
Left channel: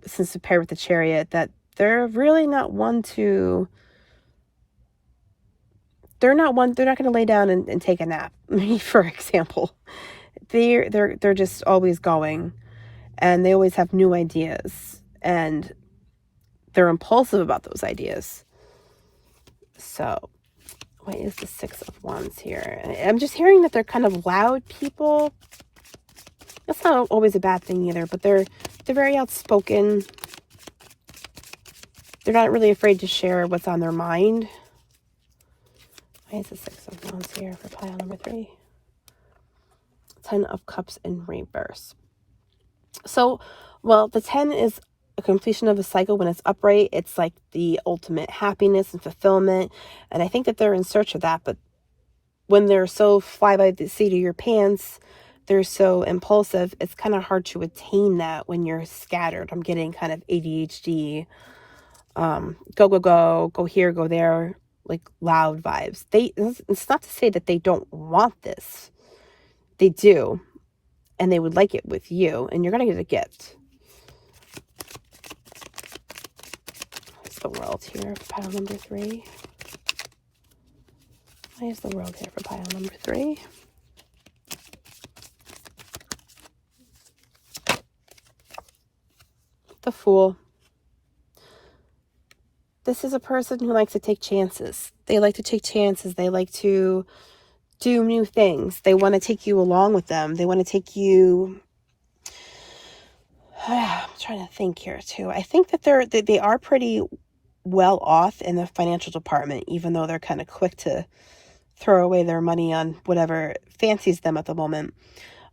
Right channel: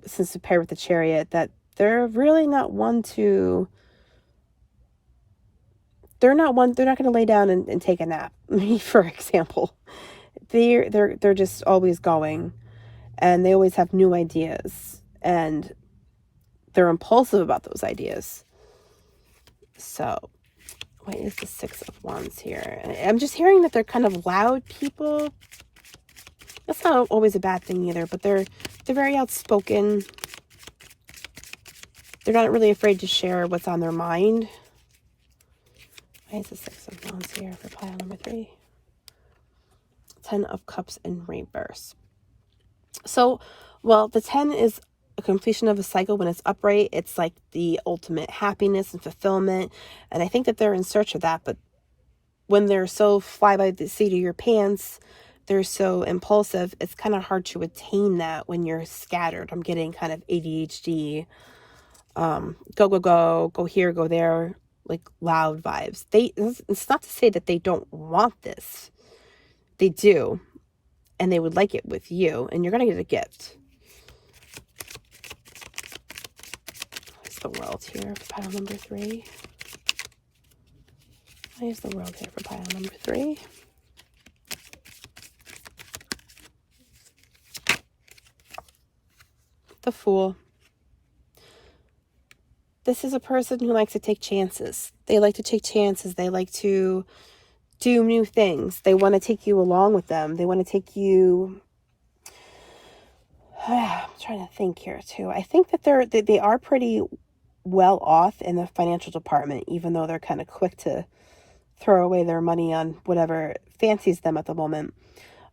since it's paired with the Chariot, that they're really not one to. They're not going to lay down and take a nap, for example. They're just always going, and they always have new ideas, and they're impulsive about those ideas. So, what is the Six of Wands here? I'm just hearing that they're kind of loud people. That's not always a bad thing either, but they're very outspoken. They're not really afraid to share what's on their mind. Why is the Six of Wands here for pile number 3? 10 of Cups in reverse. So, well, the 10 is a completion of a cycle. When it's upright, it's like the ultimate happiness and fulfillment. And I think that they're in search of that. But when they're so fly by the seat of your pants, they're so impulsive, it's kind of hard to attain that when you're scattered. I'm getting kind of ADHD, go, go, go, go here, go there, like loud vibes. It's not to say that they don't want this. They do, and they would like it with you, and you're going to get a gift. What's the World here for pile number 3? Why is the World here for pile number 3? The Fool. This is a person who likes to take chances. They like to take chances. They like to do new things. They want to take you along with them. They want to take you. I'm trying to think here too. I think that they are pretty well off in the financial department, even though they're kind of quick to throw away their money on whatever fancies them at the moment.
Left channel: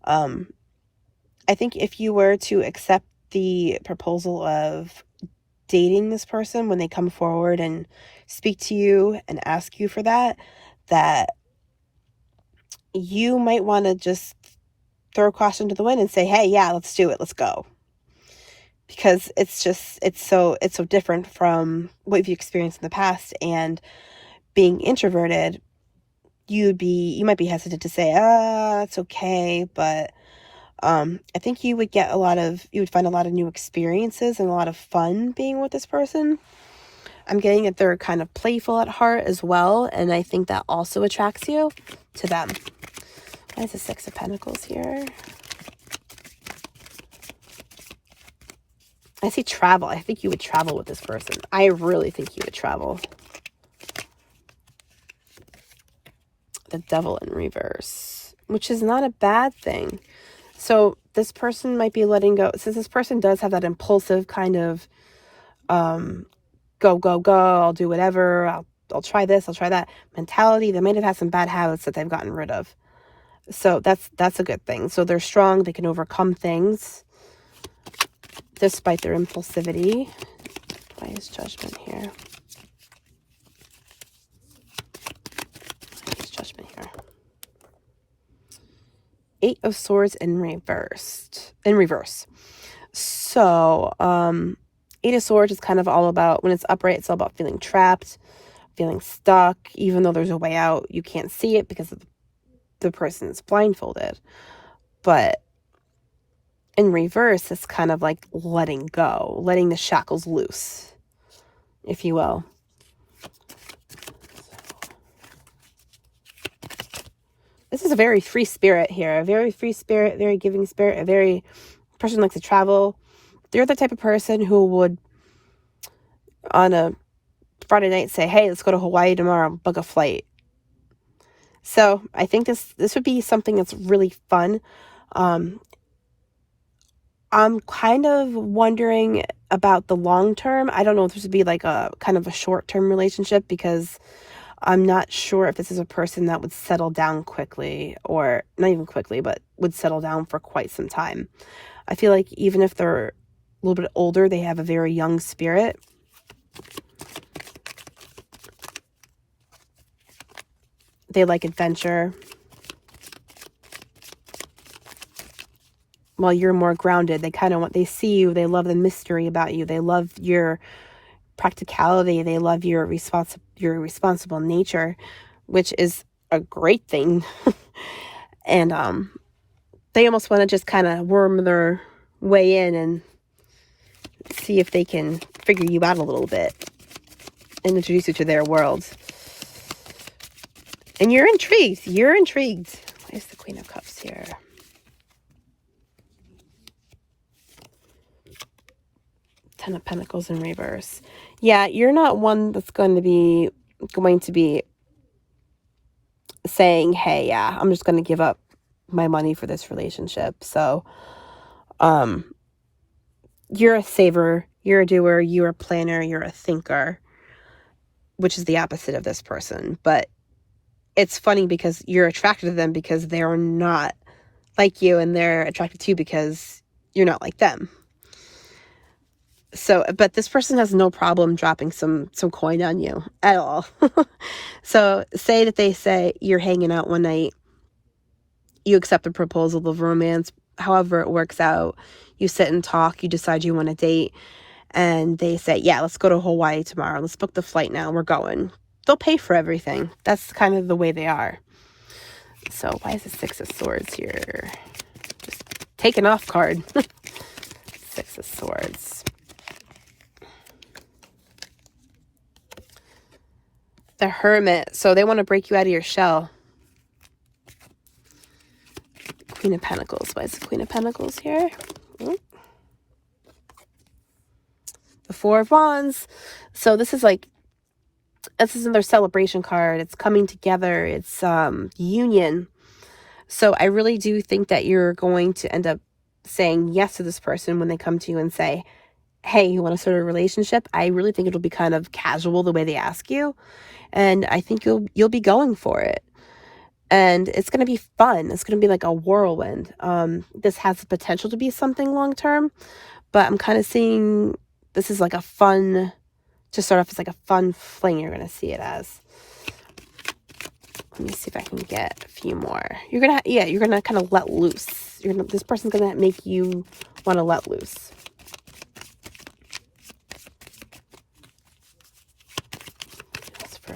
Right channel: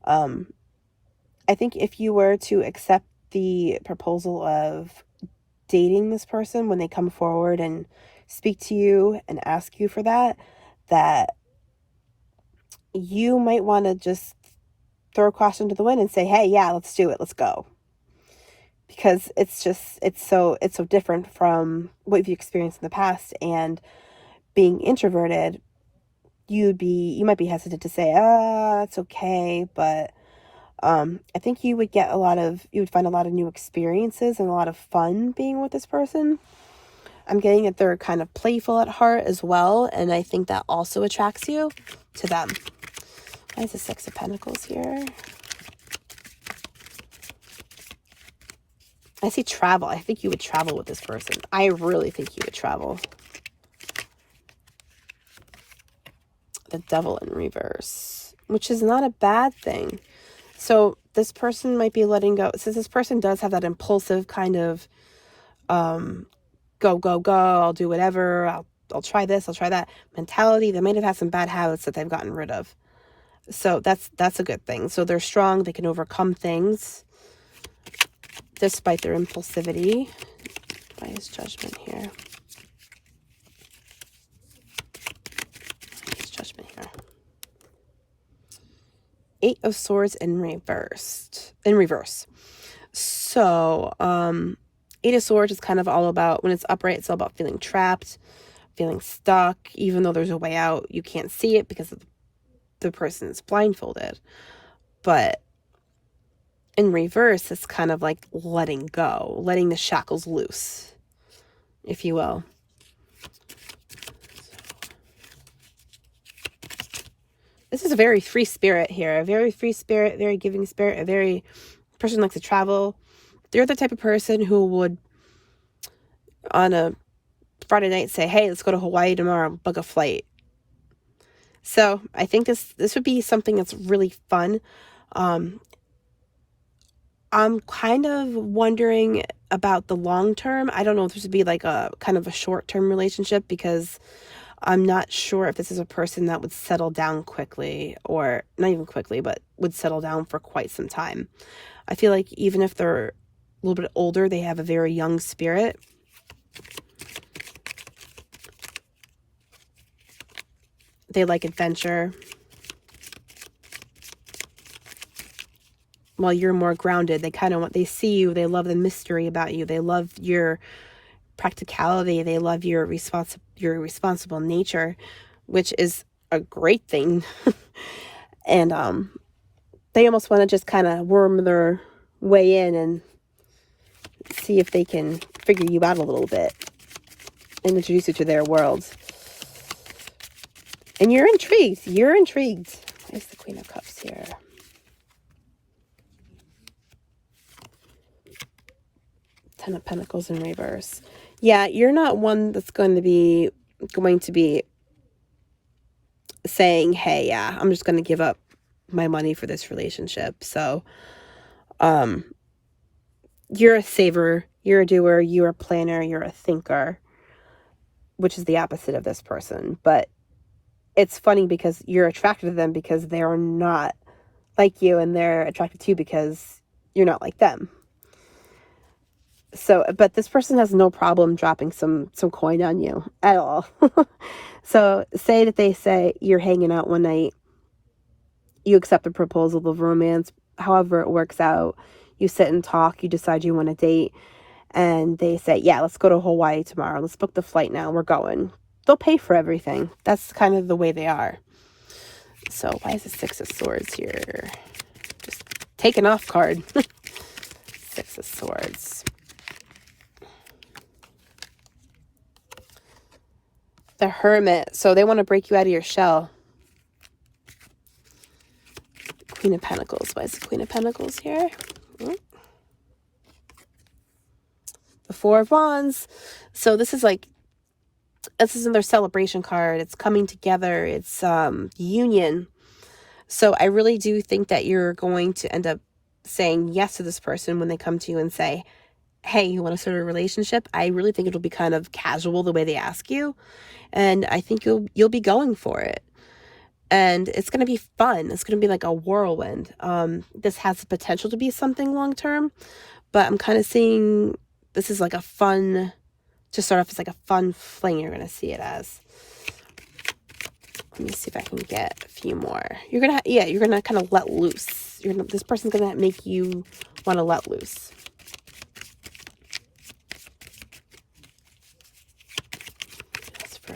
I think if you were to accept the proposal of dating this person, when they come forward and speak to you and ask you for that you might want to just throw caution to the wind and say, hey, yeah, let's do it. Let's go. Because it's so different from what you've experienced in the past. And being introverted, you might be hesitant to say, it's okay. But I think you would find a lot of new experiences and a lot of fun being with this person. I'm getting that they're kind of playful at heart as well, and I think that also attracts you to them. That's the Six of Pentacles here. I see travel. I think you would travel with this person. I really think you would travel. The Devil in reverse, which is not a bad thing. So this person might be letting go. Since this person does have that impulsive kind of go, go, go, I'll do whatever, I'll try this, I'll try that mentality. They might have had some bad habits that they've gotten rid of. So that's a good thing. So they're strong. They can overcome things despite their impulsivity. Why is Judgment here? Why is Judgment here? 8 of Swords in reverse. So, 8 of Swords is kind of all about, when it's upright, it's all about feeling trapped, feeling stuck. Even though there's a way out, you can't see it because the person is blindfolded. But in reverse, it's kind of like letting go, letting the shackles loose, if you will. this is a very free spirit here. A very free spirit, very giving spirit, a very person who likes to travel. They're the type of person who would, on a Friday night, say, hey, let's go to Hawaii tomorrow, book a flight. So I think this would be something that's really fun. I'm kind of wondering about the long term. I don't know if this would be like a kind of a short-term relationship, because I'm not sure if this is a person that would settle down quickly, or not even quickly, but would settle down for quite some time. I feel like even if they're a little bit older, they have a very young spirit. They like adventure, while you're more grounded. They kind of want, they see you, they love the mystery about you, they love your practicality, they love your responsible nature, which is a great thing. And they almost want to just kind of worm their way in and see if they can figure you out a little bit and introduce you to their world. And you're intrigued. You're intrigued. There's the Queen of Cups here. Ten of Pentacles in reverse. Yeah, you're not one that's going to be saying, hey, yeah, I'm just going to give up my money for this relationship. So, you're a saver, you're a doer, you're a planner, you're a thinker, which is the opposite of this person. But it's funny because you're attracted to them because they're not like you, and they're attracted to you because you're not like them. So, but this person has no problem dropping some coin on you at all. So say that they say you're hanging out one night, you accept a proposal of romance, however it works out, you sit and talk, you decide you want to date, and they say, yeah, let's go to Hawaii tomorrow, let's book the flight now, we're going. They'll pay for everything. That's kind of the way they are. So why is the Six of Swords here? Just take an off card. Six of Swords. The Hermit. So they want to break you out of your shell. Queen of Pentacles. Why is the Queen of Pentacles here? Oh. The Four of Wands. So this is another celebration card. It's coming together. It's union. So I really do think that you're going to end up saying yes to this person when they come to you and say, hey, you want to start a relationship? I really think it'll be kind of casual the way they ask you. And I think you'll be going for it. And it's going to be fun. It's going to be like a whirlwind. This has the potential to be something long-term, but I'm kind of seeing this is like a fun, to start off as like a fun fling, you're going to see it as. Let me see if I can get a few more. You're going to kind of let loose. This person's going to make you want to let loose. That's for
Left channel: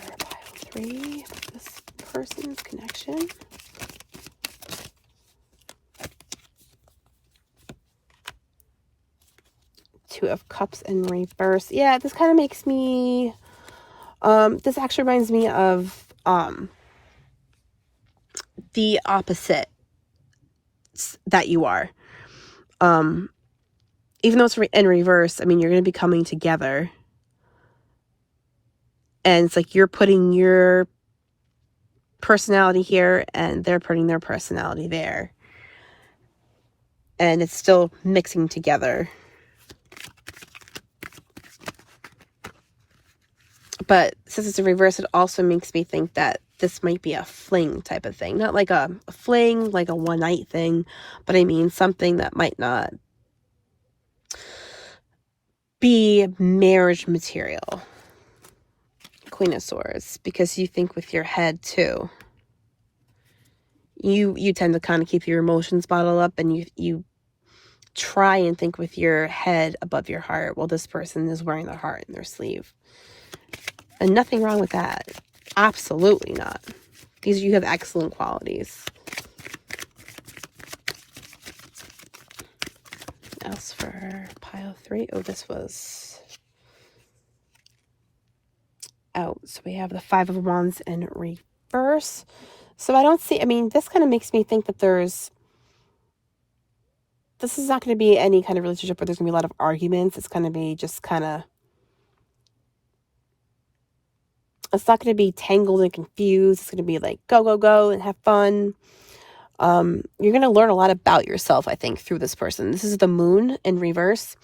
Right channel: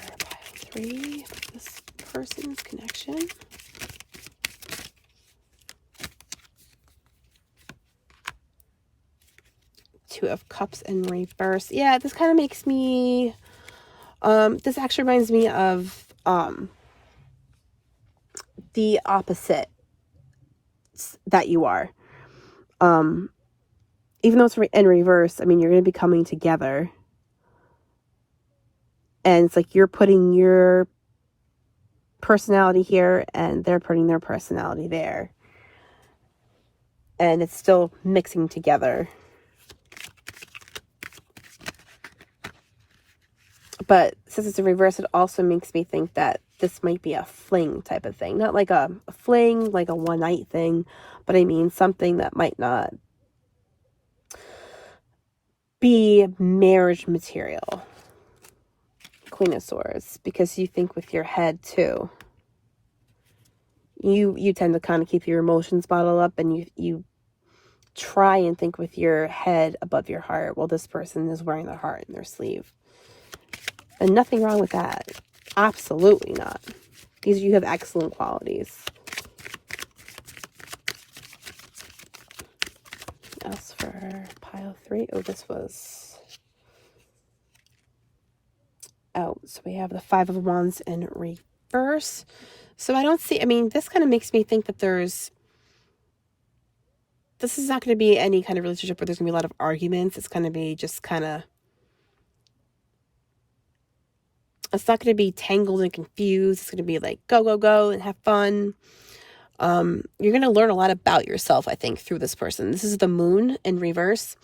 3, this person's connection. Two of Cups in reverse. Yeah, this kind of makes me, this actually reminds me of, the opposite that you are. Even though it's in reverse, I mean, you're going to be coming together. And it's like you're putting your personality here and they're putting their personality there. And it's still mixing together. But since it's a reverse, it also makes me think that this might be a fling type of thing. Not like a fling, like a one-night thing, but I mean something that might not be marriage material. Queen of Swords, because you think with your head too. You tend to kind of keep your emotions bottled up, and you try and think with your head above your heart, while this person is wearing their heart in their sleeve. And nothing wrong with that. Absolutely not. You have excellent qualities. As for pile 3, oh, this was out. So we have the Five of Wands in reverse. reverse. So I don't see, I mean, this kind of makes me think that this is not going to be any kind of relationship where there's going to be a lot of arguments. It's going to be just kind of, it's not going to be tangled and confused. It's going to be like, go, go, go and have fun. You're going to learn a lot about yourself, I think, through this person. This is the moon in reverse.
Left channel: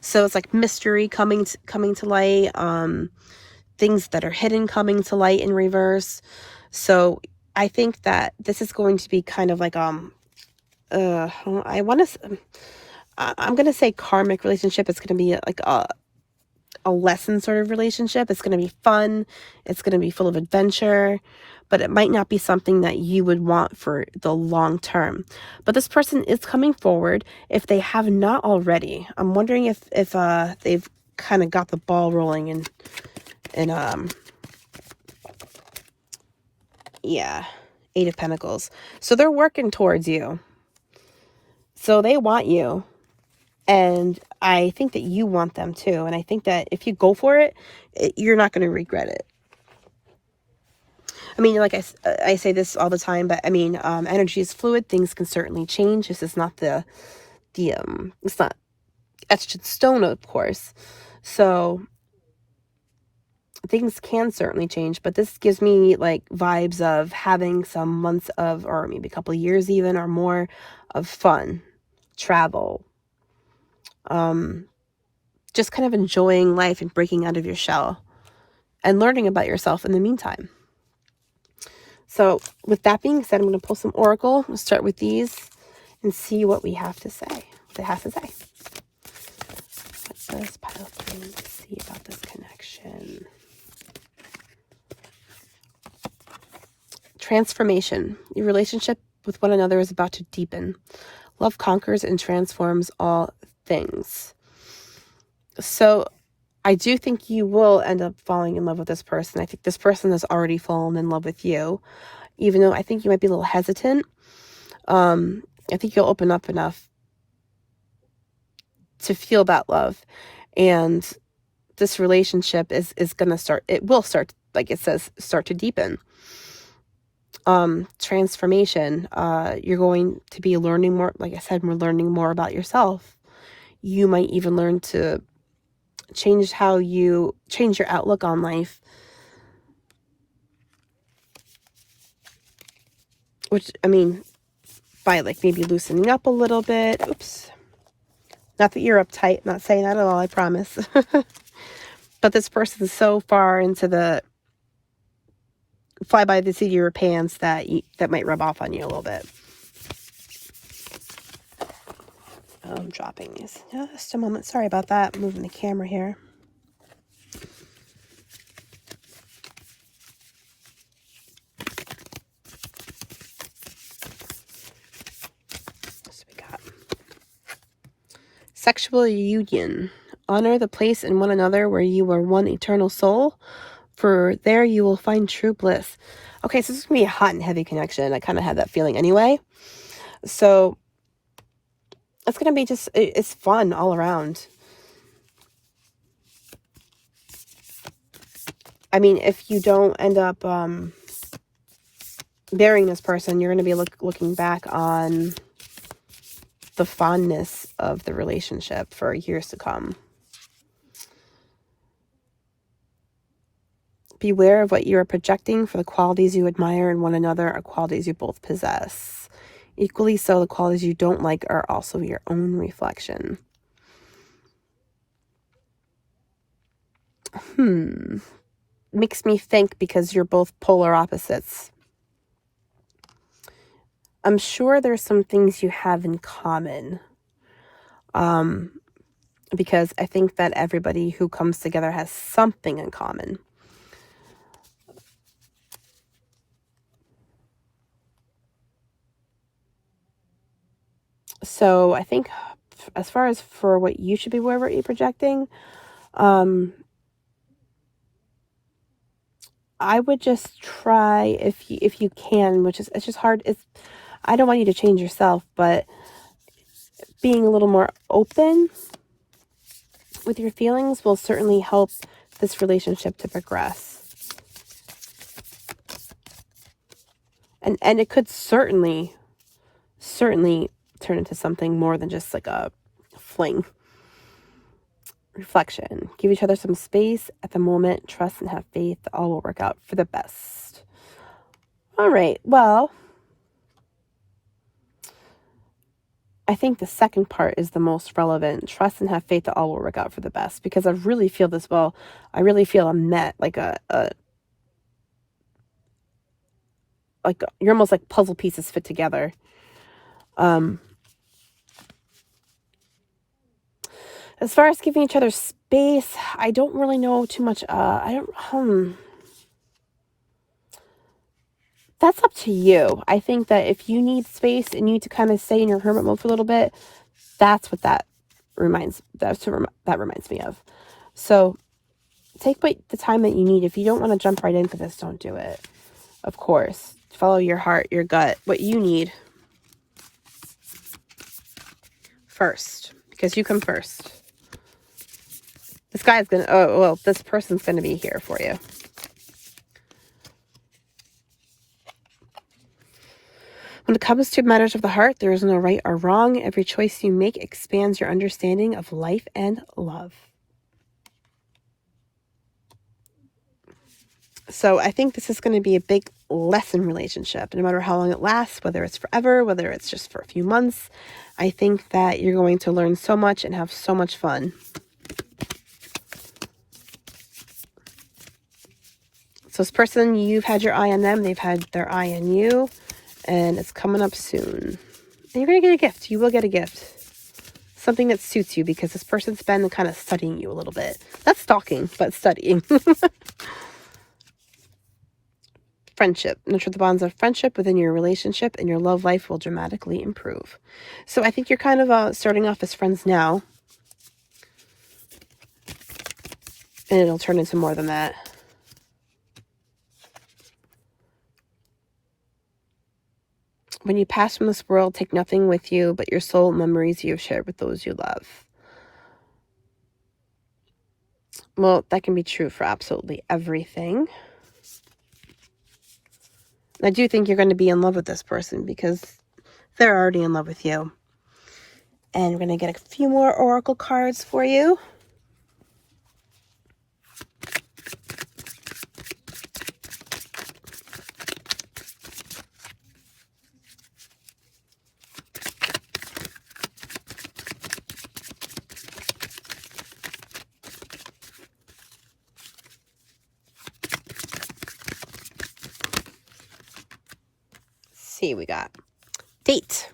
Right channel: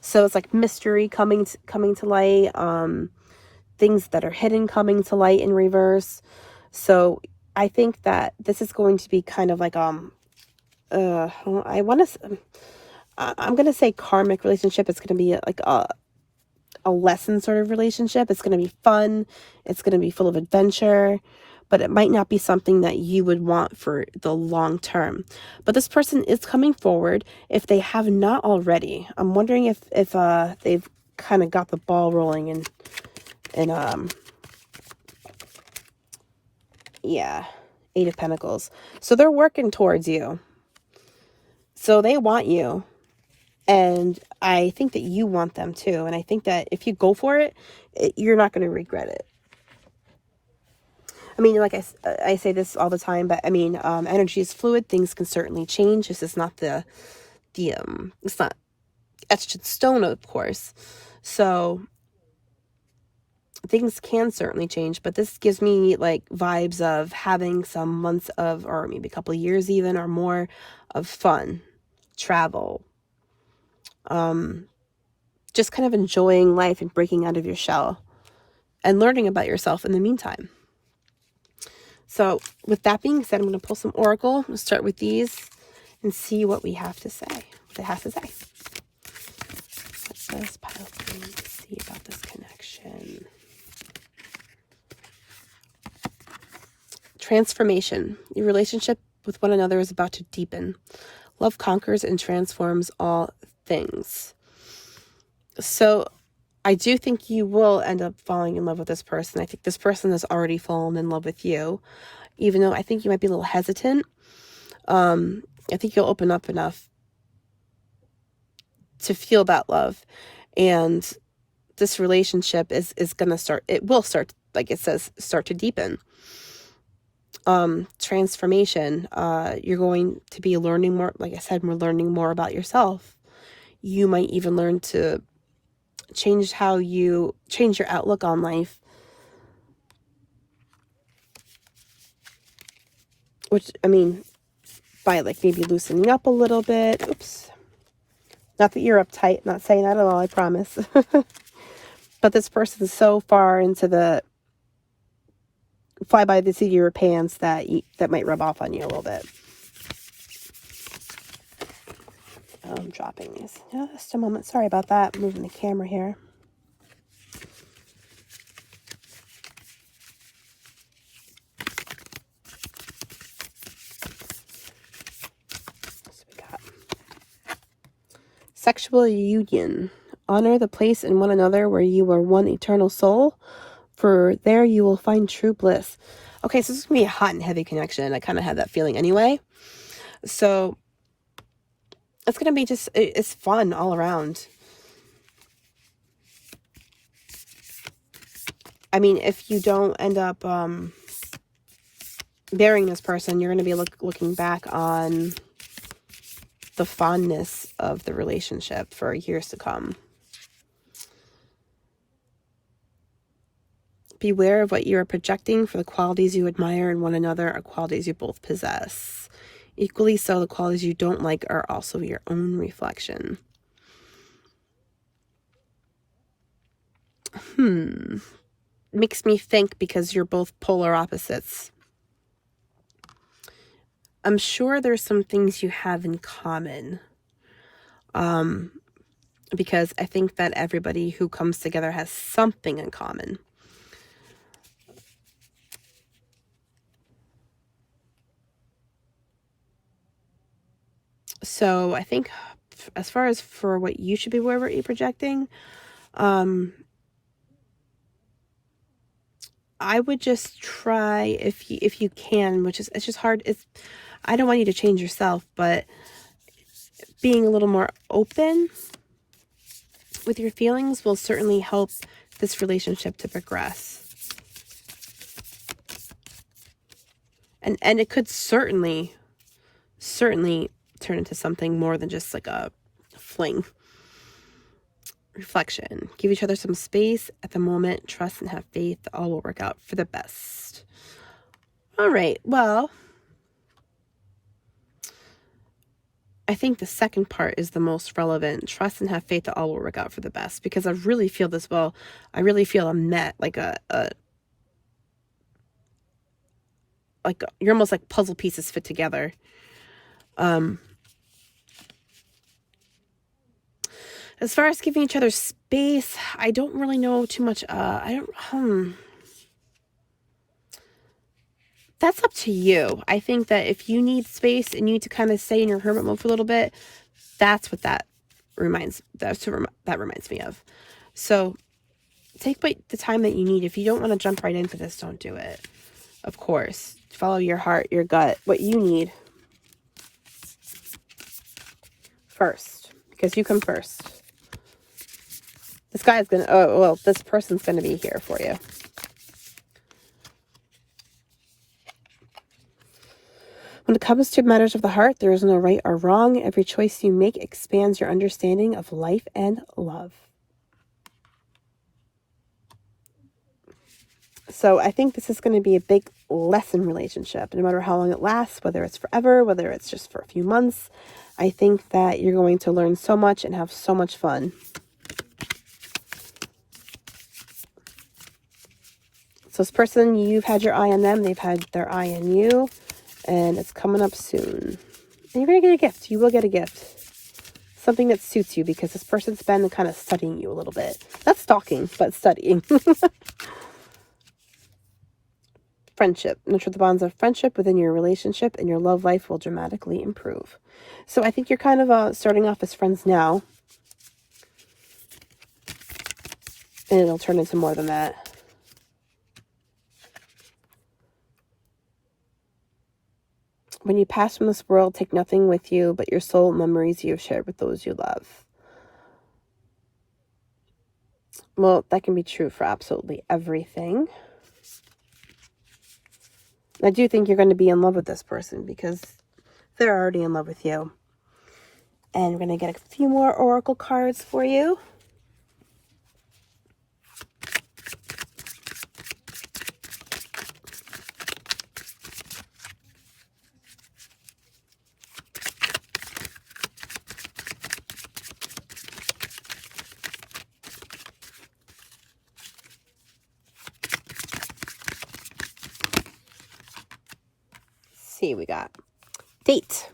So it's like mystery coming to light, things that are hidden coming to light in reverse. So I think that this is going to be kind of like, I'm going to say karmic relationship. It's going to be like a lesson sort of relationship. It's going to be fun. It's going to be full of adventure, but it might not be something that you would want for the long term. But this person is coming forward. If they have not already, I'm wondering if they've kind of got the ball rolling yeah, 8 of Pentacles. So they're working towards you. So they want you. And I think that you want them too. And I think that if you go for it, you're not going to regret it. I mean, like I say this all the time, but I mean, energy is fluid. Things can certainly change. This is not it's not etched in stone, of course. So things can certainly change, but this gives me like vibes of having some months of, or maybe a couple of years even, or more of fun, travel, just kind of enjoying life and breaking out of your shell and learning about yourself in the meantime. So with that being said, I'm going to pull some oracle. We'll start with these and see what we have to say. What they have to say. Let's see about this connection. Transformation. Your relationship with one another is about to deepen. Love conquers and transforms all things. So I do think you will end up falling in love with this person. I think this person has already fallen in love with you, even though I think you might be a little hesitant. I think you'll open up enough to feel that love. And this relationship is going to start, it will start, like it says, start to deepen. Transformation. You're going to be learning more, like I said, we're learning more about yourself. You might even learn to change your outlook on life, which, I mean, by like maybe loosening up a little bit. Oops. Not that you're uptight, not saying that at all, I promise. But this person's so far into the fly by the seat of your pants that that might rub off on you a little bit. I'm dropping these. Just a moment. Sorry about that. I'm moving the camera here. So we got sexual union. Honor the place in one another where you are one eternal soul, for there you will find true bliss. Okay, so this is going to be a hot and heavy connection. I kind of had that feeling anyway. So it's going to be just, it's fun all around. I mean, if you don't end up burying this person, you're going to be looking back on the fondness of the relationship for years to come. Beware of what you are projecting, for the qualities you admire in one another are qualities you both possess. Equally so, the qualities you don't like are also your own reflection. Makes me think, because you're both polar opposites, I'm sure there's some things you have in common. Because I think that everybody who comes together has something in common. So I think as far as for what you should be aware of what you're projecting, I would just try, if you can, which is, it's just hard. I don't want you to change yourself, but being a little more open with your feelings will certainly help this relationship to progress. And it could certainly turn into something more than just like a fling. Reflection. Give each other some space at the moment. Trust and have faith that all will work out for the best. All right. Well, I think the second part is the most relevant. Trust and have faith that all will work out for the best. Because I really feel this. Well, I really feel a net, like you're almost like puzzle pieces fit together. As far as giving each other space, I don't really know too much. That's up to you. I think that if you need space and you need to kind of stay in your hermit mode for a little bit, that's what that reminds me of. So take the time that you need. If you don't want to jump right into this, don't do it. Of course, follow your heart, your gut, what you need first, because you come first. This person's going to be here for you. When it comes to matters of the heart, there is no right or wrong. Every choice you make expands your understanding of life and love. So I think this is going to be a big lesson relationship, no matter how long it lasts, whether it's forever, whether it's just for a few months. I think that you're going to learn so much and have so much fun. So this person, you've had your eye on them, they've had their eye on you, and it's coming up soon. And you're going to get a gift. You will get a gift. Something that suits you, because this person's been kind of studying you a little bit. Not stalking, but studying. Friendship. Nurture the bonds of friendship within your relationship, and your love life will dramatically improve. So I think you're kind of starting off as friends now. And it'll turn into more than that. When you pass from this world, take nothing with you but your soul memories you have shared with those you love. Well, that can be true for absolutely everything. I do think you're going to be in love with this person, because they're already in love with you. And we're going to get a few more oracle cards for you. See, we got date.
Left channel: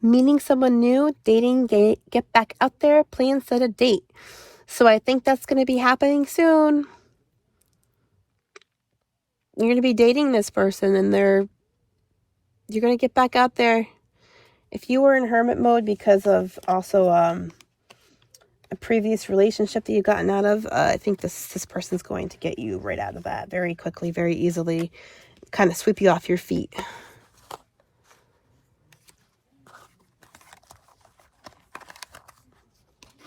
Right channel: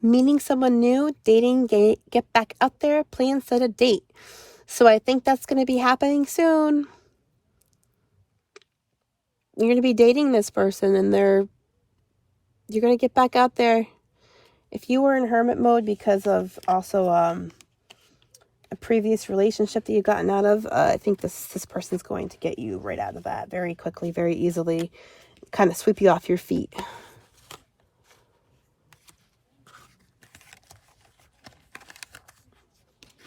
Meeting someone new, dating, get back out there, plan, set a date. So I think that's going to be happening soon. You're going to be dating this person, and you're going to get back out there. If you were in hermit mode because of also a previous relationship that you've gotten out of, I think this person's going to get you right out of that very quickly, very easily, kind of sweep you off your feet.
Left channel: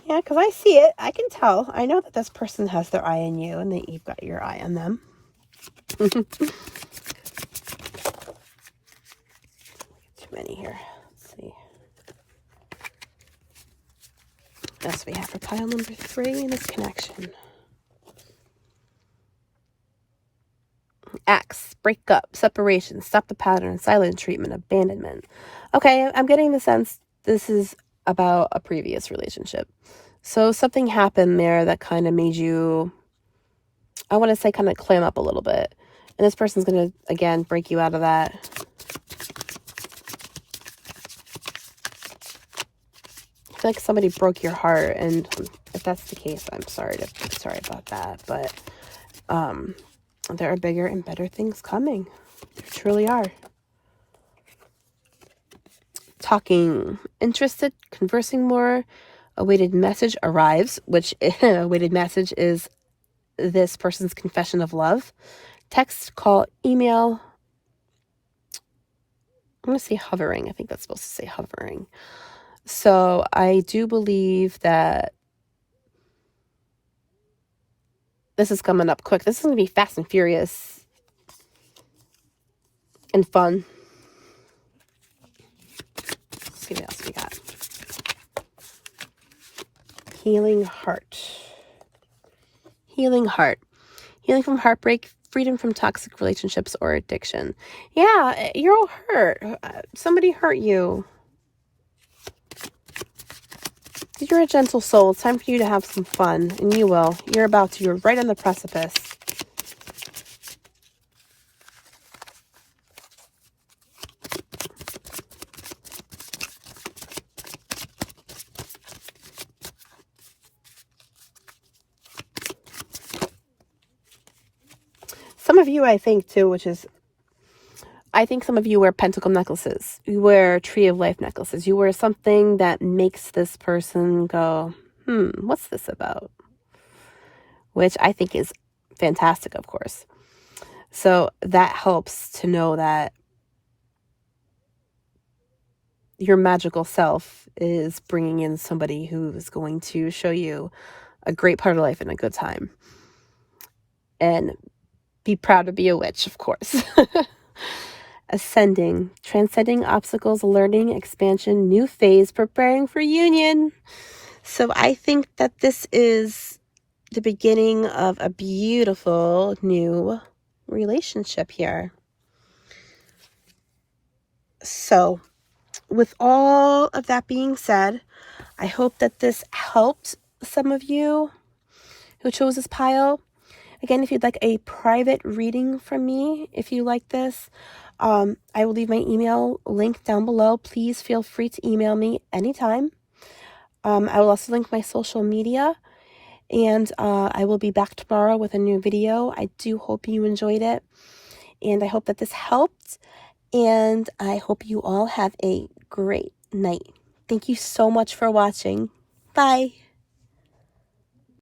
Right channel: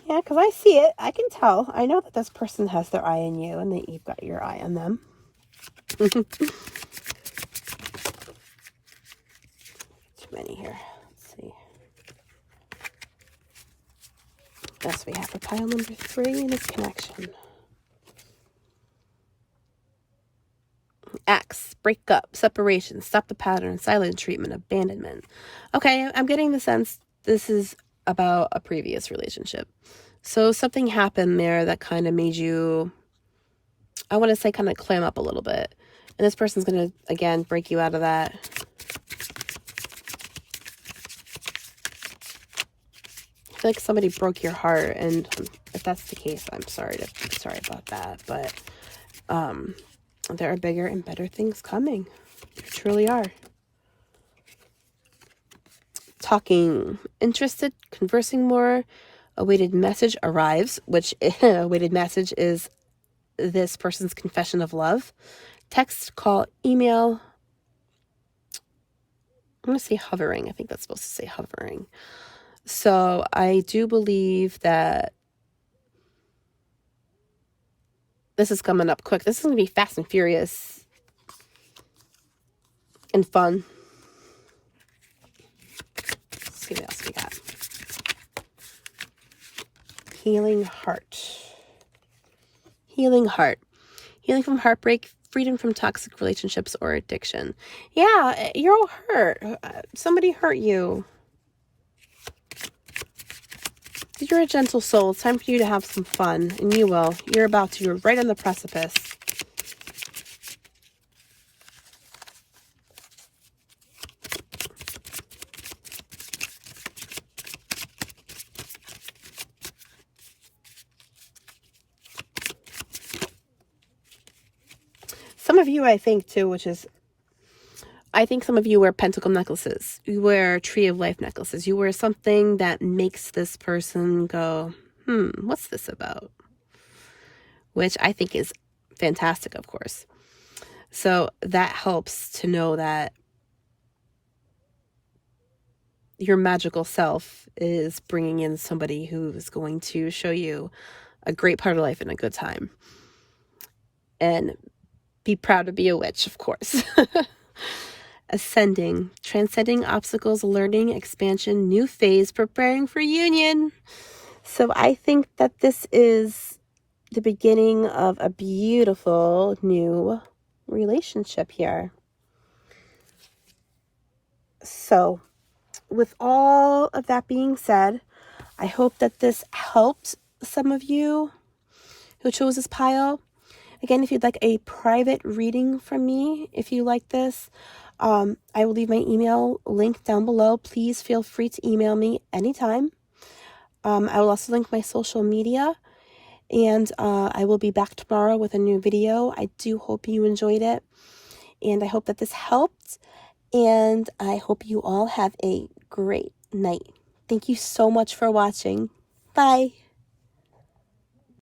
Yeah, because I see it. I can tell. I know that this person has their eye on you, and that you've got your eye on them. Too many here. Let's see. Yes, we have for pile number 3 in this connection. Acts, break up, separation, stop the pattern, silent treatment, abandonment. Okay, I'm getting the sense this is about a previous relationship. So something happened there that kind of made you, I want to say, kind of clam up a little bit. And this person's going to, again, break you out of that. I feel like somebody broke your heart, and if that's the case, I'm sorry about that. But there are bigger and better things coming. There truly are. Talking, interested, conversing more. A weighted message arrives, which a weighted message is this person's confession of love. Text, call, email. I'm going to say hovering. I think that's supposed to say hovering. So I do believe that this is coming up quick. This is going to be fast and furious. and fun. Let's see what else we got. Healing heart. Healing heart. Healing from heartbreak, freedom from toxic relationships or addiction. Yeah, you're all hurt. Somebody hurt you. You're a gentle soul. It's time for you to have some fun, and you will. You're about to. You're right on the precipice. Some of you, I think, too, I think some of you wear pentacle necklaces. You wear tree of life necklaces. You wear something that makes this person go, what's this about? Which I think is fantastic, of course. So that helps to know that your magical self is bringing in somebody who is going to show you a great part of life and a good time. And be proud to be a witch, of course. Ascending, transcending obstacles, learning, expansion, new phase, preparing for union. So I think that this is the beginning of a beautiful new relationship here. So with all of that being said, I hope that this helped some of you who chose this pile. Again, if you'd like a private reading from me, if you like this, I will leave my email link down below. Please feel free to email me anytime. I will also link my social media, and I will be back tomorrow with a new video. I do hope you enjoyed it, and I hope that this helped, and I hope you all have a great night. Thank you so much for watching. Bye.